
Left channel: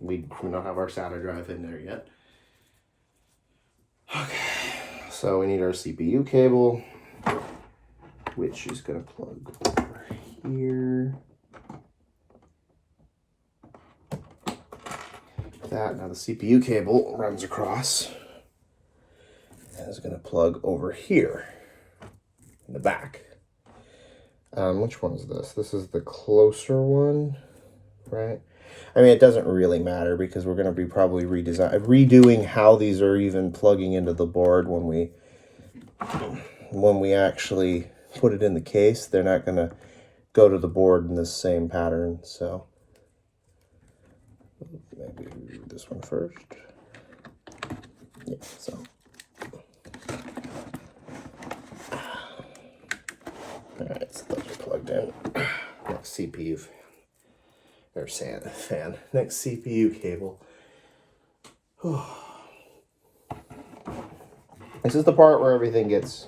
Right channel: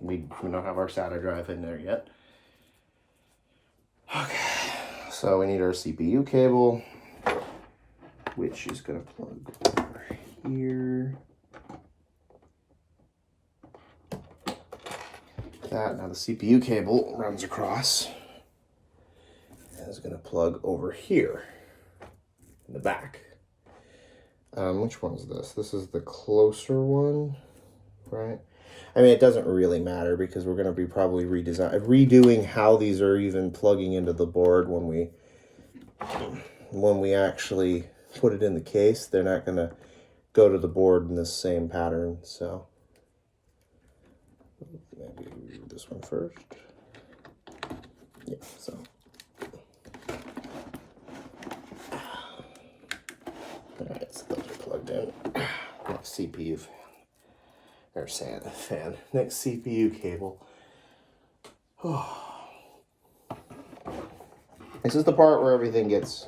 we don't have our SATA drive in there yet. Okay, so we need our CPU cable, which is going to plug over here. That, now the CPU cable runs across and is going to plug over here in the back. Which one's this? This is the closer one, right? I mean, it doesn't really matter because we're going to be probably redoing how these are even plugging into the board when we actually put it in the case. They're not going to go to the board in the same pattern, so maybe we do this one first. Yeah, so all right, so those are plugged in. Next CPU or fan. Next CPU cable. This is the part where everything gets.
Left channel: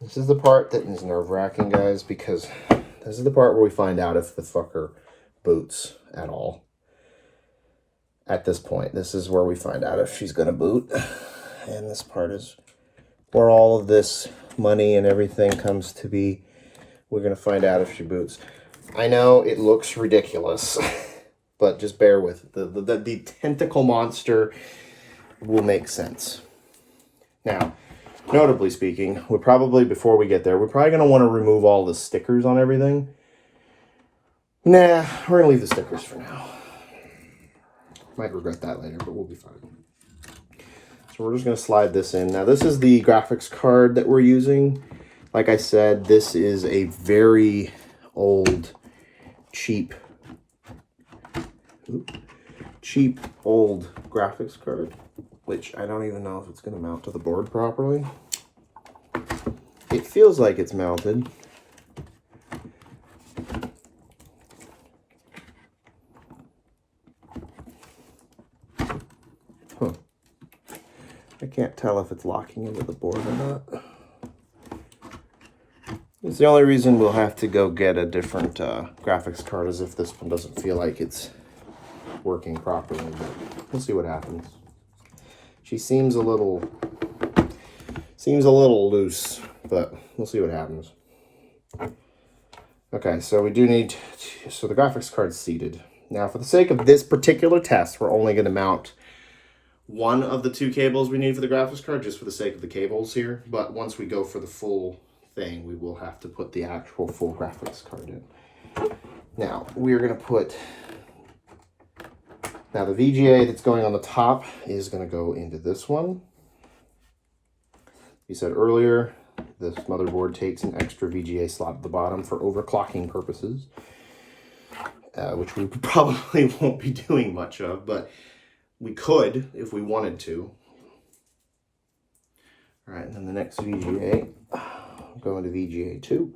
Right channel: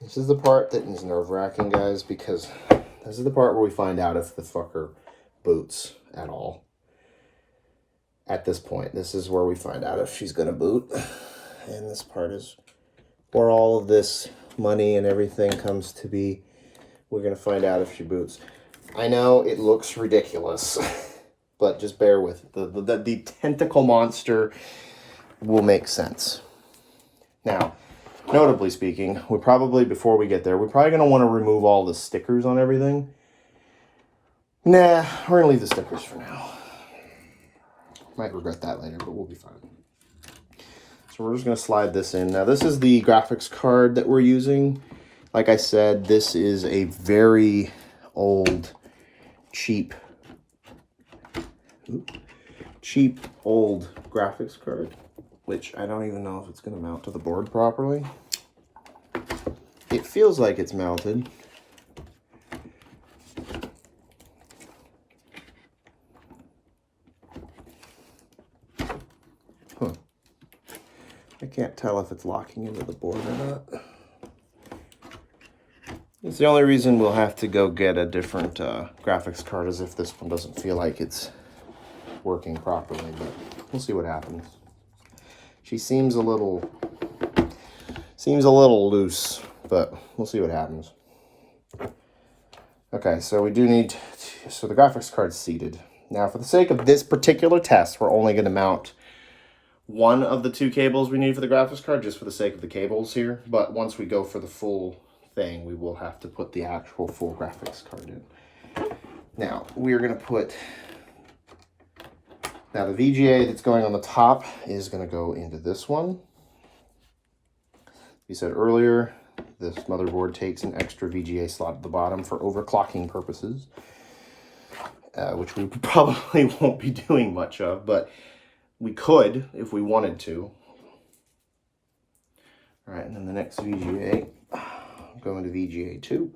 This is the part that is nerve-wracking, guys, because this is the part where we find out if the fucker boots at all. At this point, this is where we find out if she's gonna boot. And this part is where all of this money and everything comes to be. We're gonna find out if she boots. I know it looks ridiculous, but just bear with it. The tentacle monster will make sense. Now, notably speaking, we're probably, before we get there, we're probably gonna want to remove all the stickers on everything. Nah, we're gonna leave the stickers for now. Might regret that later, but we'll be fine. So we're just going to slide this in. Now, this is the graphics card that we're using. Like I said, this is a very old, cheap old graphics card, which I don't even know if it's going to mount to the board properly. It feels like it's mounted. I can't tell if it's locking into the board or not. It's the only reason we'll have to go get a different graphics card is if this one doesn't feel like it's working properly, but we'll see what happens. She seems a little loose, but we'll see what happens. Okay, so we do need, so the graphics card's seated. Now, for the sake of this particular test, we're only going to mount one of the two cables we need for the graphics card, just for the sake of the cables here. But once we go for the full thing, we will have to put the actual full graphics card in. Now, we're going to put, now the VGA that's going on the top is going to go into this one. We said earlier, this motherboard takes an extra VGA slot at the bottom for overclocking purposes, which we probably won't be doing much of, but we could if we wanted to. All right, and then the next VGA, go into VGA 2.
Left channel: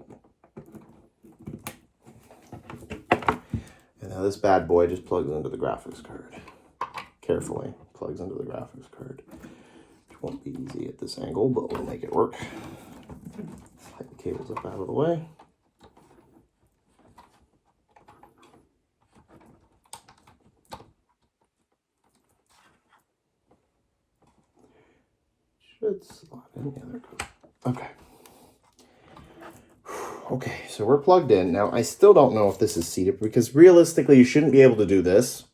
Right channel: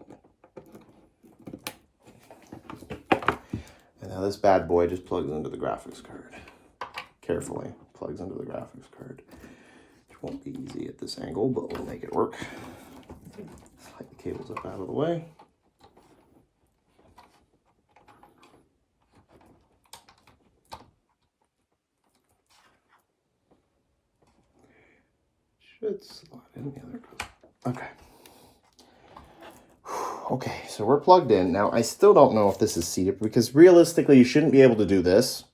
And now this bad boy just plugs into the graphics card. Carefully plugs into the graphics card. Which won't be easy at this angle, but we'll make it work. Slide the cables up out of the way. Should slot in. Yeah, there it goes. Okay. Okay, so we're plugged in. Now, I still don't know if this is seated because realistically, you shouldn't be able to do this.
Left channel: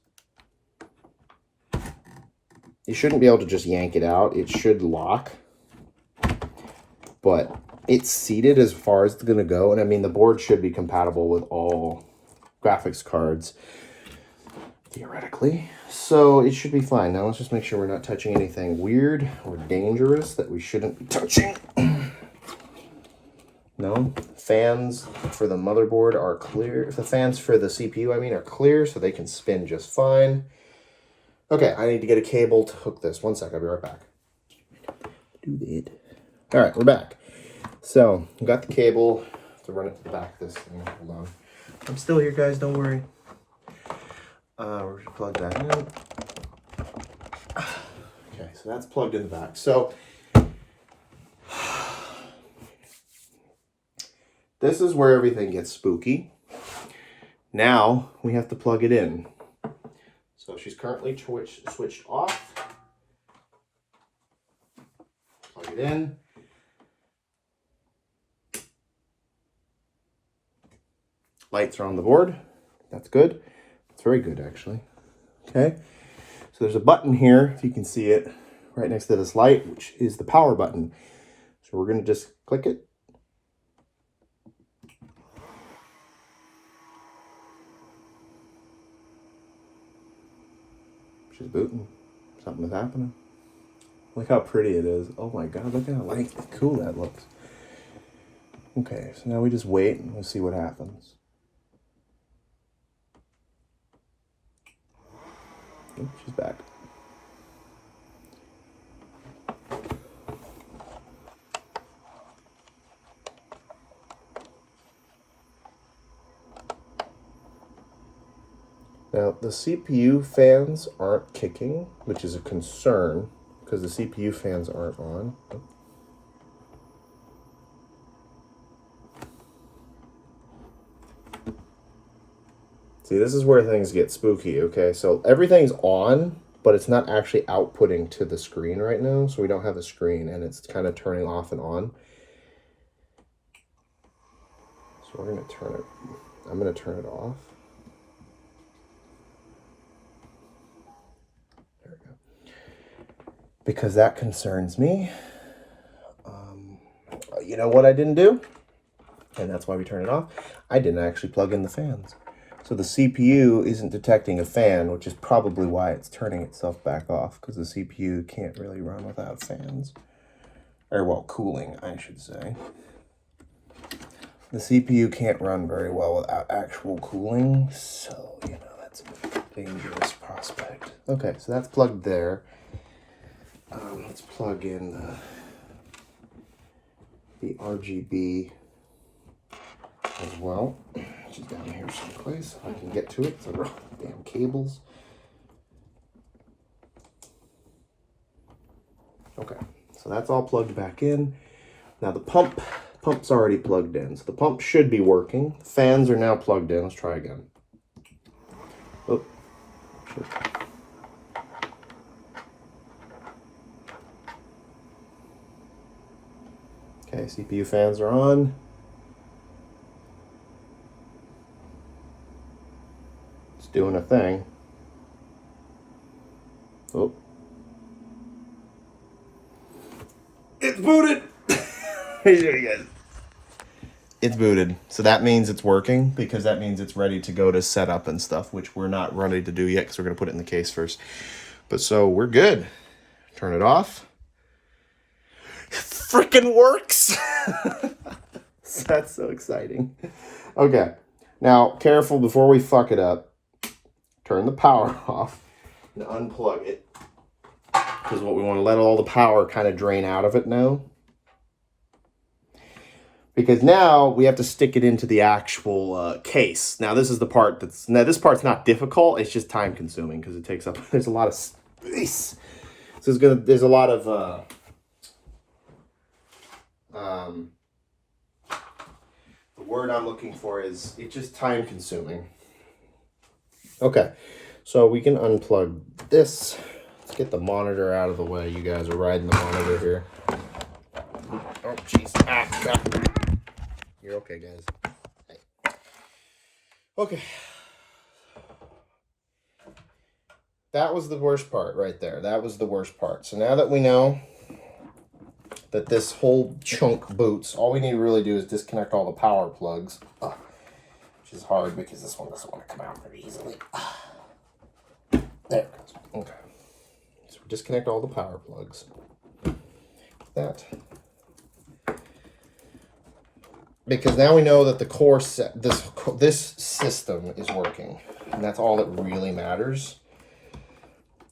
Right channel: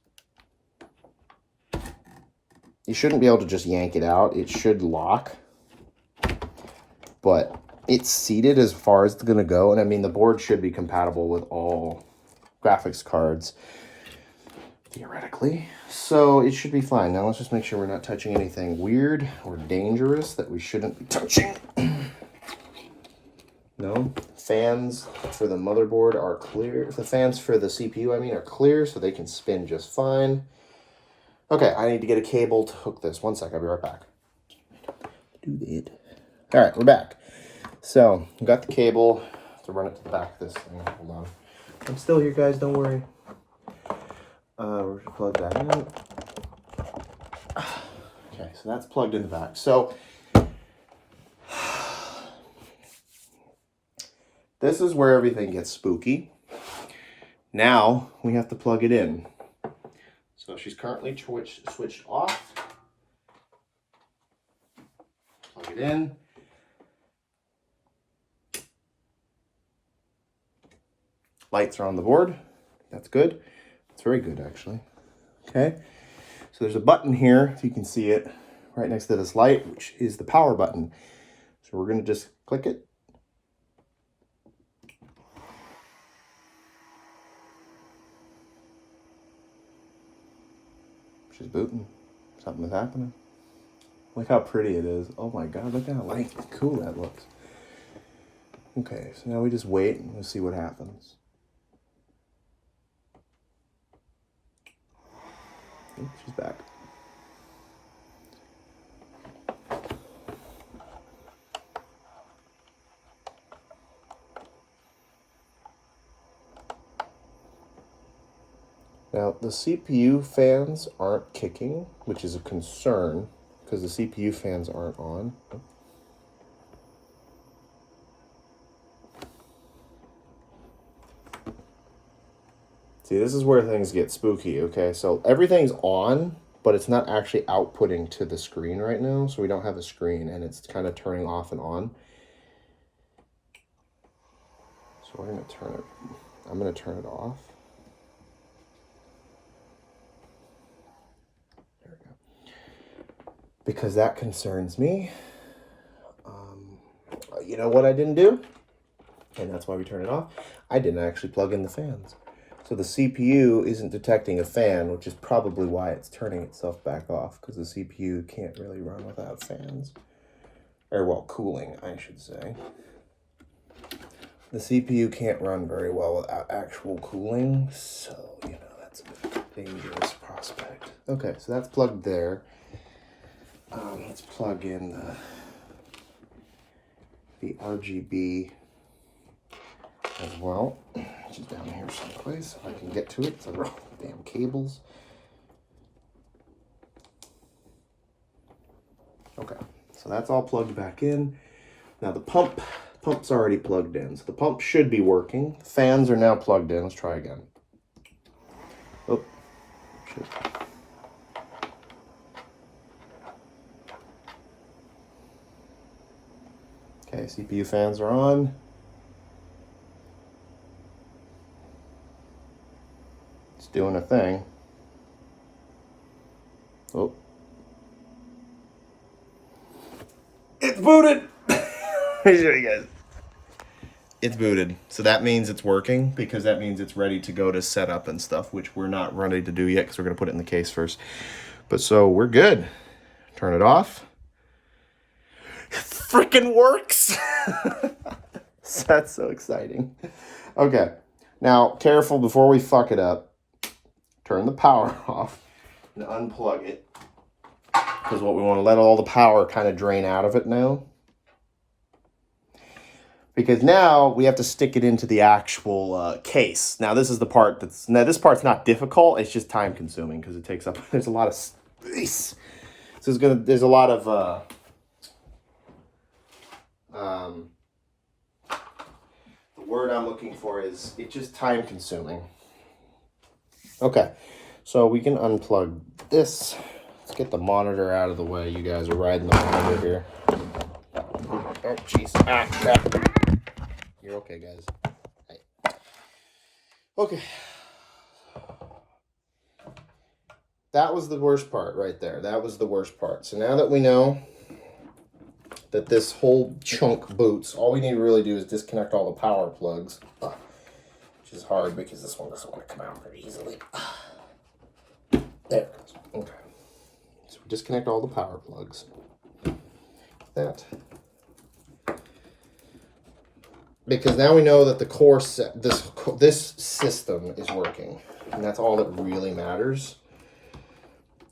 You shouldn't be able to just yank it out. It should lock. But it's seated as far as it's going to go. And I mean, the board should be compatible with all graphics cards, theoretically. So it should be fine. Now, let's just make sure we're not touching anything weird or dangerous that we shouldn't be touching. No, fans for the motherboard are clear. The fans for the CPU, I mean, are clear, so they can spin just fine. Okay, I need to get a cable to hook this. 1 sec, I'll be right back. Do that. All right, we're back. So, we got the cable to run it to the back of this thing. Hold on. I'm still here, guys, don't worry. We're going to plug that in. Okay, so that's plugged in the back. So, this is where everything gets spooky. Now, we have to plug it in. So she's currently switched off. Plug it in. Lights are on the board. That's good. It's very good, actually. Okay. So there's a button here, if you can see it, right next to this light, which is the power button. So we're going to just click it. She's booting. Something is happening. Look how pretty it is. Oh my god, look how cool that looks. Okay, so now we just wait and we'll see what happens. Oh, she's back. Now, the CPU fans aren't kicking, which is a concern, because the CPU fans aren't on. See, this is where things get spooky, okay? So everything's on, but it's not actually outputting to the screen right now, so we don't have a screen, and it's kind of turning off and on. So we're going to turn it, I'm going to turn it off. Because that concerns me. You know what I didn't do? And that's why we turn it off. I didn't actually plug in the fans. So the CPU isn't detecting a fan, which is probably why it's turning itself back off, because the CPU can't really run without fans. Or, well, cooling, I should say. The CPU can't run very well without actual cooling, so, you know, that's a dangerous prospect. Okay, so that's plugged there. Let's plug in the RGB as well. Which is down here someplace, so I can get to it. So they're all damn cables. Okay, so that's all plugged back in. Now the pump's already plugged in, so the pump should be working. The fans are now plugged in. Let's try again. Oh, shit. Okay, CPU fans are on. It's doing a thing. Oh. It's booted! It's booted. So that means it's working, because that means it's ready to go to setup and stuff, which we're not ready to do yet because we're going to put it in the case first. But so we're good. Turn it off. Freaking works. So that's so exciting. Okay, now careful before we fuck it up. Turn the power off and unplug it, because what we want to let all the power kind of drain out of it now, because now we have to stick it into the actual case. Now this is the part this part's not difficult, it's just time consuming because it takes up, there's a lot of space. So there's a lot of the word I'm looking for is, it's just time consuming. Okay, so we can unplug this. Let's get the monitor out of the way. You guys are riding the monitor here. Oh, jeez. You're okay, guys. Hey. Okay. That was the worst part right there. That was the worst part. So now that we know that this whole chunk boots, all we need to really do is disconnect all the power plugs. Which is hard because this one doesn't want to come out very easily. There it goes. Okay. So we disconnect all the power plugs. That. Because now we know that the core set, this system is working. And that's all that really matters.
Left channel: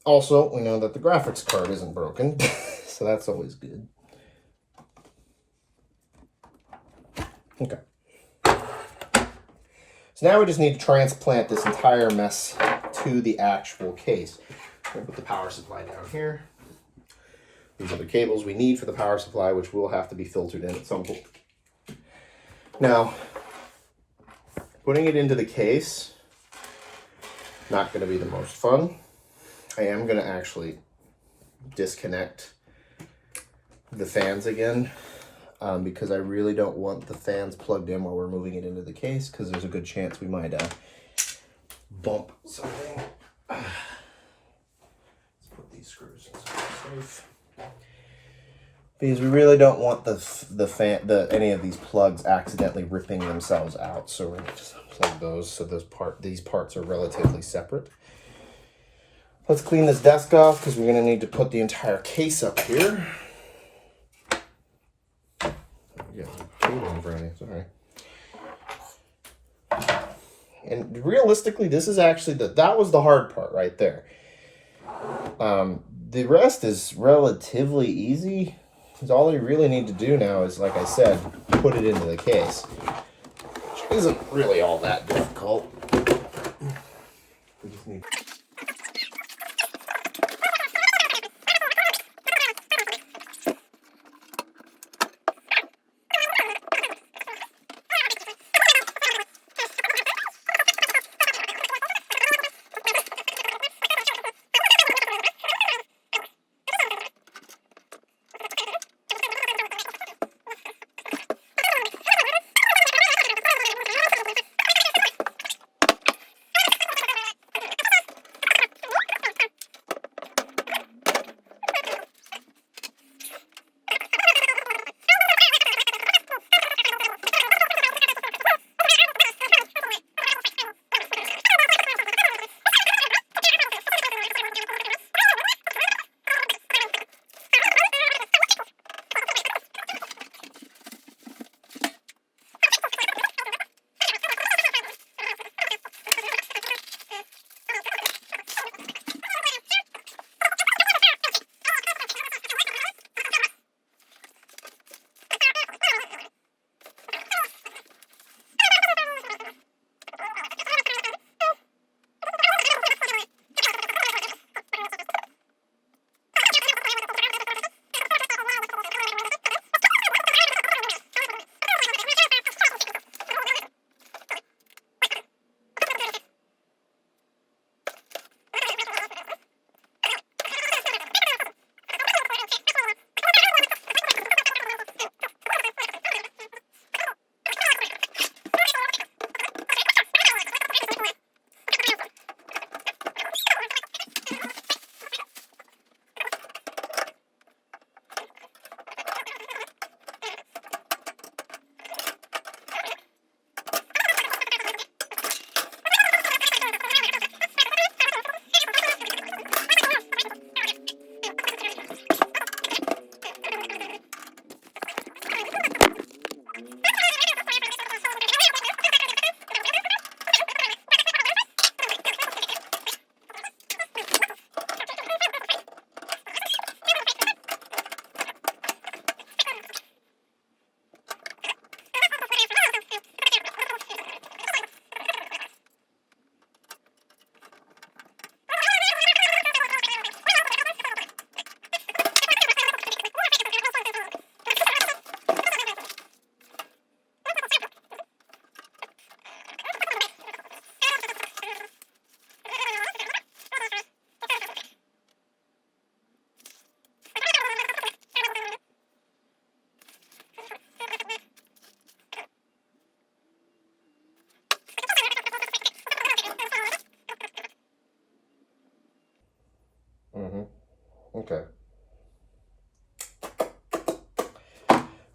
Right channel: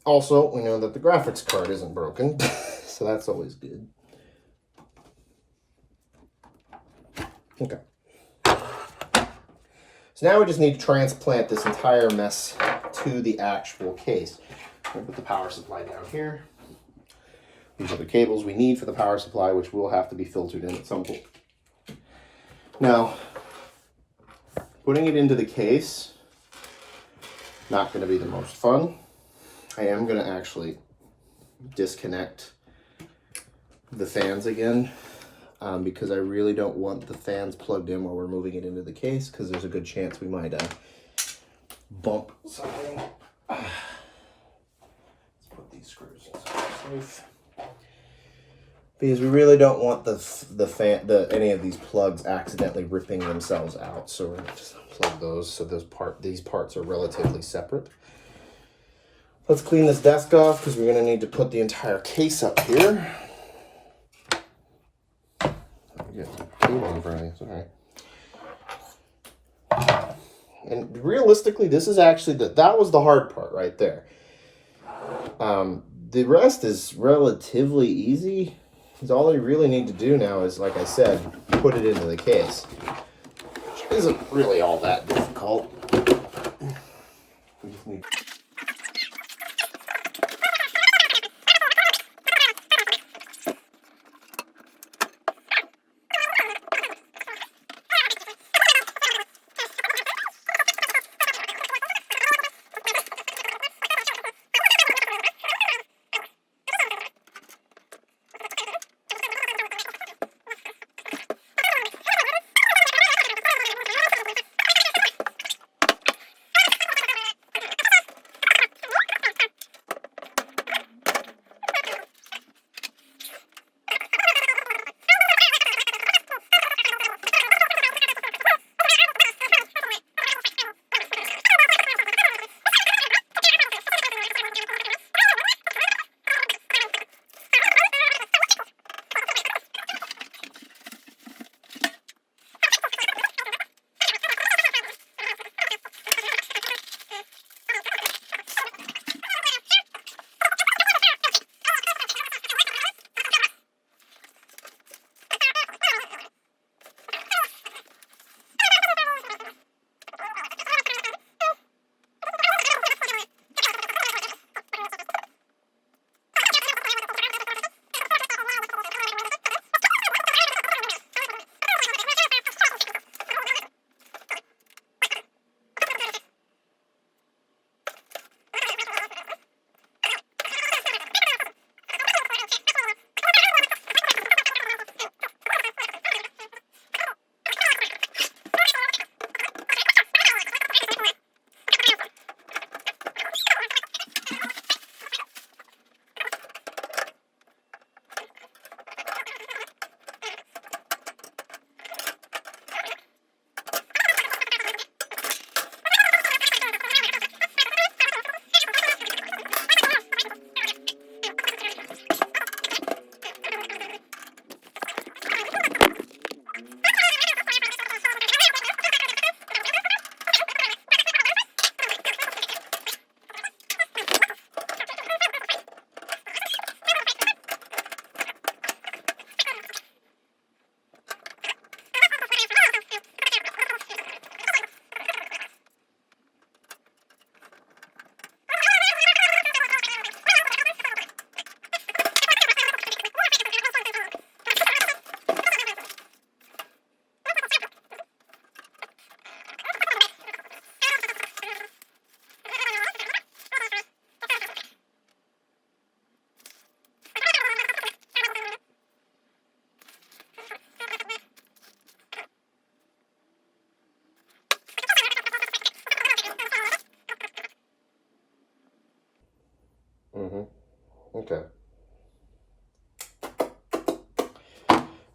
Also, we know that the graphics card isn't broken. So that's always good. Okay. So now we just need to transplant this entire mess to the actual case. I'm going to put the power supply down here. These are the cables we need for the power supply, which will have to be filtered in at some point. Now, putting it into the case, not going to be the most fun. I am going to actually disconnect the fans again. Because I really don't want the fans plugged in while we're moving it into the case, because there's a good chance we might bump something. Let's put these screws inside the roof. Because we really don't want any of these plugs accidentally ripping themselves out. So we're gonna just unplug those so these parts are relatively separate. Let's clean this desk off because we're gonna need to put the entire case up here. Sorry. And realistically, this is actually that was the hard part right there. The rest is relatively easy. Because all you really need to do now is, like I said, put it into the case. Which isn't really all that difficult. We just need...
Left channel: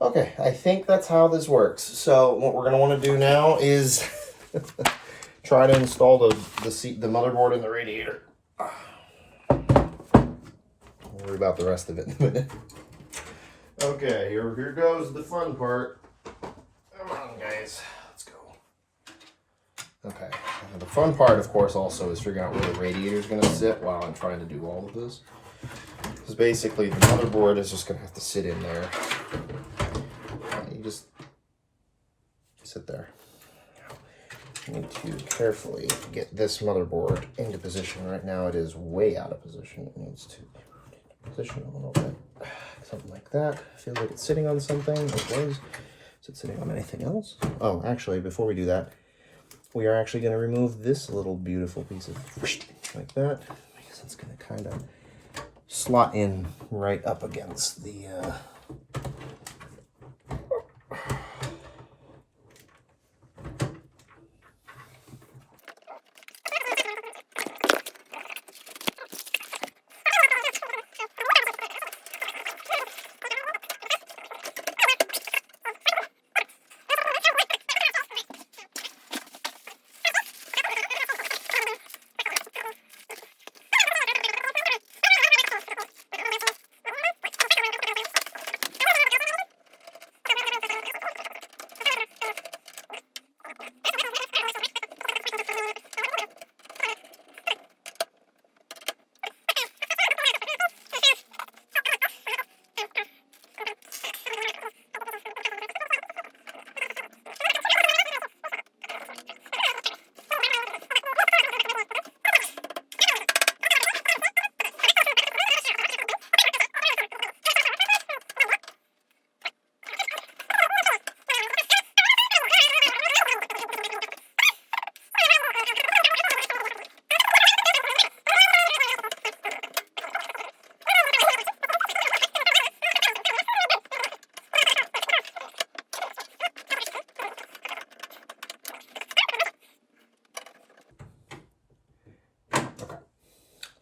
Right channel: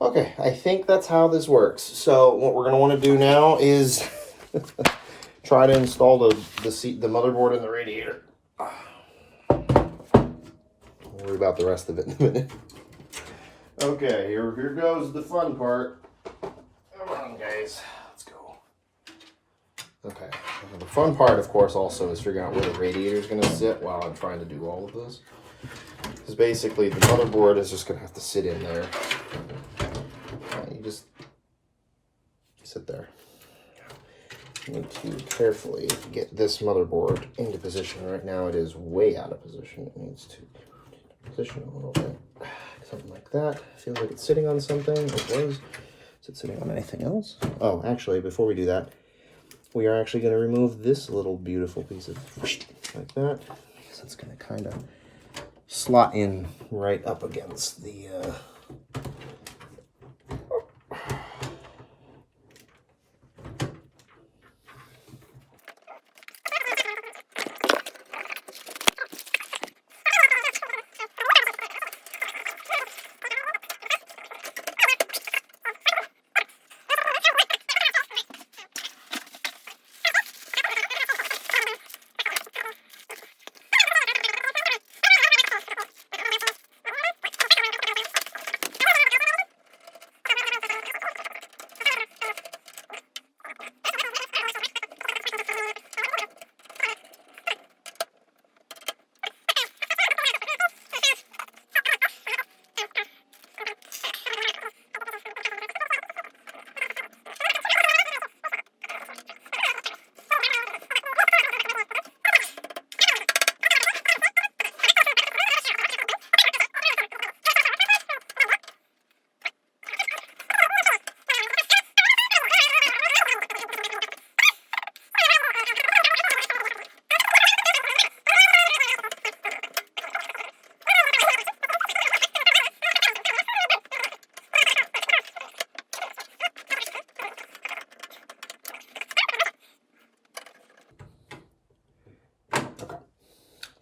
Okay, I think that's how this works. So what we're gonna want to do now is try to install the motherboard and the radiator. We'll worry about the rest of it in a minute. Okay, here goes the fun part. Come on, guys, let's go. Okay, now the fun part, of course, also is figuring out where the radiator is gonna sit while I'm trying to do all of this. Because basically, the motherboard is just gonna have to sit in there. You just sit there. You need to carefully get this motherboard into position. Right now it is way out of position. It needs to position a little bit. Something like that. I feel like it's sitting on something. It was. Is it sitting on anything else? Oh, actually, before we do that, we are actually going to remove this little beautiful piece of like that. Because it's going to kind of slot in right up against the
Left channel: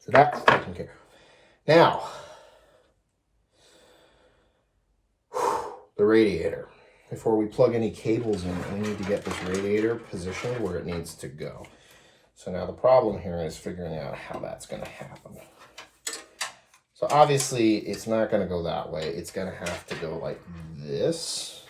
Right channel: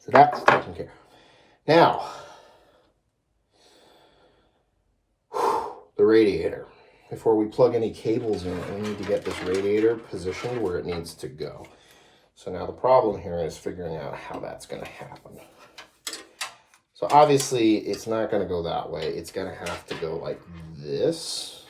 so that's taken care of. Now, the radiator. Before we plug any cables in, we need to get this radiator positioned where it needs to go. So now the problem here is figuring out how that's going to happen. So obviously it's not going to go that way. It's going to have to go like this.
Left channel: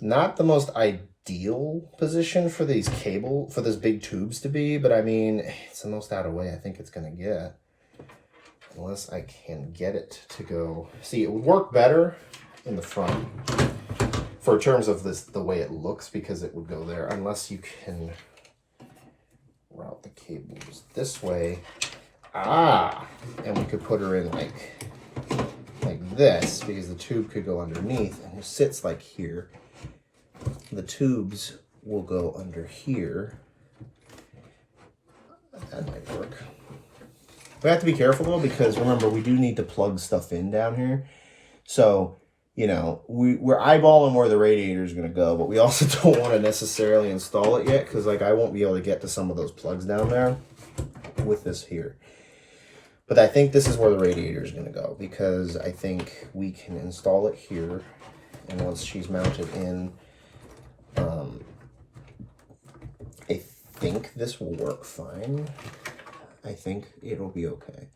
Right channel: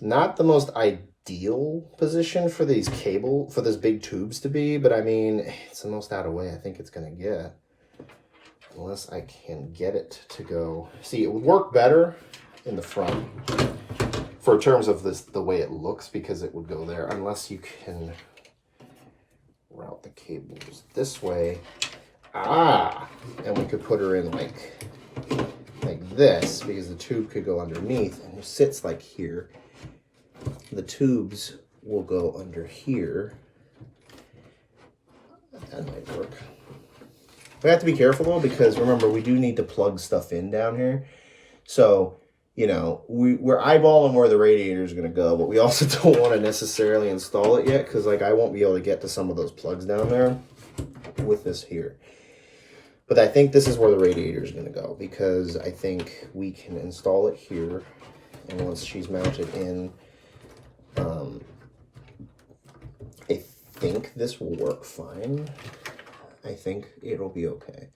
Not the most ideal position for these big tubes to be, but I mean, it's the most out of way I think it's going to get. Unless I can get it to go. See, it would work better in the front for terms of the way it looks, because it would go there, unless you can route the cables this way. And we could put her in like this, because the tube could go underneath, and it sits like here. The tubes will go under here. That might work. We have to be careful though, because remember, we do need to plug stuff in down here. So, you know, we're eyeballing where the radiator is going to go, but we also don't want to necessarily install it yet, because like I won't be able to get to some of those plugs down there with this here. But I think this is where the radiator is going to go, because I think we can install it here, and once she's mounted in, I think this will work fine. I think it'll be okay,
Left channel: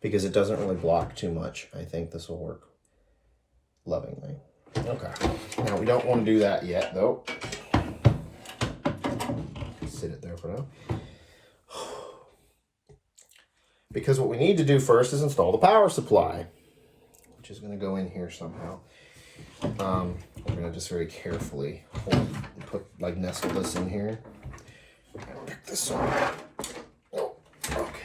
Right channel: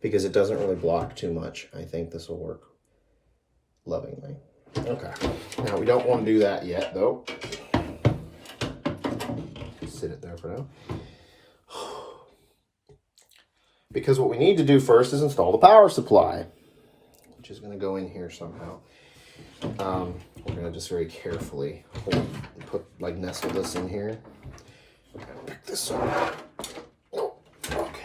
because it doesn't really block too much. I think this will work lovingly. Okay, now we don't want to do that yet though. Sit it there for now. Because what we need to do first is install the power supply, which is going to go in here somehow. We're going to just very carefully nestle this in here. Pick this up. Oh, okay.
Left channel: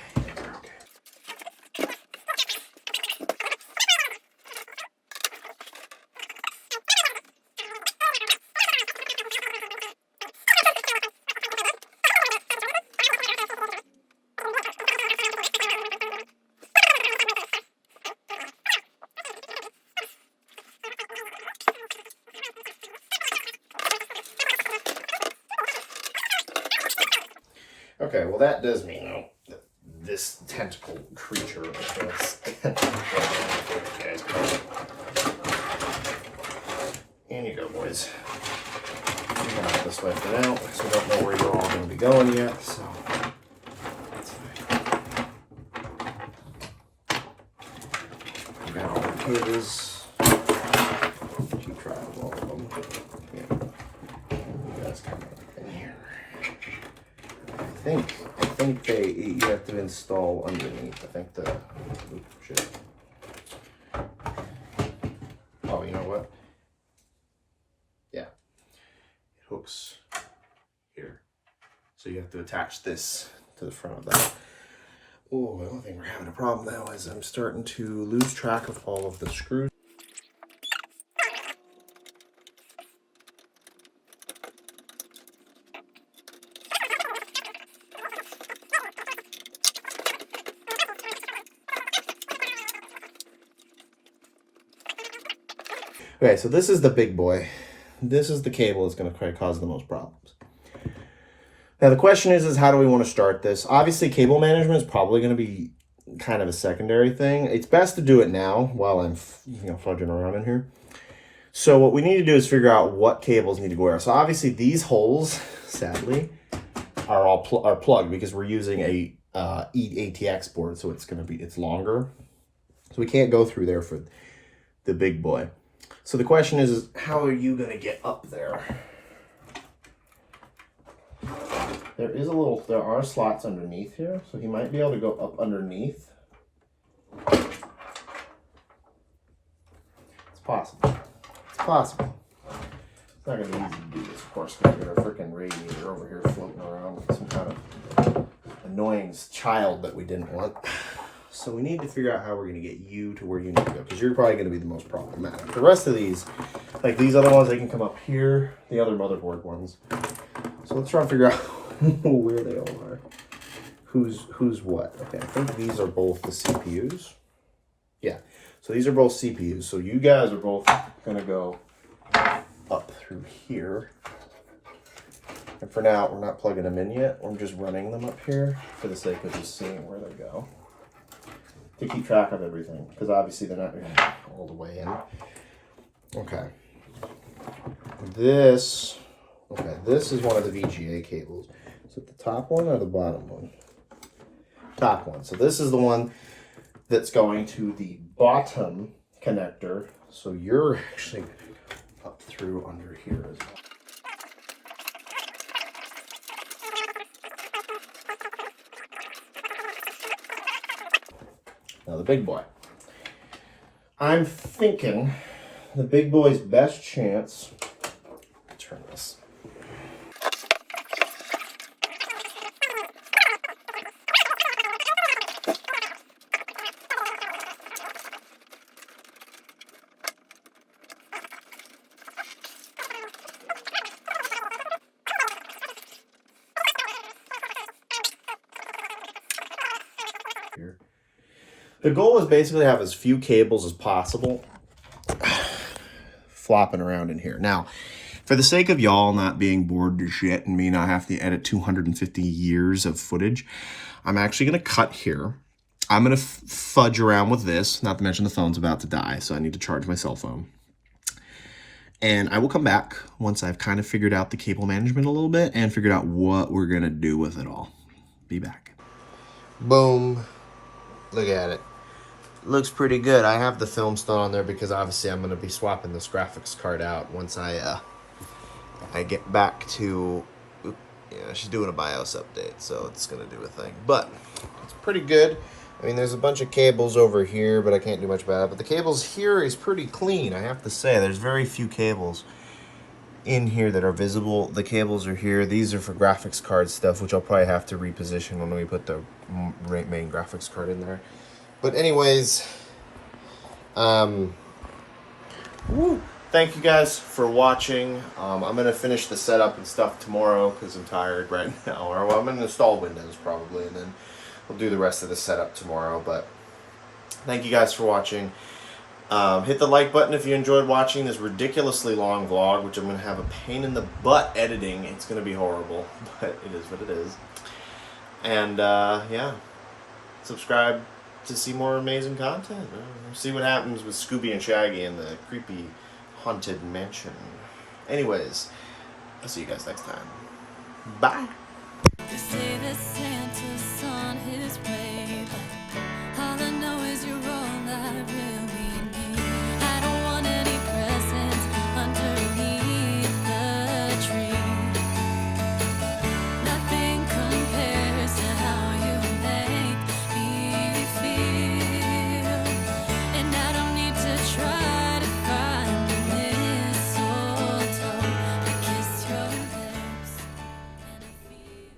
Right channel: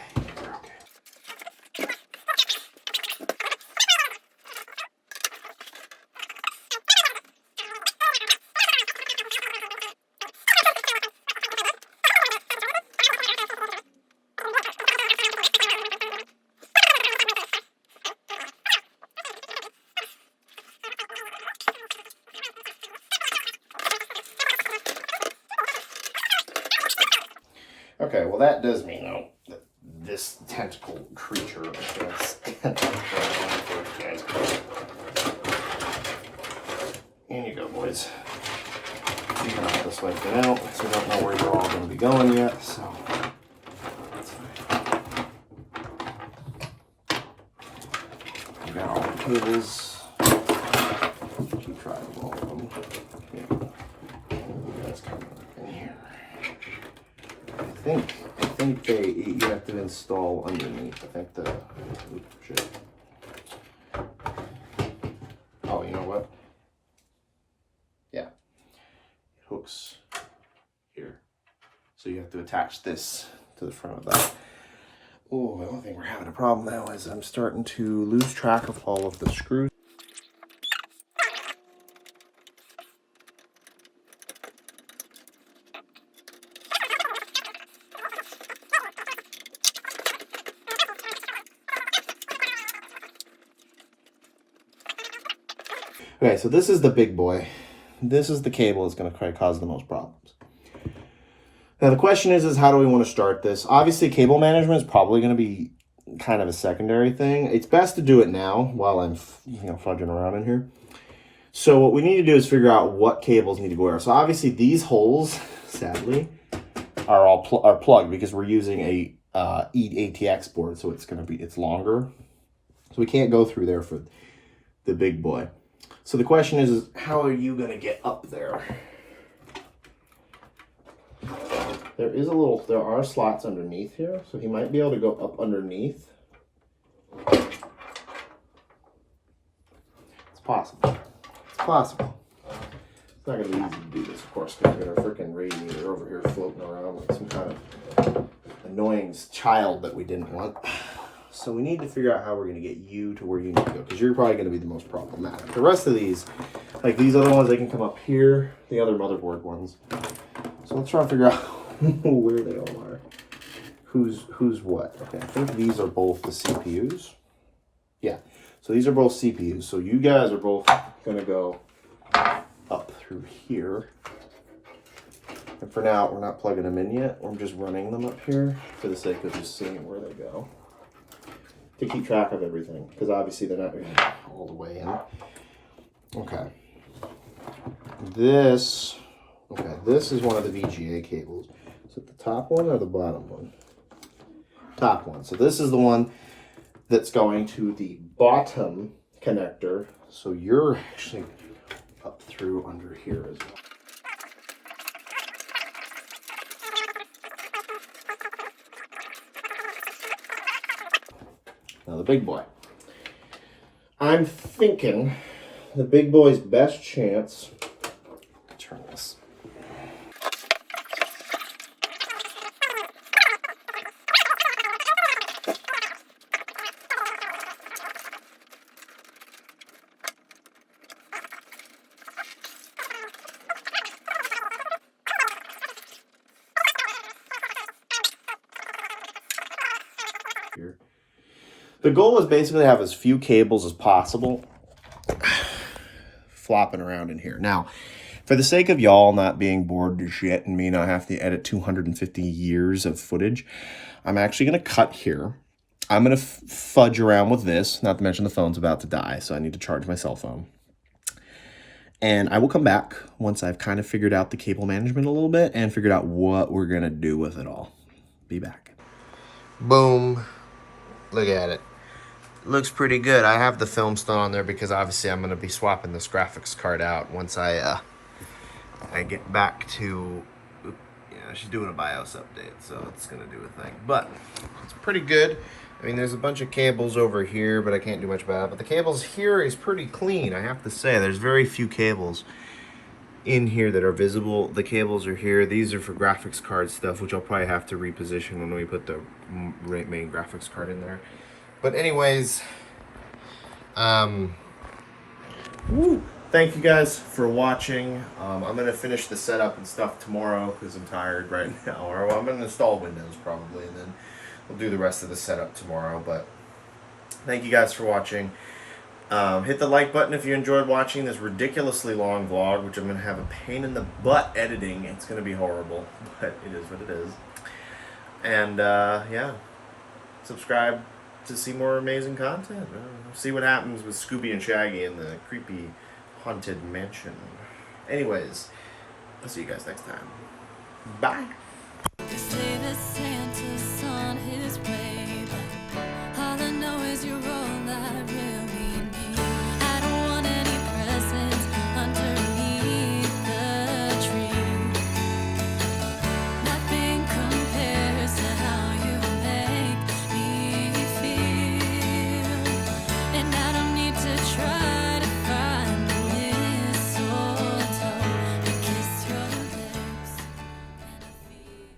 Okay, well that does mean though that this tentacle creature this way for now, so we don't know where you're all going to be going yet, so that's fine. We got all the cables. Keep track of all of them. Yeah. You guys come up in here. I think you have to install underneath. I think the shit. Oh, you know what? Yeah. It hooks here. So you have to attach this to the front of that. Oh, the only thing we're having a problem now is I'm starting to lose track of all of the screws. Okay, so this is the big boy. This is the cable that's going to cause the most problems. Now the question is how do we want to start this? Obviously, cable management is probably going to be kind of a secondary thing. It's best to do it now while I'm, fudging around in here. So what we need to do is figure out what cables need to go where. So obviously these holes, sadly, are all plugged because we're using a ATX board, so it's longer. So we can't go through there for the big boy. So the question is how are you going to get up there? There are slots underneath here, so he might be able to go up underneath. It's possible. It's possible. It's not going to be easy to do this, of course, because we got our freaking radiator over here floating around with some kind of annoying child that we didn't want. So we need to figure out how we're going to get you to where you need to go, because you're probably going to be the most problematic. The rest of these, like these other ones, they can come up here, the other motherboard ones. So let's try and figure out where they all are. Who's what? Okay, I think these are both the CPUs. Yeah, so these are both CPUs. So you guys are both going to go up through here. And for now, we're not plugging them in yet. We're just running them up here for the sake of just seeing where they go. To keep track of everything, because obviously they're not all the way in. Okay. This is one of the VGA cables. Is it the top one or the bottom one? Top one. So this is the one that's going to the bottom connector. So you're actually up through under here as well. Now the big boy. I'm thinking the big boy's best chance. Turn this. Here. The goal is basically to have as few cables as possible flopping around in here. Now, for the sake of y'all not being bored to shit and me not having to edit 250 years of footage, I'm actually going to cut here. I'm going to fudge around with this, not to mention the phone's about to die, so I need to charge my cell phone. And I will come back once I've kind of figured out the cable management a little bit and figured out what we're going to do with it all. Be back. Boom. Look at it. Looks pretty good. I have the film still on there because obviously I'm going to be swapping this graphics card out once I get back to... Yeah, she's doing a BIOS update, so it's going to do a thing. But it's pretty good. I mean, there's a bunch of cables over here, but I can't do much about it. But the cables here is pretty clean, I have to say. There's very few cables in here that are visible. The cables are here. These are for graphics card stuff, which I'll probably have to reposition when we put the main graphics card in there. But anyways, thank you guys for watching. I'm going to finish the setup and stuff tomorrow because I'm tired right now. Or well, I'm going to install Windows probably, and then we'll do the rest of the setup tomorrow. But thank you guys for watching. Hit the like button if you enjoyed watching this ridiculously long vlog, which I'm going to have a pain in the butt editing. It's going to be horrible, but it is what it is. And yeah, subscribe to see more amazing content. See what happens with Scooby and Shaggy in the creepy haunted mansion. Anyways, I'll see you guys next time. Bye. They say that Santa's on his way, but all I know is you're all I really need. I don't want any presents underneath the tree. Nothing compares to how you make me feel, and I don't need to try